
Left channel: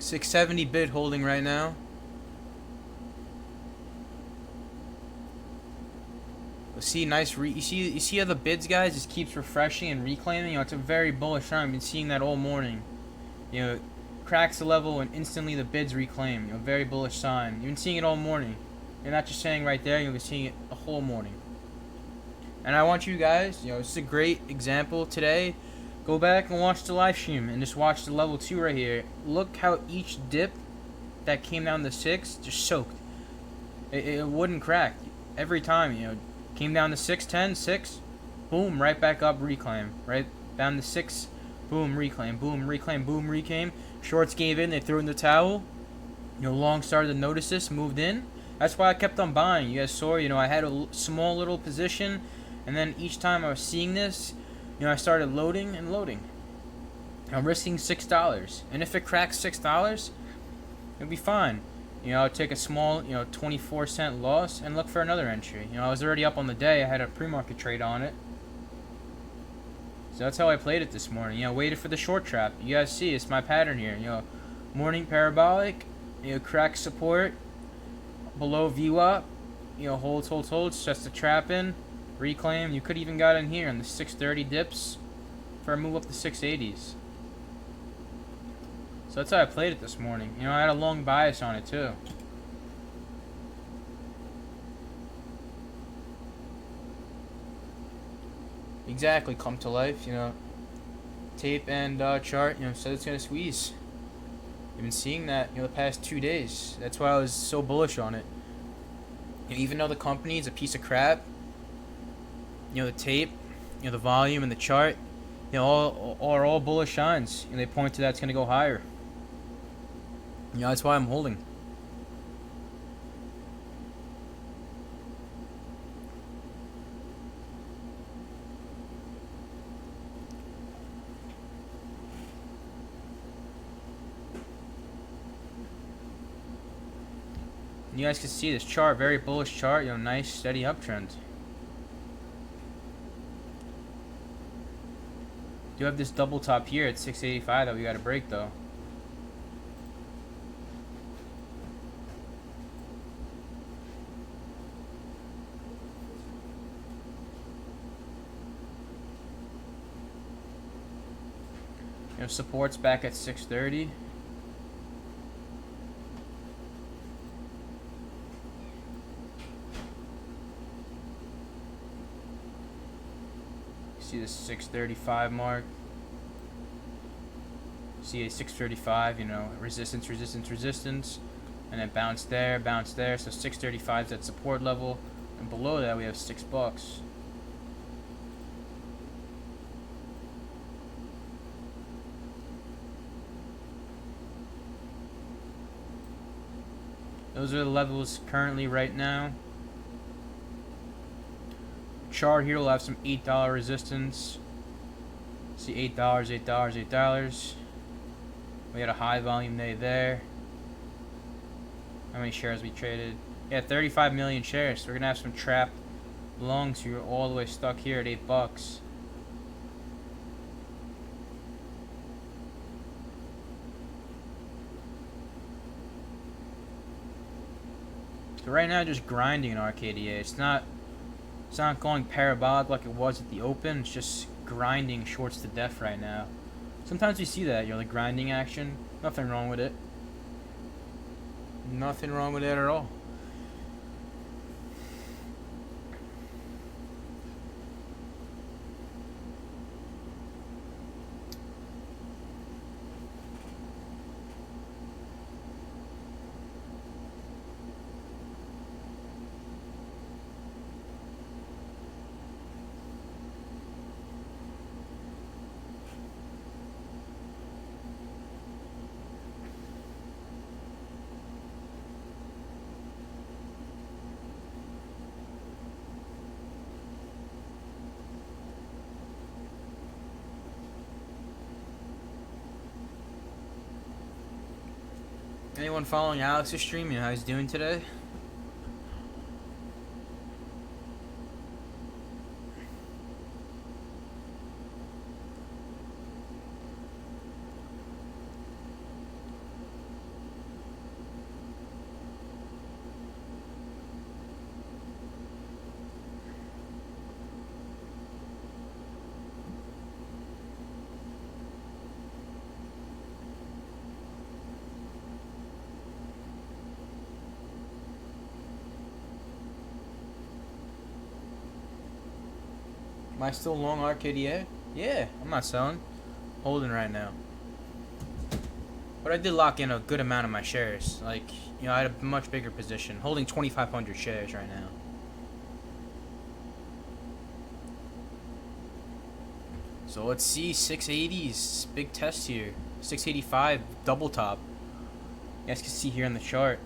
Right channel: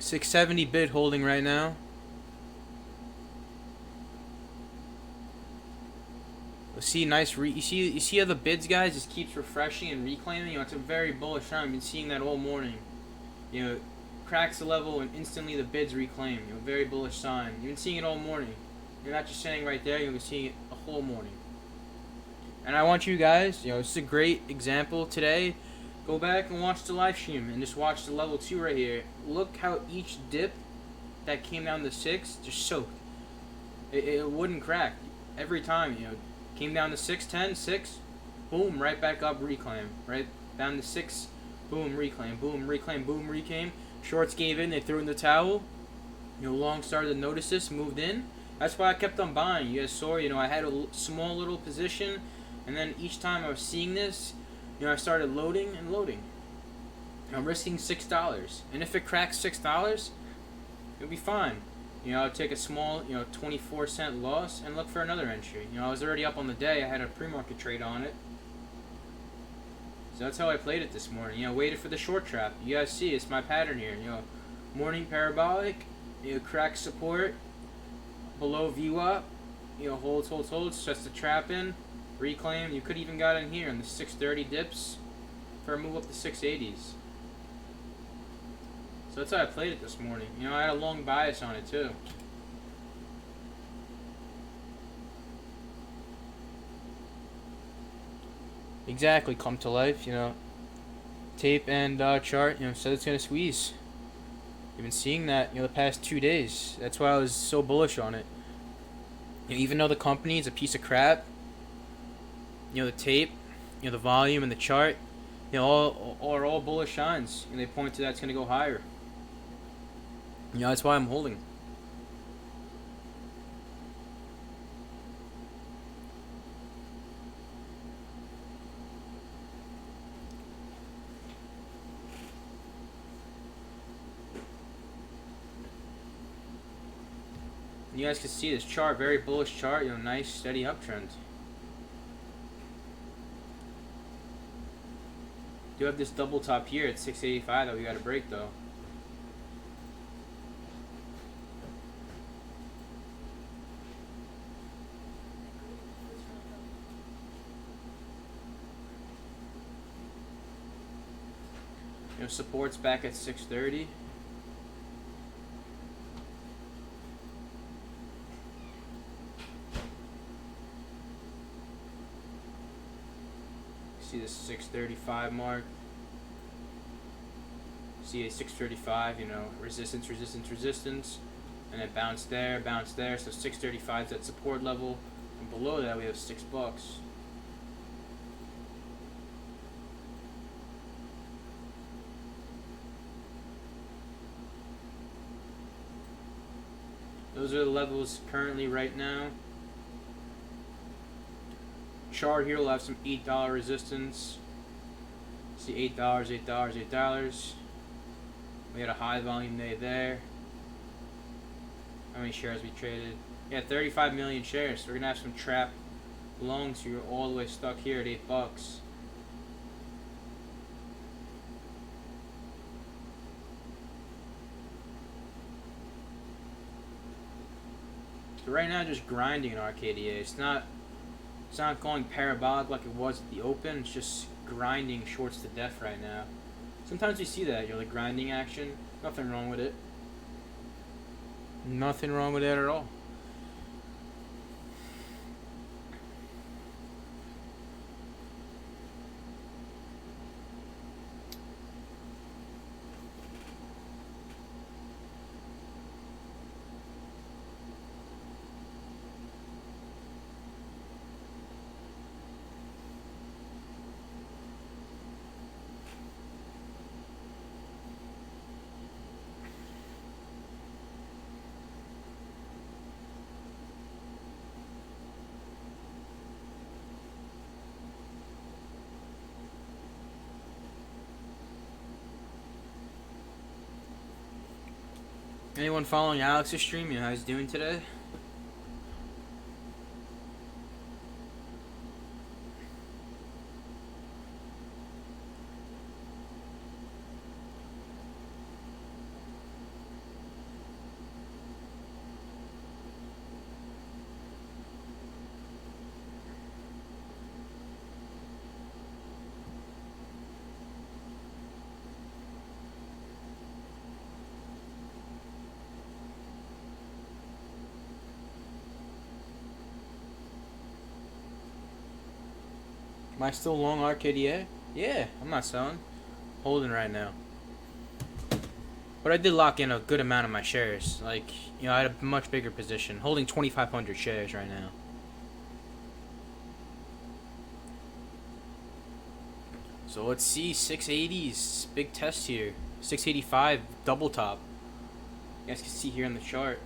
$670 bid holding right now. See, nice. You see how the bids, guys, just keeps refreshing and reclaiming. It's a very bullish time. I've been seeing that all morning. Cracks the level and instantly the bids reclaim. Very bullish sign. You've been seeing it all morning. You're not just saying right there. You've been seeing it the whole morning. And I want you guys. This is a great example today. Go back and watch the live stream and just watch the level 2 right here. Look how each dip that came down to 6 just soaked. It wouldn't crack every time. Came down to 610, 6, boom, right back up, reclaim. Right down to 6, boom, reclaim, boom, reclaim, boom, reclaim. Shorts gave in, they threw in the towel. Long started to notice this, moved in. That's why I kept on buying. You guys saw, I had a small little position, and then each time I was seeing this, I started loading and loading. I'm risking $6, and if it cracks $6, it'll be fine. I'll take a small, 24-cent loss and look for another entry. I was already up on the day. I had a pre-market trade on it. So that's how I played it this morning. Waited for the short trap. You guys see, it's my pattern here. Morning parabolic, crack support, below VWAP, holds, sets the trap in, reclaim. You could even got in here on the 630 dips for a move up to 680s. So that's how I played it this morning. I had a long bias on it too. Exactly, come to life, tape and chart, said it's going to squeeze. You've been seeing that, the past 2 days. That's why I was so bullish on it. Even though the company is a piece of crap, the tape, the volume and the chart, all are all bullish signs. They point to that it's going to go higher. That's why I'm holding. You guys can see this chart, very bullish chart, nice steady uptrend. Do have this double top here at 685 that we got to break though. Support's back at 630. See the 635 mark. See a 635, you know, resistance, resistance, resistance, and then bounce there, bounce there. So 635 is that support level, and below that we have $6. Those are the levels currently right now. Chart here will have some $8 resistance. See $8, $8, $8. We had a high volume day there. How many shares we traded? Yeah, 35 million shares. So we're gonna have some trapped longs here, all the way stuck here at $8. So right now, just grinding in RKDA. It's not going parabolic like it was at the open. It's just grinding shorts to death right now. Sometimes we see that, you know, the grinding action. Nothing wrong with it. Nothing wrong with it at all. Anyone following Alex's stream? You know how he's doing today? Am I still long RKDA? Yeah, I'm not selling. Holding right now. But I did lock in a good amount of my shares. Like, you know, I had a much bigger position. Holding 2,500 shares right now. So let's see, 680s. Big test here. 685, double top. You guys can see here on the chart.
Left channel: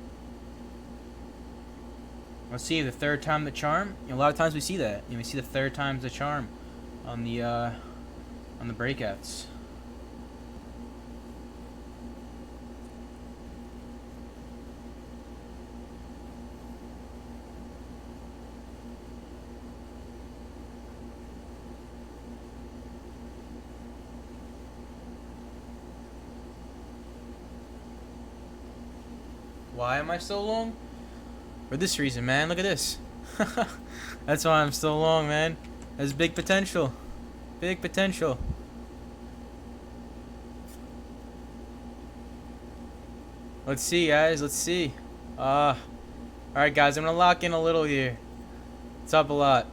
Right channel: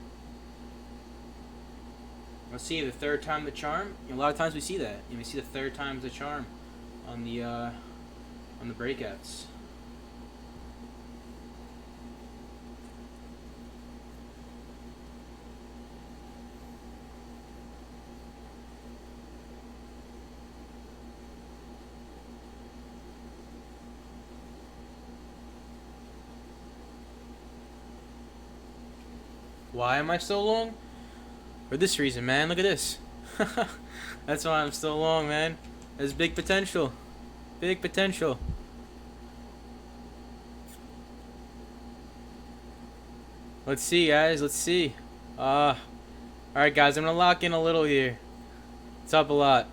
Let's see, the third time the charm. You know, a lot of times we see that. You know, we see the third time's the charm on the breakouts. Why am I so long? For this reason, man. Look at this. That's why I'm so long, man. There's big potential. Big potential. Let's see, guys. Let's see. Alright, guys. I'm going to lock in a little here. It's up a lot.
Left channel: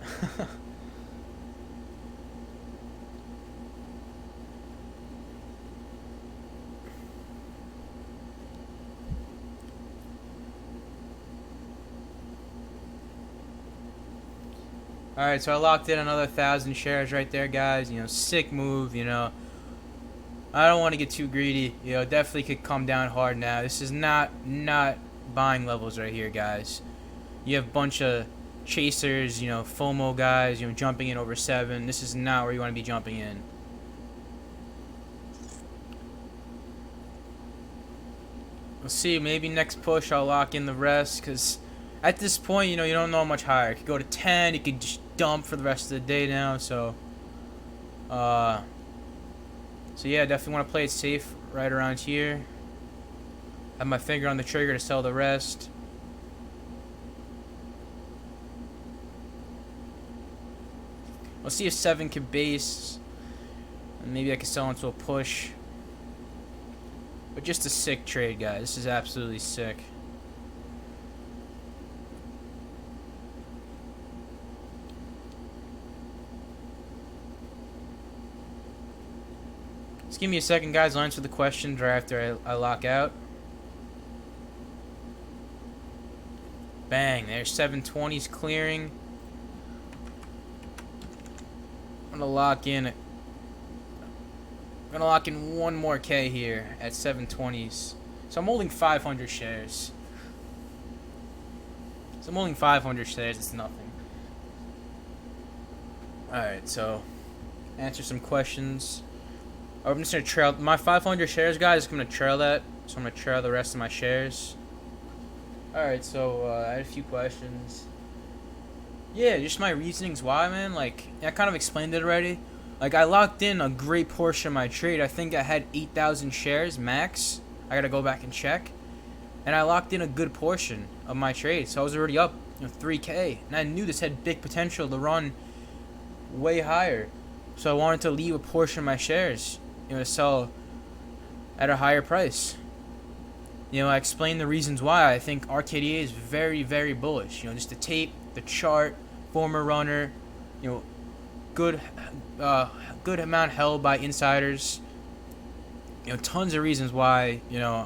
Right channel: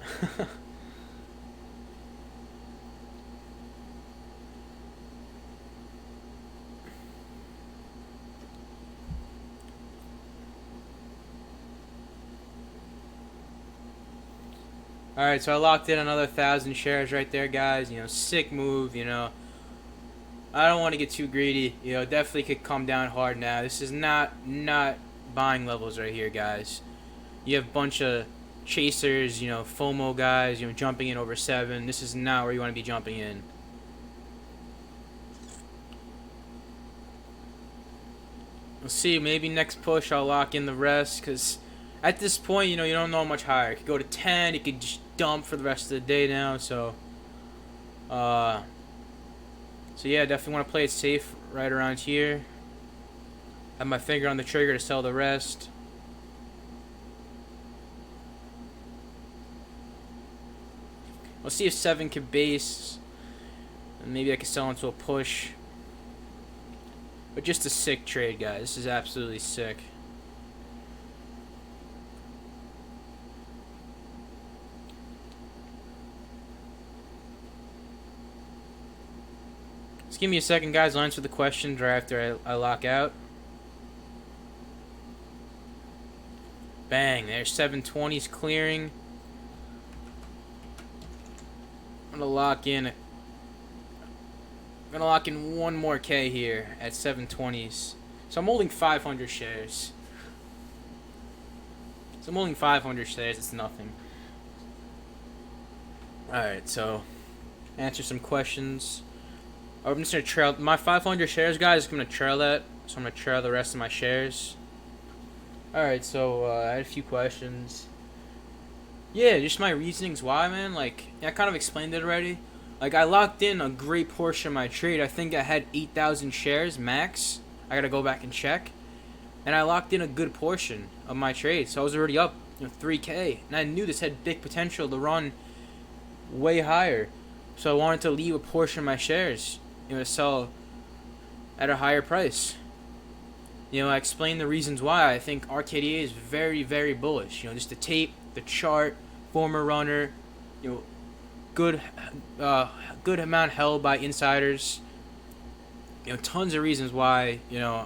Alright, so I locked in another 1,000 shares right there, guys. You know, sick move, you know. I don't want to get too greedy. You know, definitely could come down hard now. This is not buying levels right here, guys. You have a bunch of chasers, you know, FOMO guys, you know, jumping in over 7. This is not where you want to be jumping in. We'll see. Maybe next push I'll lock in the rest, because at this point, you know, you don't know how much higher. It could go to 10. It could just dump for the rest of the day now. So yeah, definitely want to play it safe right around here. Have my finger on the trigger to sell the rest. We'll see if 7 can base. And maybe I can sell into a push. But just a sick trade, guys. This is absolutely sick. Just give me a second, guys. I'll answer the questions right after I lock out. Bang, there's 720s clearing. I'm gonna lock in one more K here at 720s. So I'm holding 500 shares. It's nothing. Alright, so answer some questions. I'm just gonna trail my 500 shares, guys. I'm gonna trail that, so I'm gonna trail the rest of my shares. Alright, so I had a few questions. Yeah, just my reasonings why, man. Like, I kind of explained it already. Like, I locked in a great portion of my trade. I think I had 8,000 shares max. I gotta go back and check. And I locked in a good portion of my trade, so I was already up, 3K. And I knew this had big potential to run way higher. So I wanted to leave a portion of my shares, to sell at a higher price. I explained the reasons why I think RKDA is very, very bullish. Just the tape, the chart, former runner, good amount held by insiders. Tons of reasons why,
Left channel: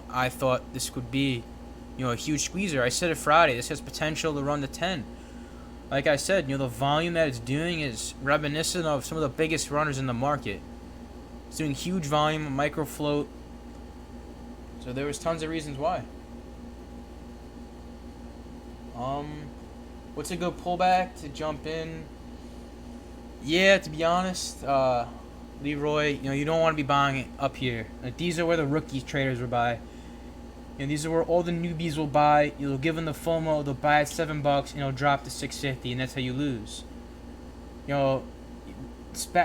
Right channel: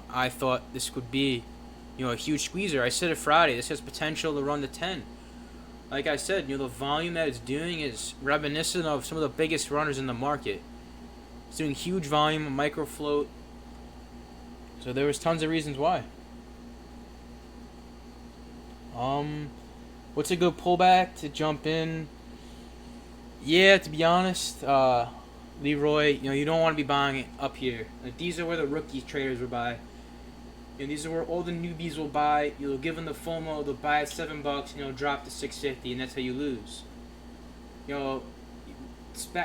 I thought this could be, a huge squeezer. I said it Friday. This has potential to run to 10. Like I said, the volume that it's doing is reminiscent of some of the biggest runners in the market. It's doing huge volume, micro float. So there was tons of reasons why. What's a good pullback to jump in? Yeah, to be honest, Leroy, you don't want to be buying it up here. Like, these are where the rookie traders will buy. These are where all the newbies will buy. You'll give them the FOMO, they'll buy at $7 and it'll drop to $6.50, and that's how you lose.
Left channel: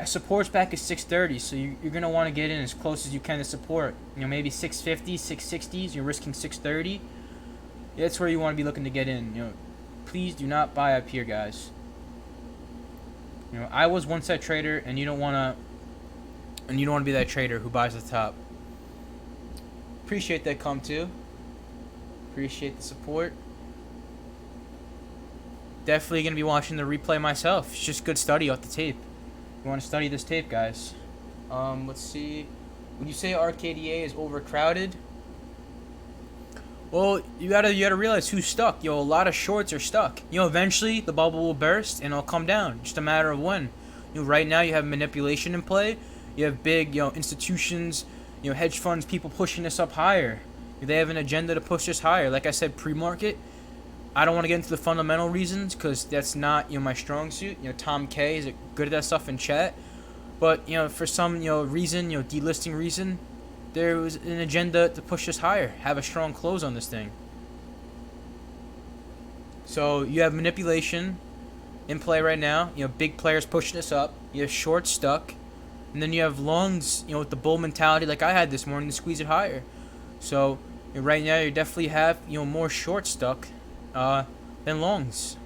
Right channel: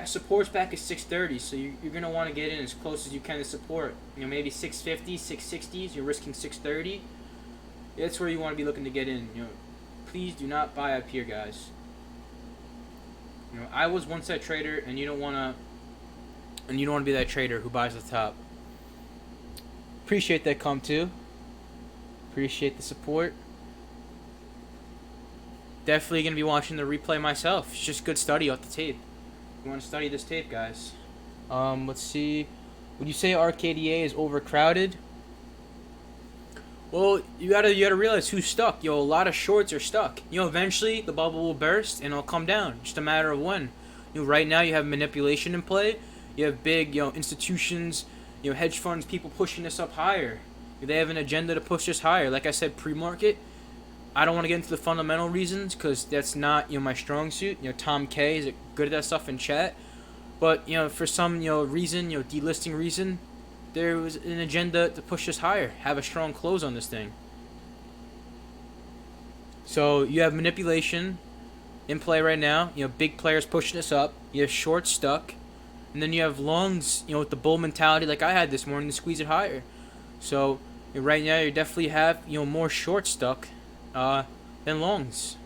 Support's back at 630, so you're gonna want to get in as close as you can to support. Maybe 650, 660s. You're risking 630. That's where you want to be looking to get in. Please do not buy up here, guys. I was one set trader, and you don't wanna be that trader who buys the top. Appreciate that come too. Appreciate the support. Definitely gonna be watching the replay myself. It's just good study off the tape. You want to study this tape, guys. Let's see. Would you say RKDA is overcrowded? Well, you gotta realize who's stuck. A lot of shorts are stuck. Eventually the bubble will burst and it'll come down. Just a matter of when. Right now you have manipulation in play. You have big, institutions, hedge funds, people pushing this up higher. They have an agenda to push this higher. Like I said, pre-market. I don't want to get into the fundamental reasons because that's not my strong suit. Tom K is good at that stuff in chat, but for some reason, delisting reason, there was an agenda to push this higher, have a strong close on this thing. So you have manipulation in play right now. Big players pushing this up. You have short stuck, and then you have longs. With the bull mentality like I had this morning to squeeze it higher. So right now you definitely have more short stuck than longs.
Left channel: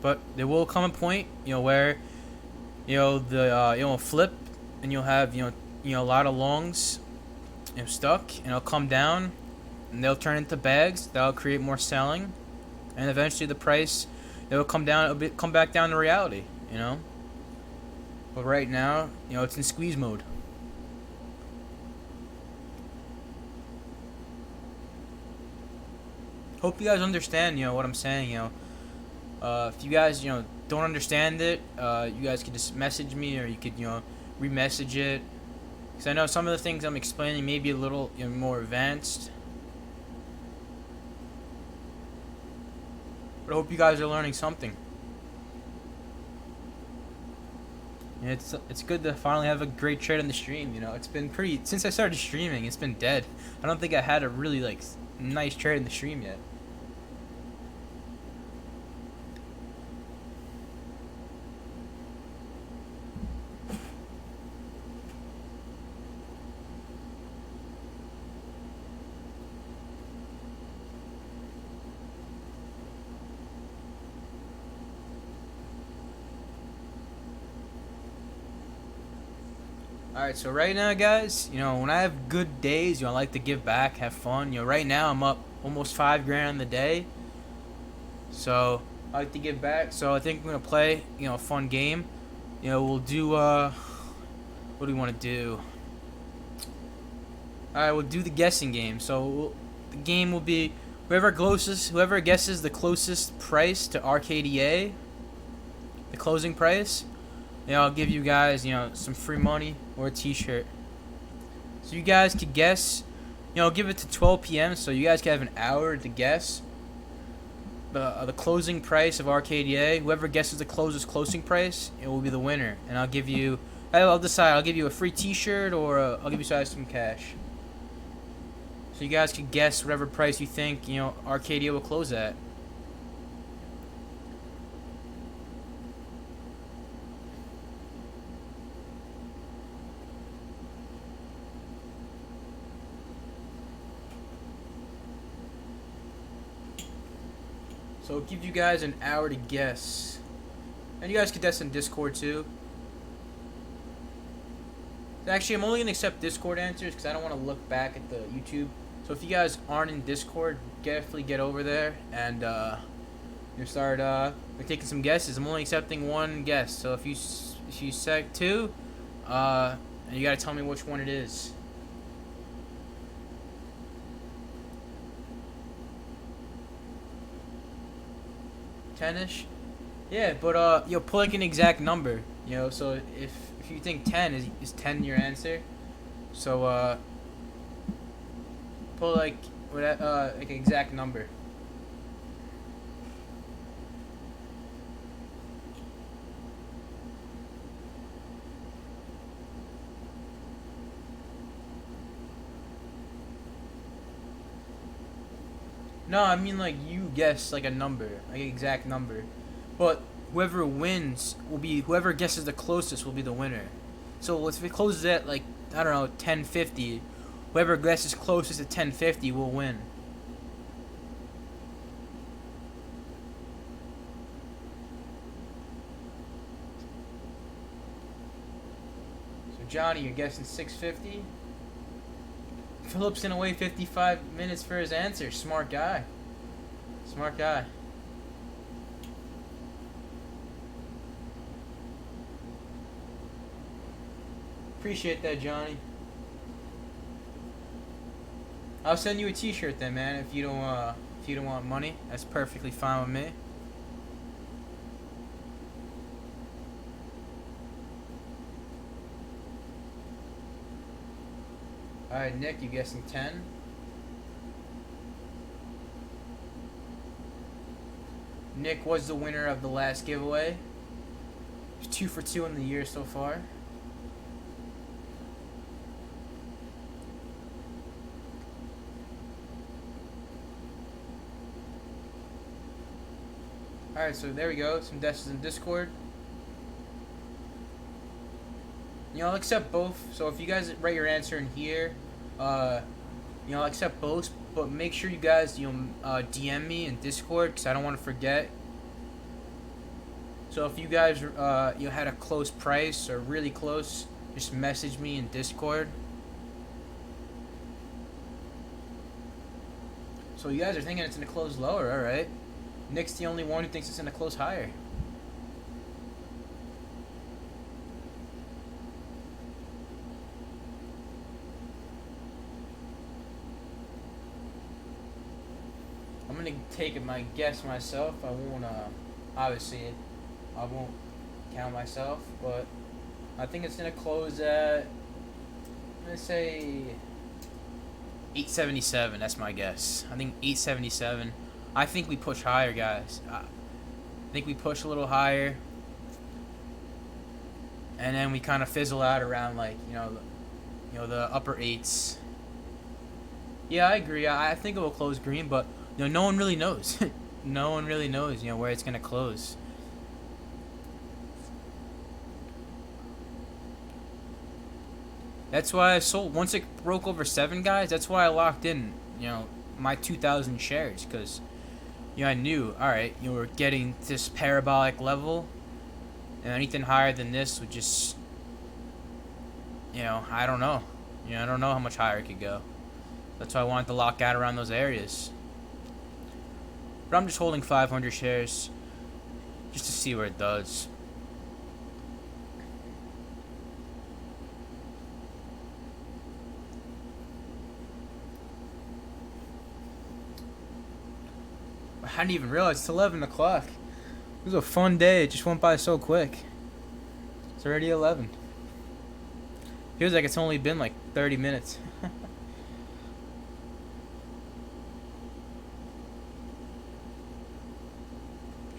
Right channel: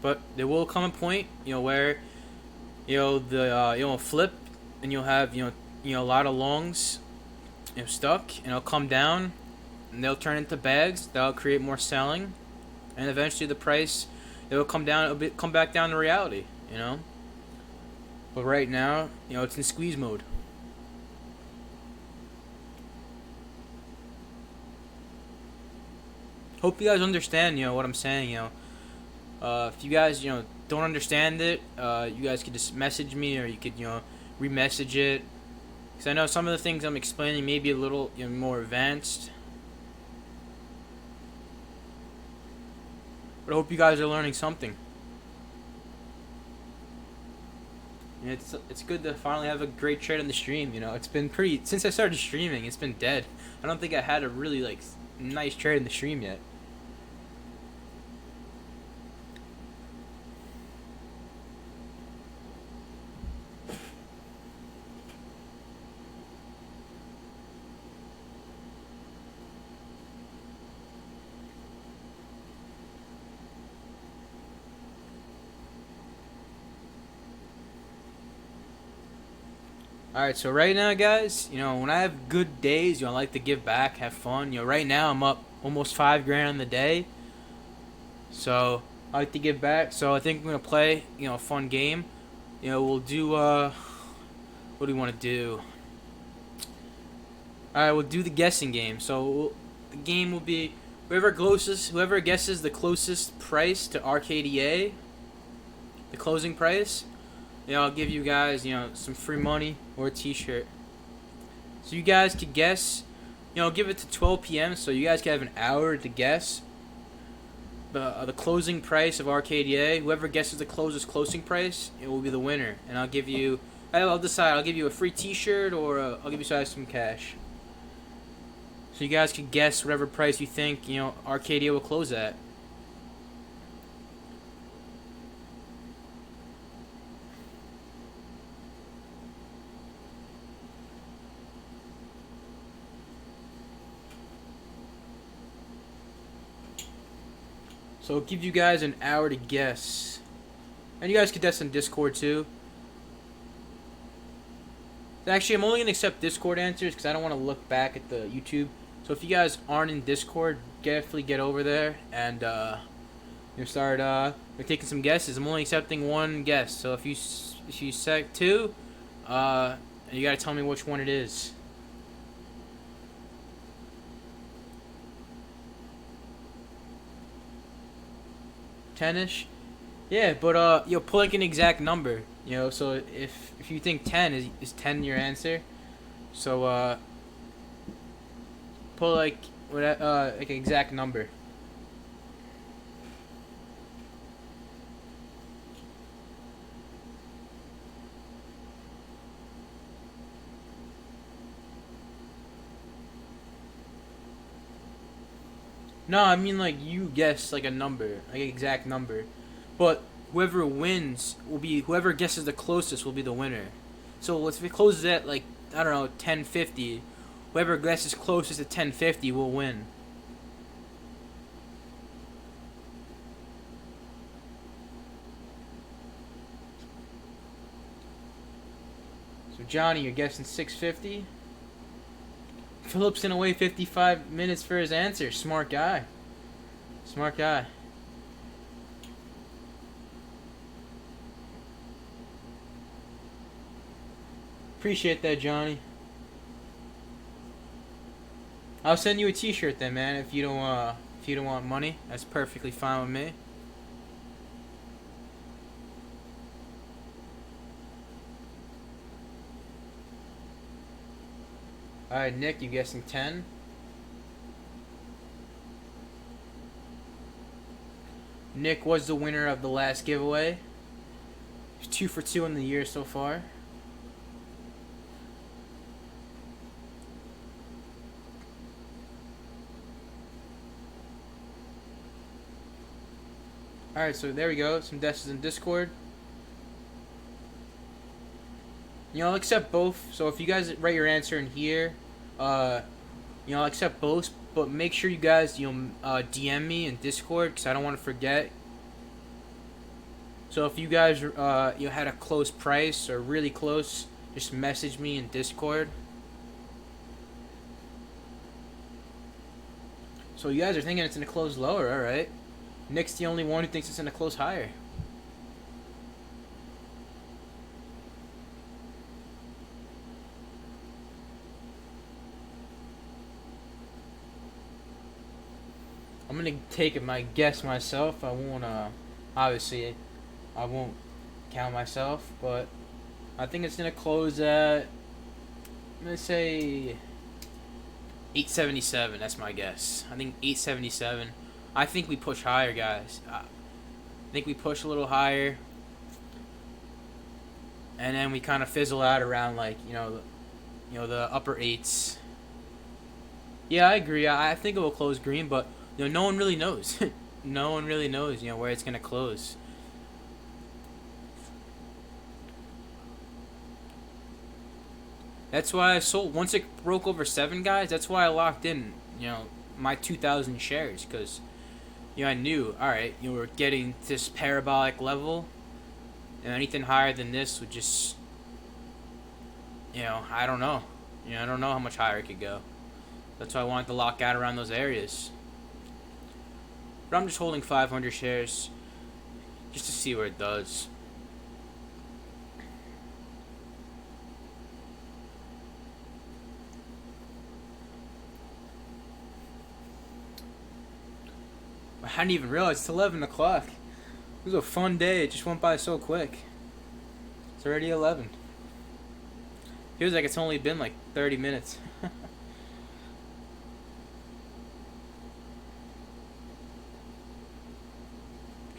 But there will come a point, where the flip, and you'll have a lot of longs stuck, and it'll come down, and they'll turn into bags. That'll create more selling, and eventually the price it will come down a bit, come back down to reality. But right now, it's in squeeze mode. Hope you guys understand, what I'm saying, if you guys, don't understand it, you guys could just message me, or you could, re-message it. Because I know some of the things I'm explaining may be a little more advanced. But I hope you guys are learning something. It's good to finally have a great trade on the stream. It's been since I started streaming, it's been dead. I don't think I had a really nice trade in the stream yet. Alright, so right now, guys, when I have good days, I like to give back, have fun. Right now I'm up almost $5 grand on the day. So I like to give back. So I think we're gonna play, a fun game. We'll do what do we want to do? All right, we'll do the guessing game. So the game will be whoever guesses the closest price to RKDA, the closing price. I'll give you guys, some free money or a T-shirt. So you guys could guess. Give it to 12 p.m. So you guys can have an hour to guess the closing price of RKDA. Whoever guesses the closing price, it will be the winner. And I'll decide. I'll give you a free T-shirt or I'll give you guys some cash. So you guys can guess whatever price you think RKDA will close at. So I'll give you guys an hour to guess. And you guys can guess on Discord too. Actually, I'm only going to accept Discord answers because I don't want to look back at the YouTube. So if you guys aren't in Discord, definitely get over there and start we're taking some guesses. I'm only accepting one guess. So if you set two, and you got to tell me which one it is. 10ish. Yeah, but put like an exact number. So if you think 10 is 10 your answer, so put like an exact number. No, I mean like you guess like a number, like an exact number. But whoever wins whoever guesses the closest will be the winner. So if it closes at like I don't know 10:50, whoever guesses closest to 10:50 will win. So Johnny, you're guessing 6:50. Philip's gonna wait 55 minutes for his answer. Smart guy. Smart guy. Appreciate that, Johnny. I'll send you a T-shirt then, man. If you don't want money, that's perfectly fine with me. All right, Nick, you guessing 10? Nick was the winner of the last giveaway. He's 2 for 2 in the year so far. Alright, so there we go. Some guesses in Discord. I'll accept both. So if you guys write your answer in here, I'll accept both. But make sure you guys, DM me in Discord because I don't want to forget. So if you guys, had a close price or really close, just message me in Discord. So you guys are thinking it's gonna close lower, all right? Nick's the only one who thinks it's gonna close higher. I'm gonna take my guess myself. I won't obviously I won't count myself, but I think it's gonna close at, I'm gonna say 877. That's my guess. I think 877. I think we push higher, guys. I think we push a little higher, and then we kind of fizzle out around like the upper eights. Yeah, I agree. I think it will close green, but no one really knows. No one really knows, where it's gonna close. That's why I sold once it broke over 7, guys. That's why I locked in, my 2,000 shares, because I knew, all right, we're getting this parabolic level, and anything higher than this would just, I don't know. I don't know how much higher it could go. That's why I wanted to lock out around those areas. But I'm just holding 500 shares just to see where it does. I hadn't even realized it's 11 o'clock. It was a fun day. It just went by so quick. It's already 11. Feels like it's only been like 30 minutes.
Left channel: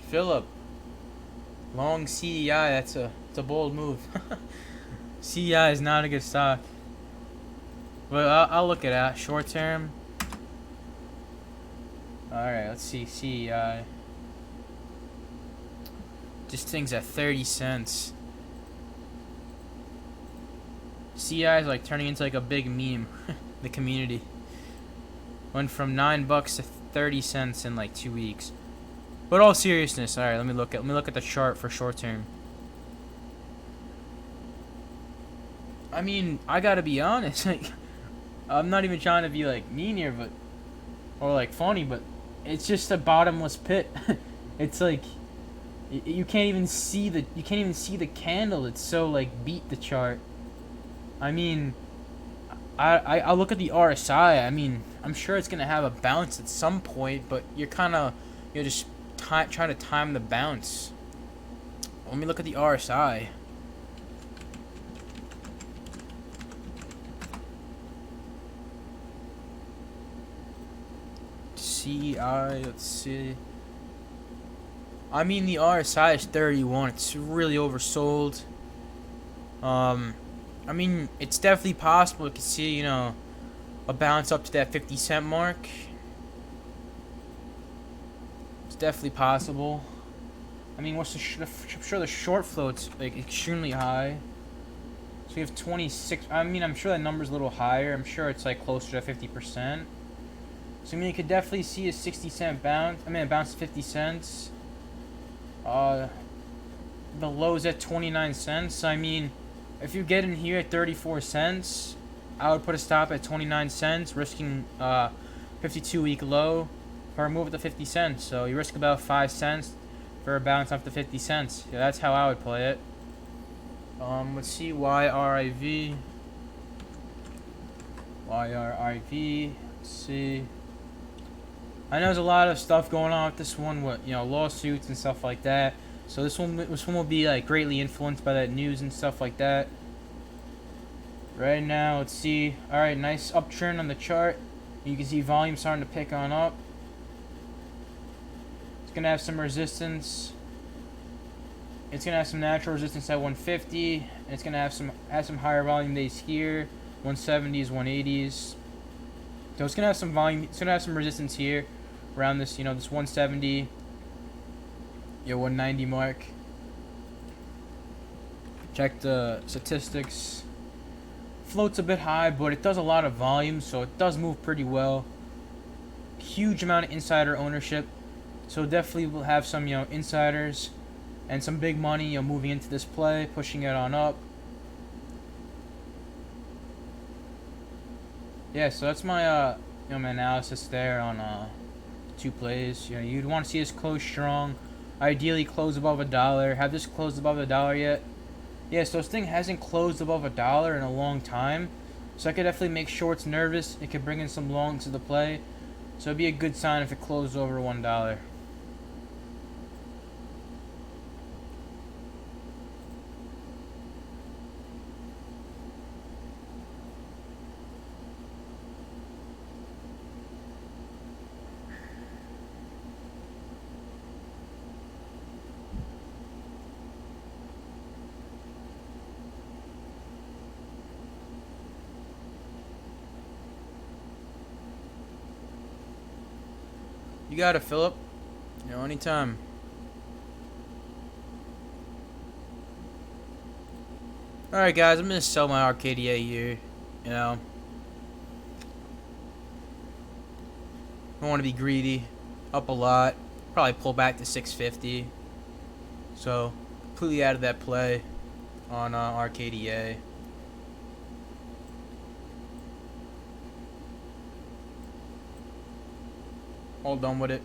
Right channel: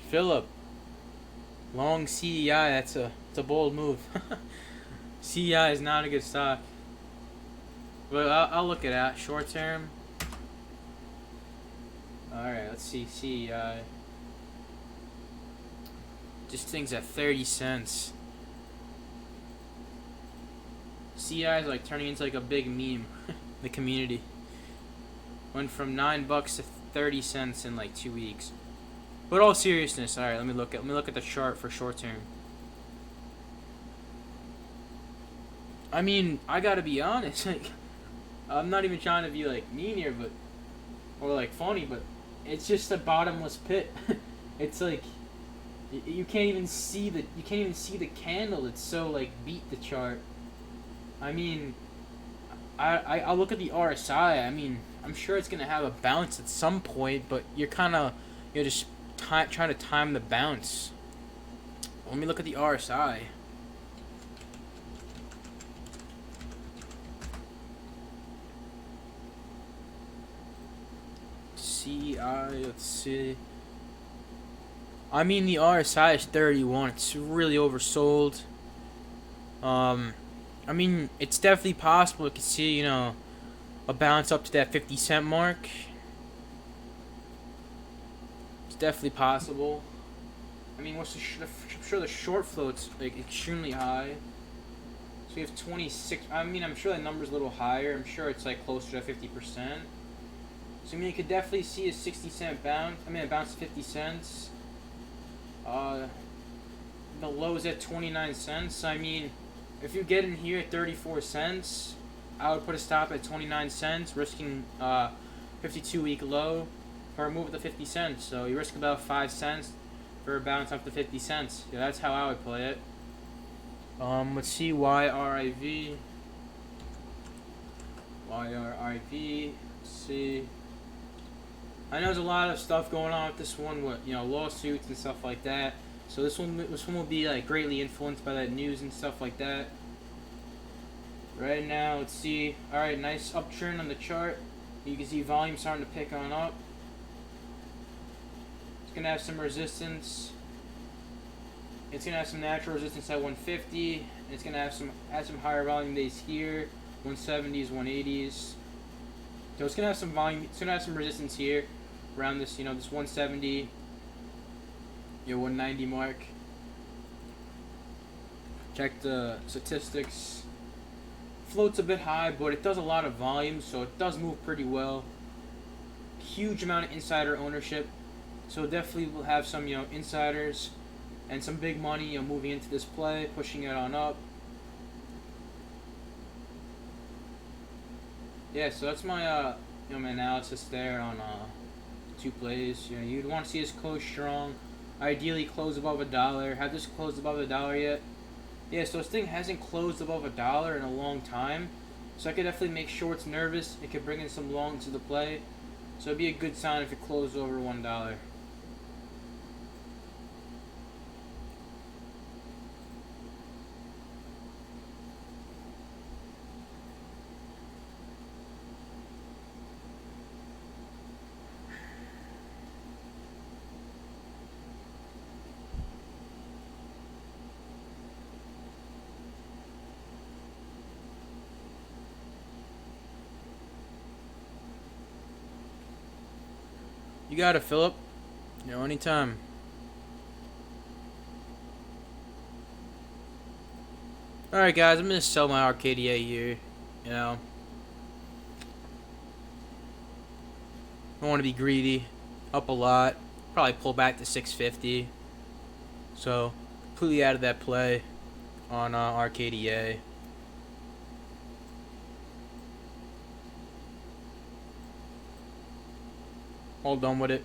Philip. Long CEI. That's a bold move. CEI is not a good stock. But I'll look at that. Short term. Alright, let's see. CEI. This thing's at 30 cents. CI is like turning into like a big meme. The community went from $9 to 30 cents in like 2 weeks. But all seriousness, all right. Let me look at the chart for short term. I mean, I gotta be honest. Like, I'm not even trying to be like mean here, but or like funny, but it's just a bottomless pit. It's like you can't even see the candle. It's so like beat the chart. I mean, I look at the RSI. I mean, I'm sure it's gonna have a bounce at some point, but you're just trying to time the bounce. Let me look at the RSI. CI, let's see. I mean, the RSI is 31. It's really oversold. I mean, it's definitely possible. You can see, a bounce up to that 50 cent mark. It's definitely possible. I mean, I'm sure the short float's like extremely high. So we have 26. I mean, I'm sure that number's a little higher. I'm sure it's like closer to 50%. So I mean, you could definitely see a 60-cent bounce. I mean, a bounce to 50 cents. The low's at 29 cents. I mean, if you get in here at 34 cents, I would put a stop at 29 cents, risking 52-week low for a move at the 50 cents. So you risk about 5 cents for a bounce up to 50 cents. Yeah, that's how I would play it. Let's see, YRIV. YRIV. Let's see. I know there's a lot of stuff going on with this one, with lawsuits and stuff like that. So this one will be like greatly influenced by that news and stuff like that. Right now, let's see. All right, nice uptrend on the chart. You can see volume starting to pick on up. It's gonna have some resistance. It's gonna have some natural resistance at 150, and it's gonna have some higher volume days here, 170s, 180s. So it's gonna have some volume. It's gonna have some resistance here, around this, this 170, 190 mark. Check the statistics. Floats a bit high, but it does a lot of volume, so it does move pretty well. Huge amount of insider ownership, so definitely will have some insiders and some big money moving into this play, pushing it on up. Yeah, so that's my my analysis there on two plays. You'd want to see us close strong, ideally close above $1. Have this closed above $1 yet? Yeah, so this thing hasn't closed above $1 in a long time, so I could definitely make shorts nervous. It could bring in some longs to the play, so it'd be a good sign if it closed over $1. You got it, Philip. Anytime. Alright, guys, I'm going to sell my RKDA here. I don't want to be greedy. Up a lot. Probably pull back to 650. So, completely out of that play on RKDA. All done with it.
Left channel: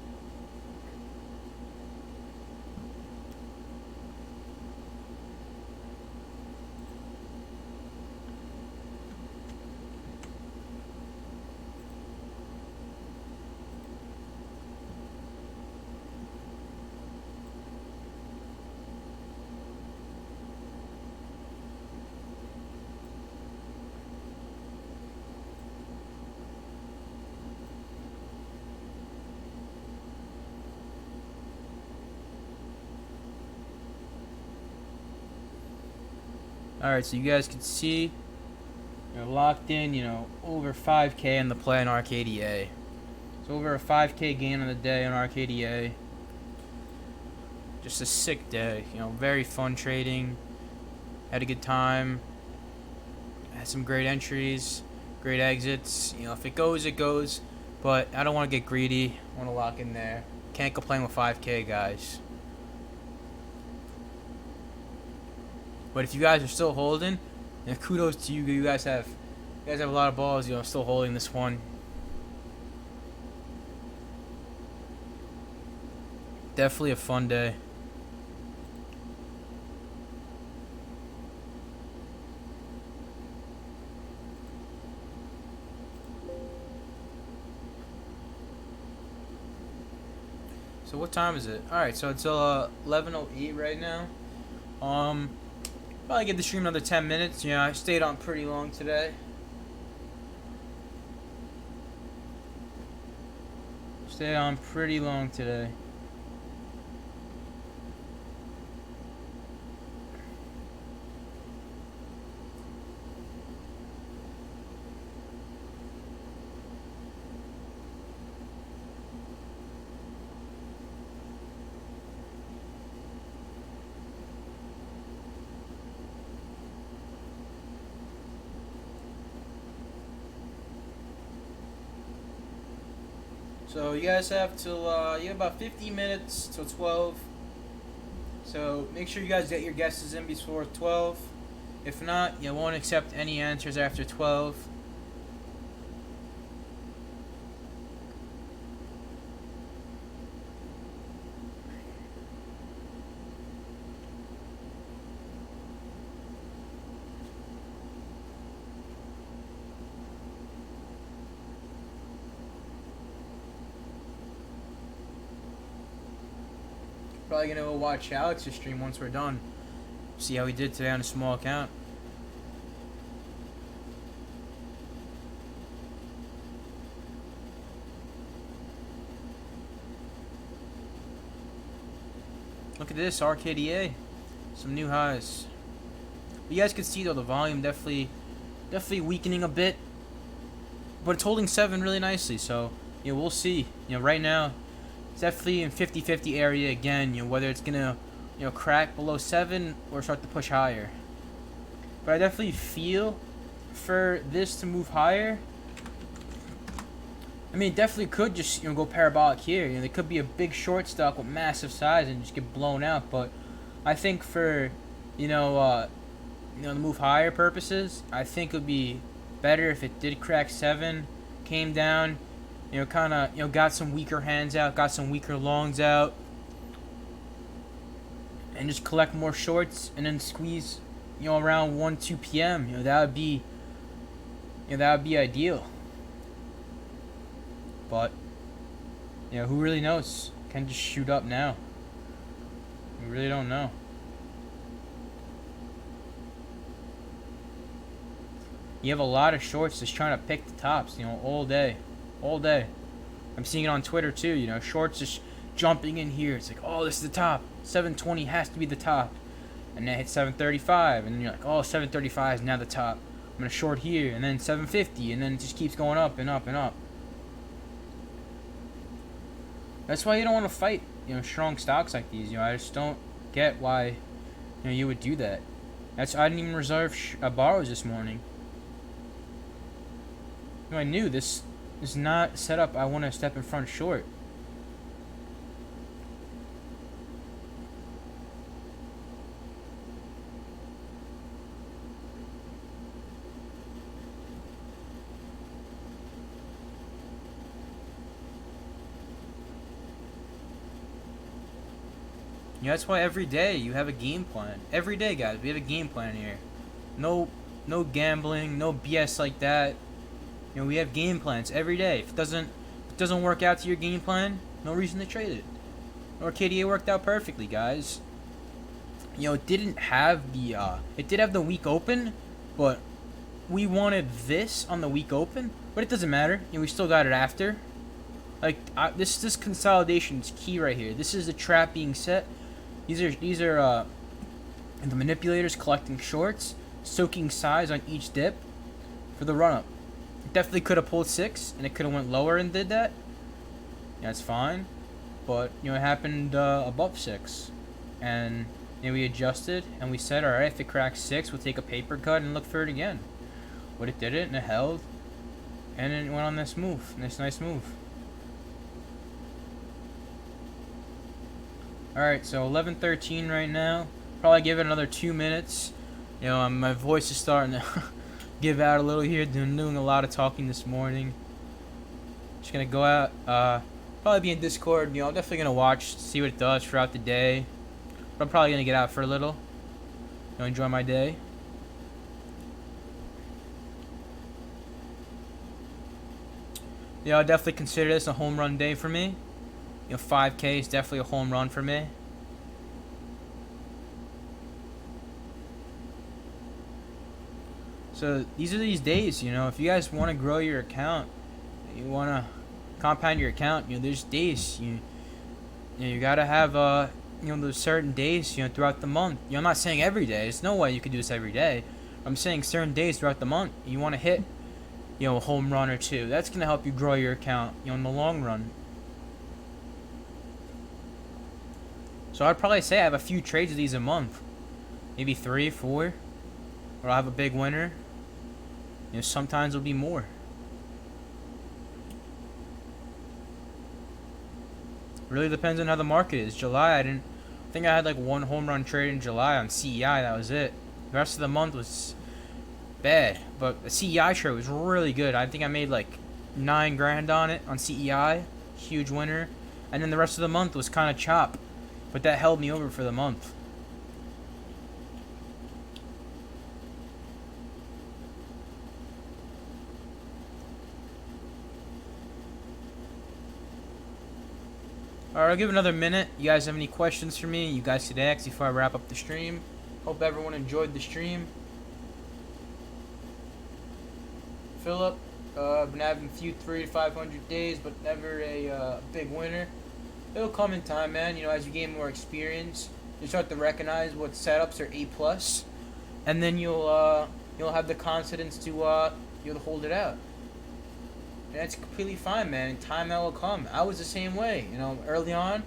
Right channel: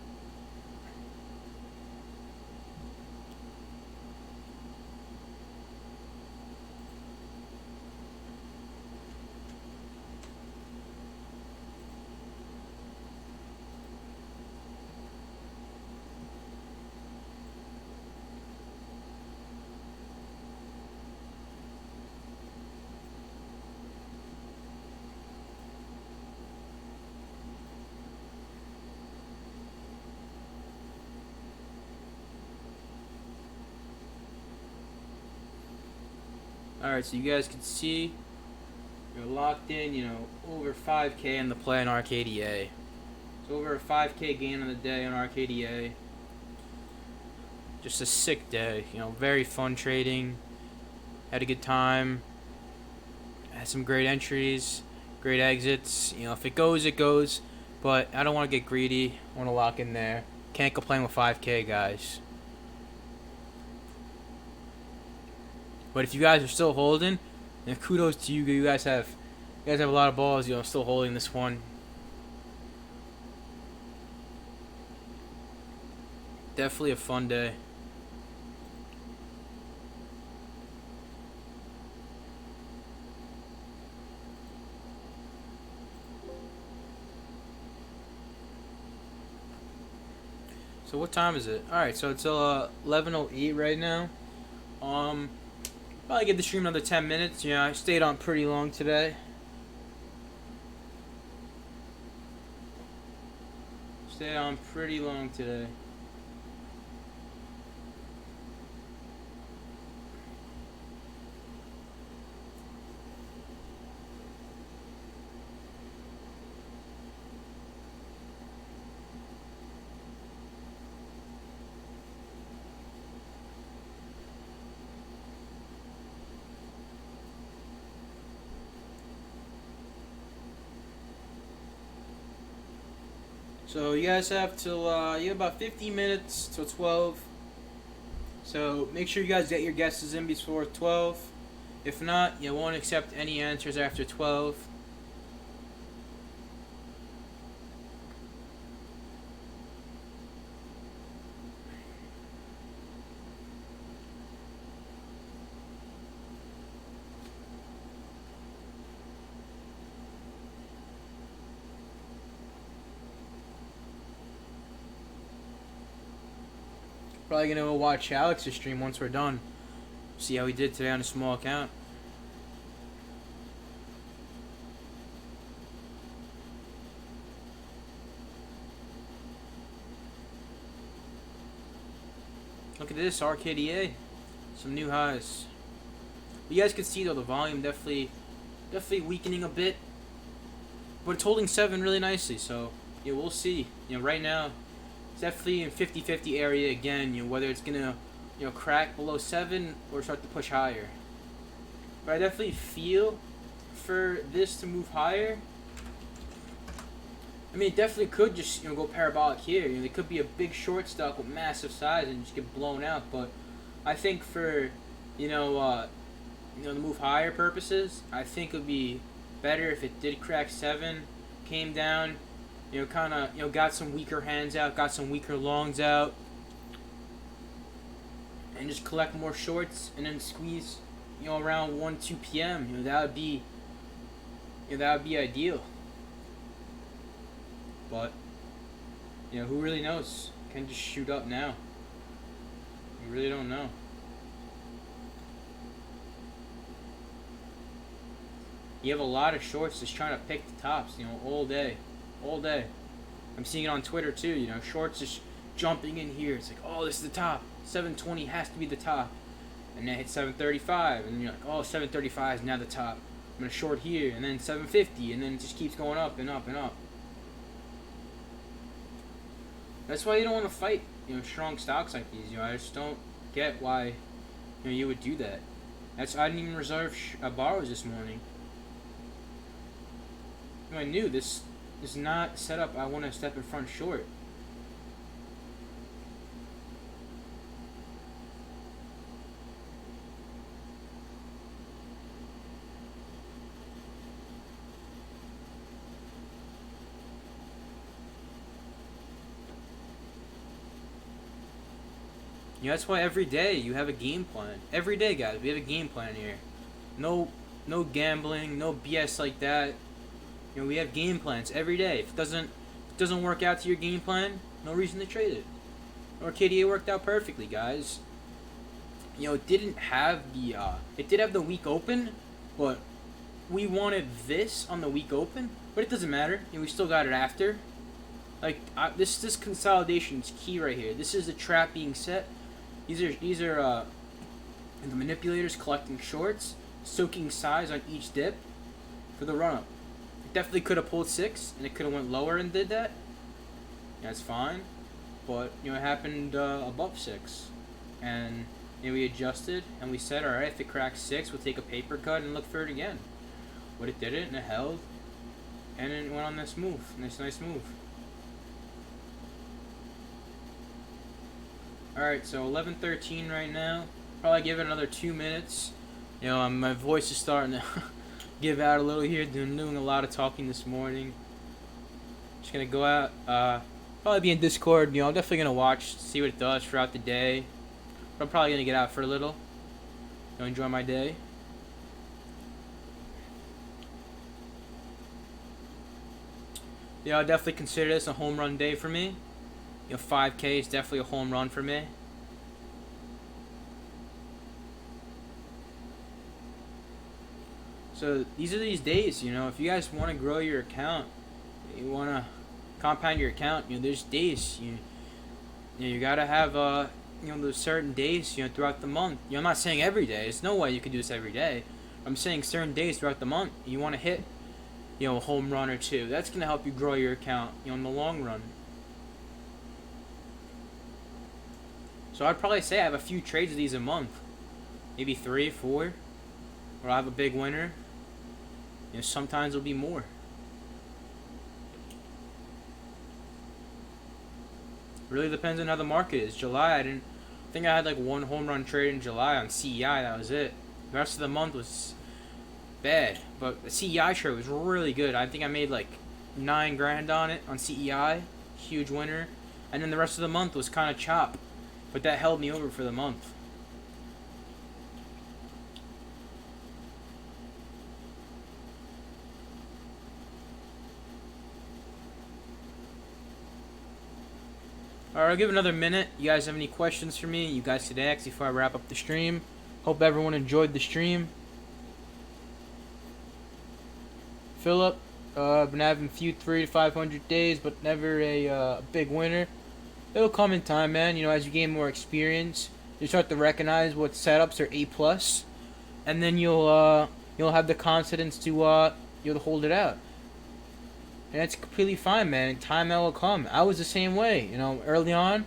Alright, so you guys can see you're locked in, over 5K on the play on RKDA. So over a 5K gain on the day on RKDA. Just a sick day, very fun trading. Had a good time. Had some great entries, great exits. If it goes, it goes. But I don't want to get greedy. I want to lock in there. Can't complain with 5K, guys. But if you guys are still holding, kudos to you. You guys have a lot of balls. Still holding this one. Definitely a fun day. So what time is it? All right, so it's 11:08 right now. Probably give the stream another 10 minutes. I stayed on pretty long today. Stayed on pretty long today. So you guys have till you have about 15 minutes till 12. So make sure you guys get your guesses in before 12. If not, you won't accept any answers after 12. Probably gonna go watch Alex's stream once we're done. See how he did today on a small account. Look at this, RKDA. Some new highs. You guys can see though the volume definitely weakening a bit. But it's holding 7 really nicely, so we'll see. Right now it's definitely in 50-50 area again, whether it's gonna crack below 7 or start to push higher. But I definitely feel for this to move higher. I mean, it definitely could just go parabolic here. There could be a big short stock with massive size and just get blown out. But I think for the move higher purposes, I think it would be better if it did crack 7, came down, kind of got some weaker hands out, got some weaker longs out, and just collect more shorts and then squeeze around 1-2 p.m. That would be ideal. But who really knows? Can just shoot up now. We really don't know. You have a lot of shorts just trying to pick the tops, all day. I'm seeing it on Twitter too, shorts just jumping in here. It's like, oh, this is the top. 720 has to be the top. And then hit 735, and then you're like, oh, 735 is now the top. I'm gonna short here, and then 750, and then it just keeps going up and up and up. That's why you don't want to fight, strong stocks like these. I just don't get why, you would do that. I didn't even reserve borrows this morning. I knew this is not set up. I want to step in front short. That's why every day you have a game plan. Every day, guys, we have a game plan here. No gambling, no BS like that. We have game plans every day. If it doesn't work out to your game plan, no reason to trade it. RKDA worked out perfectly, guys. It didn't have it did have the week open, but we wanted this on the week open. But it doesn't matter. We still got it after. This consolidation is key right here. This is the trap being set. These are the manipulators collecting shorts. soaking size on each dip for the run up. It definitely could have pulled 6, and it could have went lower and did that. Yeah, that's fine. But it happened above 6, and we adjusted and we said, all right, if it cracks 6, we'll take a paper cut and look for it again. But it didn't, and it held, and it went on this move, nice move. All right, so 11:13 right now. Probably give it another 2 minutes. My voice is starting to give out a little here. Doing a lot of talking this morning. Just gonna go out. Probably be in Discord. I'm definitely gonna watch, see what it does throughout the day. But I'm probably gonna get out for a little. Enjoy my day. I'll definitely consider this a home run day for me. 5K is definitely a home run for me. So these are these days, if you guys want to grow your account, you want to compound your account, there's days, you gotta have, those certain days, throughout the month. I'm not saying every day. There's no way you could do this every day. I'm saying certain days throughout the month, you want to hit, a home run or 2. That's going to help you grow your account, in the long run. So I'd probably say I have a few trades of these a month. Maybe 3, 4. Or I'll have a big winner. Sometimes it'll be more. Really depends on how the market is. July, I think I had like 1 home run trade in July on CEI. That was it. The rest of the month was bad. But the CEI trade was really good. I think I made like 9 grand on it on CEI. Huge winner. And then the rest of the month was kind of chop. But that held me over for the month. Alright, I'll give another minute. You guys have any questions for me? You guys could ask before I wrap up the stream. Hope everyone enjoyed the stream. Philip, been having a few 300 to 500 days, but never a big winner. It'll come in time, man. As you gain more experience, you start to recognize what setups are A+, and then you'll have the confidence to you'll hold it out. And that's completely fine, man. In time, that will come. I was the same way, early on.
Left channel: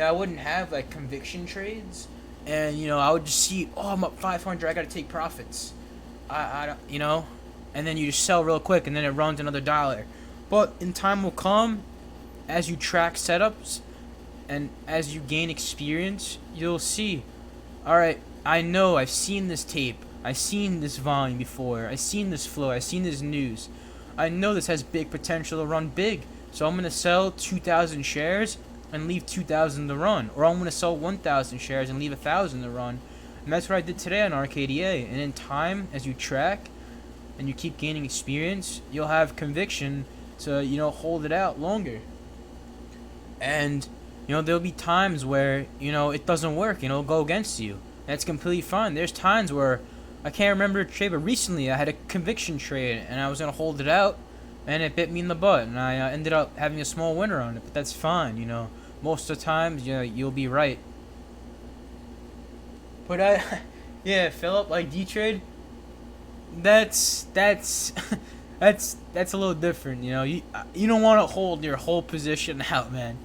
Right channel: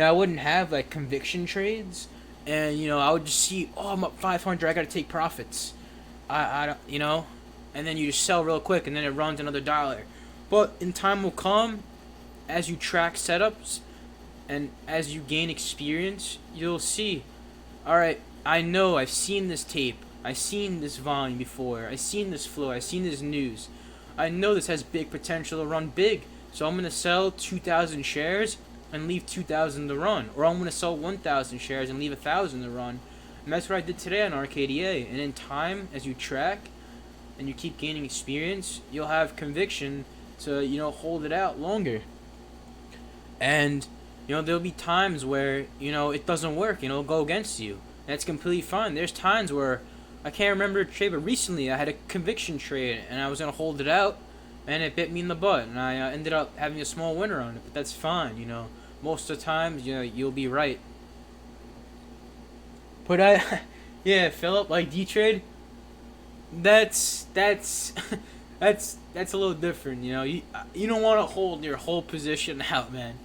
I wouldn't have like conviction trades, and I would just see, oh, I'm up 500, I gotta take profits. I and then you just sell real quick, and then it runs another $1. But in time will come, as you track setups, and as you gain experience, you'll see, all right, I know I've seen this tape, I've seen this volume before, I've seen this flow, I've seen this news. I know this has big potential to run big, so I'm going to sell 2,000 shares and leave 2,000 to run. Or I'm going to sell 1,000 shares and leave 1,000 to run. And that's what I did today on RKDA. And in time, as you track and you keep gaining experience, you'll have conviction to, hold it out longer. And, there'll be times where, it doesn't work and it'll go against you. That's completely fine. There's times where I can't remember a trade, but recently I had a conviction trade, and I was going to hold it out, and it bit me in the butt, and I ended up having a small winner on it, but that's fine, Most of the time, you'll be right. But yeah, Philip, like D-Trade, that's a little different, You don't want to hold your whole position out, man.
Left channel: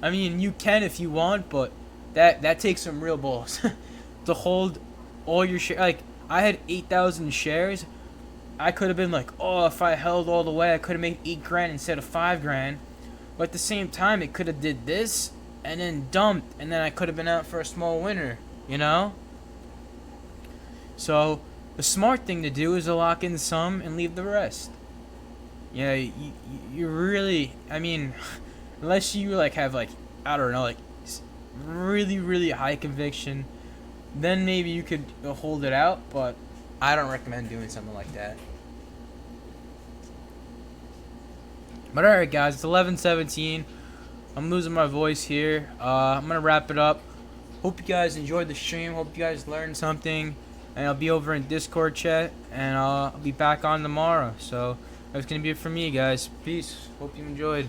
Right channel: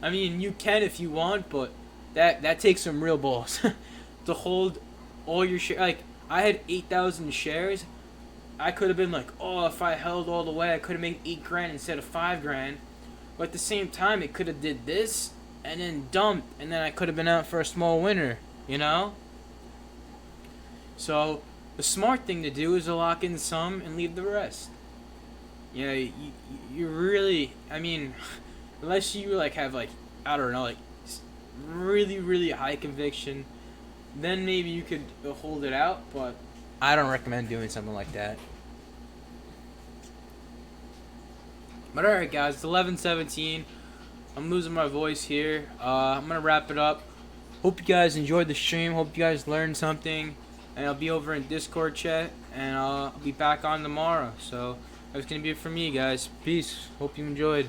I mean, you can if you want, but that takes some real balls to hold all your shares. Like, I had 8,000 shares. I could have been like, oh, if I held all the way, I could have made 8 grand instead of 5 grand. But at the same time, it could have did this and then dumped, and then I could have been out for a small winner, So the smart thing to do is to lock in some and leave the rest. You really, I mean, unless you have I don't know, really, really high conviction, then maybe you could hold it out, but I don't recommend doing something like that. But alright guys, it's 11:17. I'm losing my voice here. I'm going to wrap it up. Hope you guys enjoyed the stream. Hope you guys learned something. And I'll be over in Discord chat. And I'll be back on tomorrow. So that's going to be it for me, guys. Peace. Hope you enjoyed.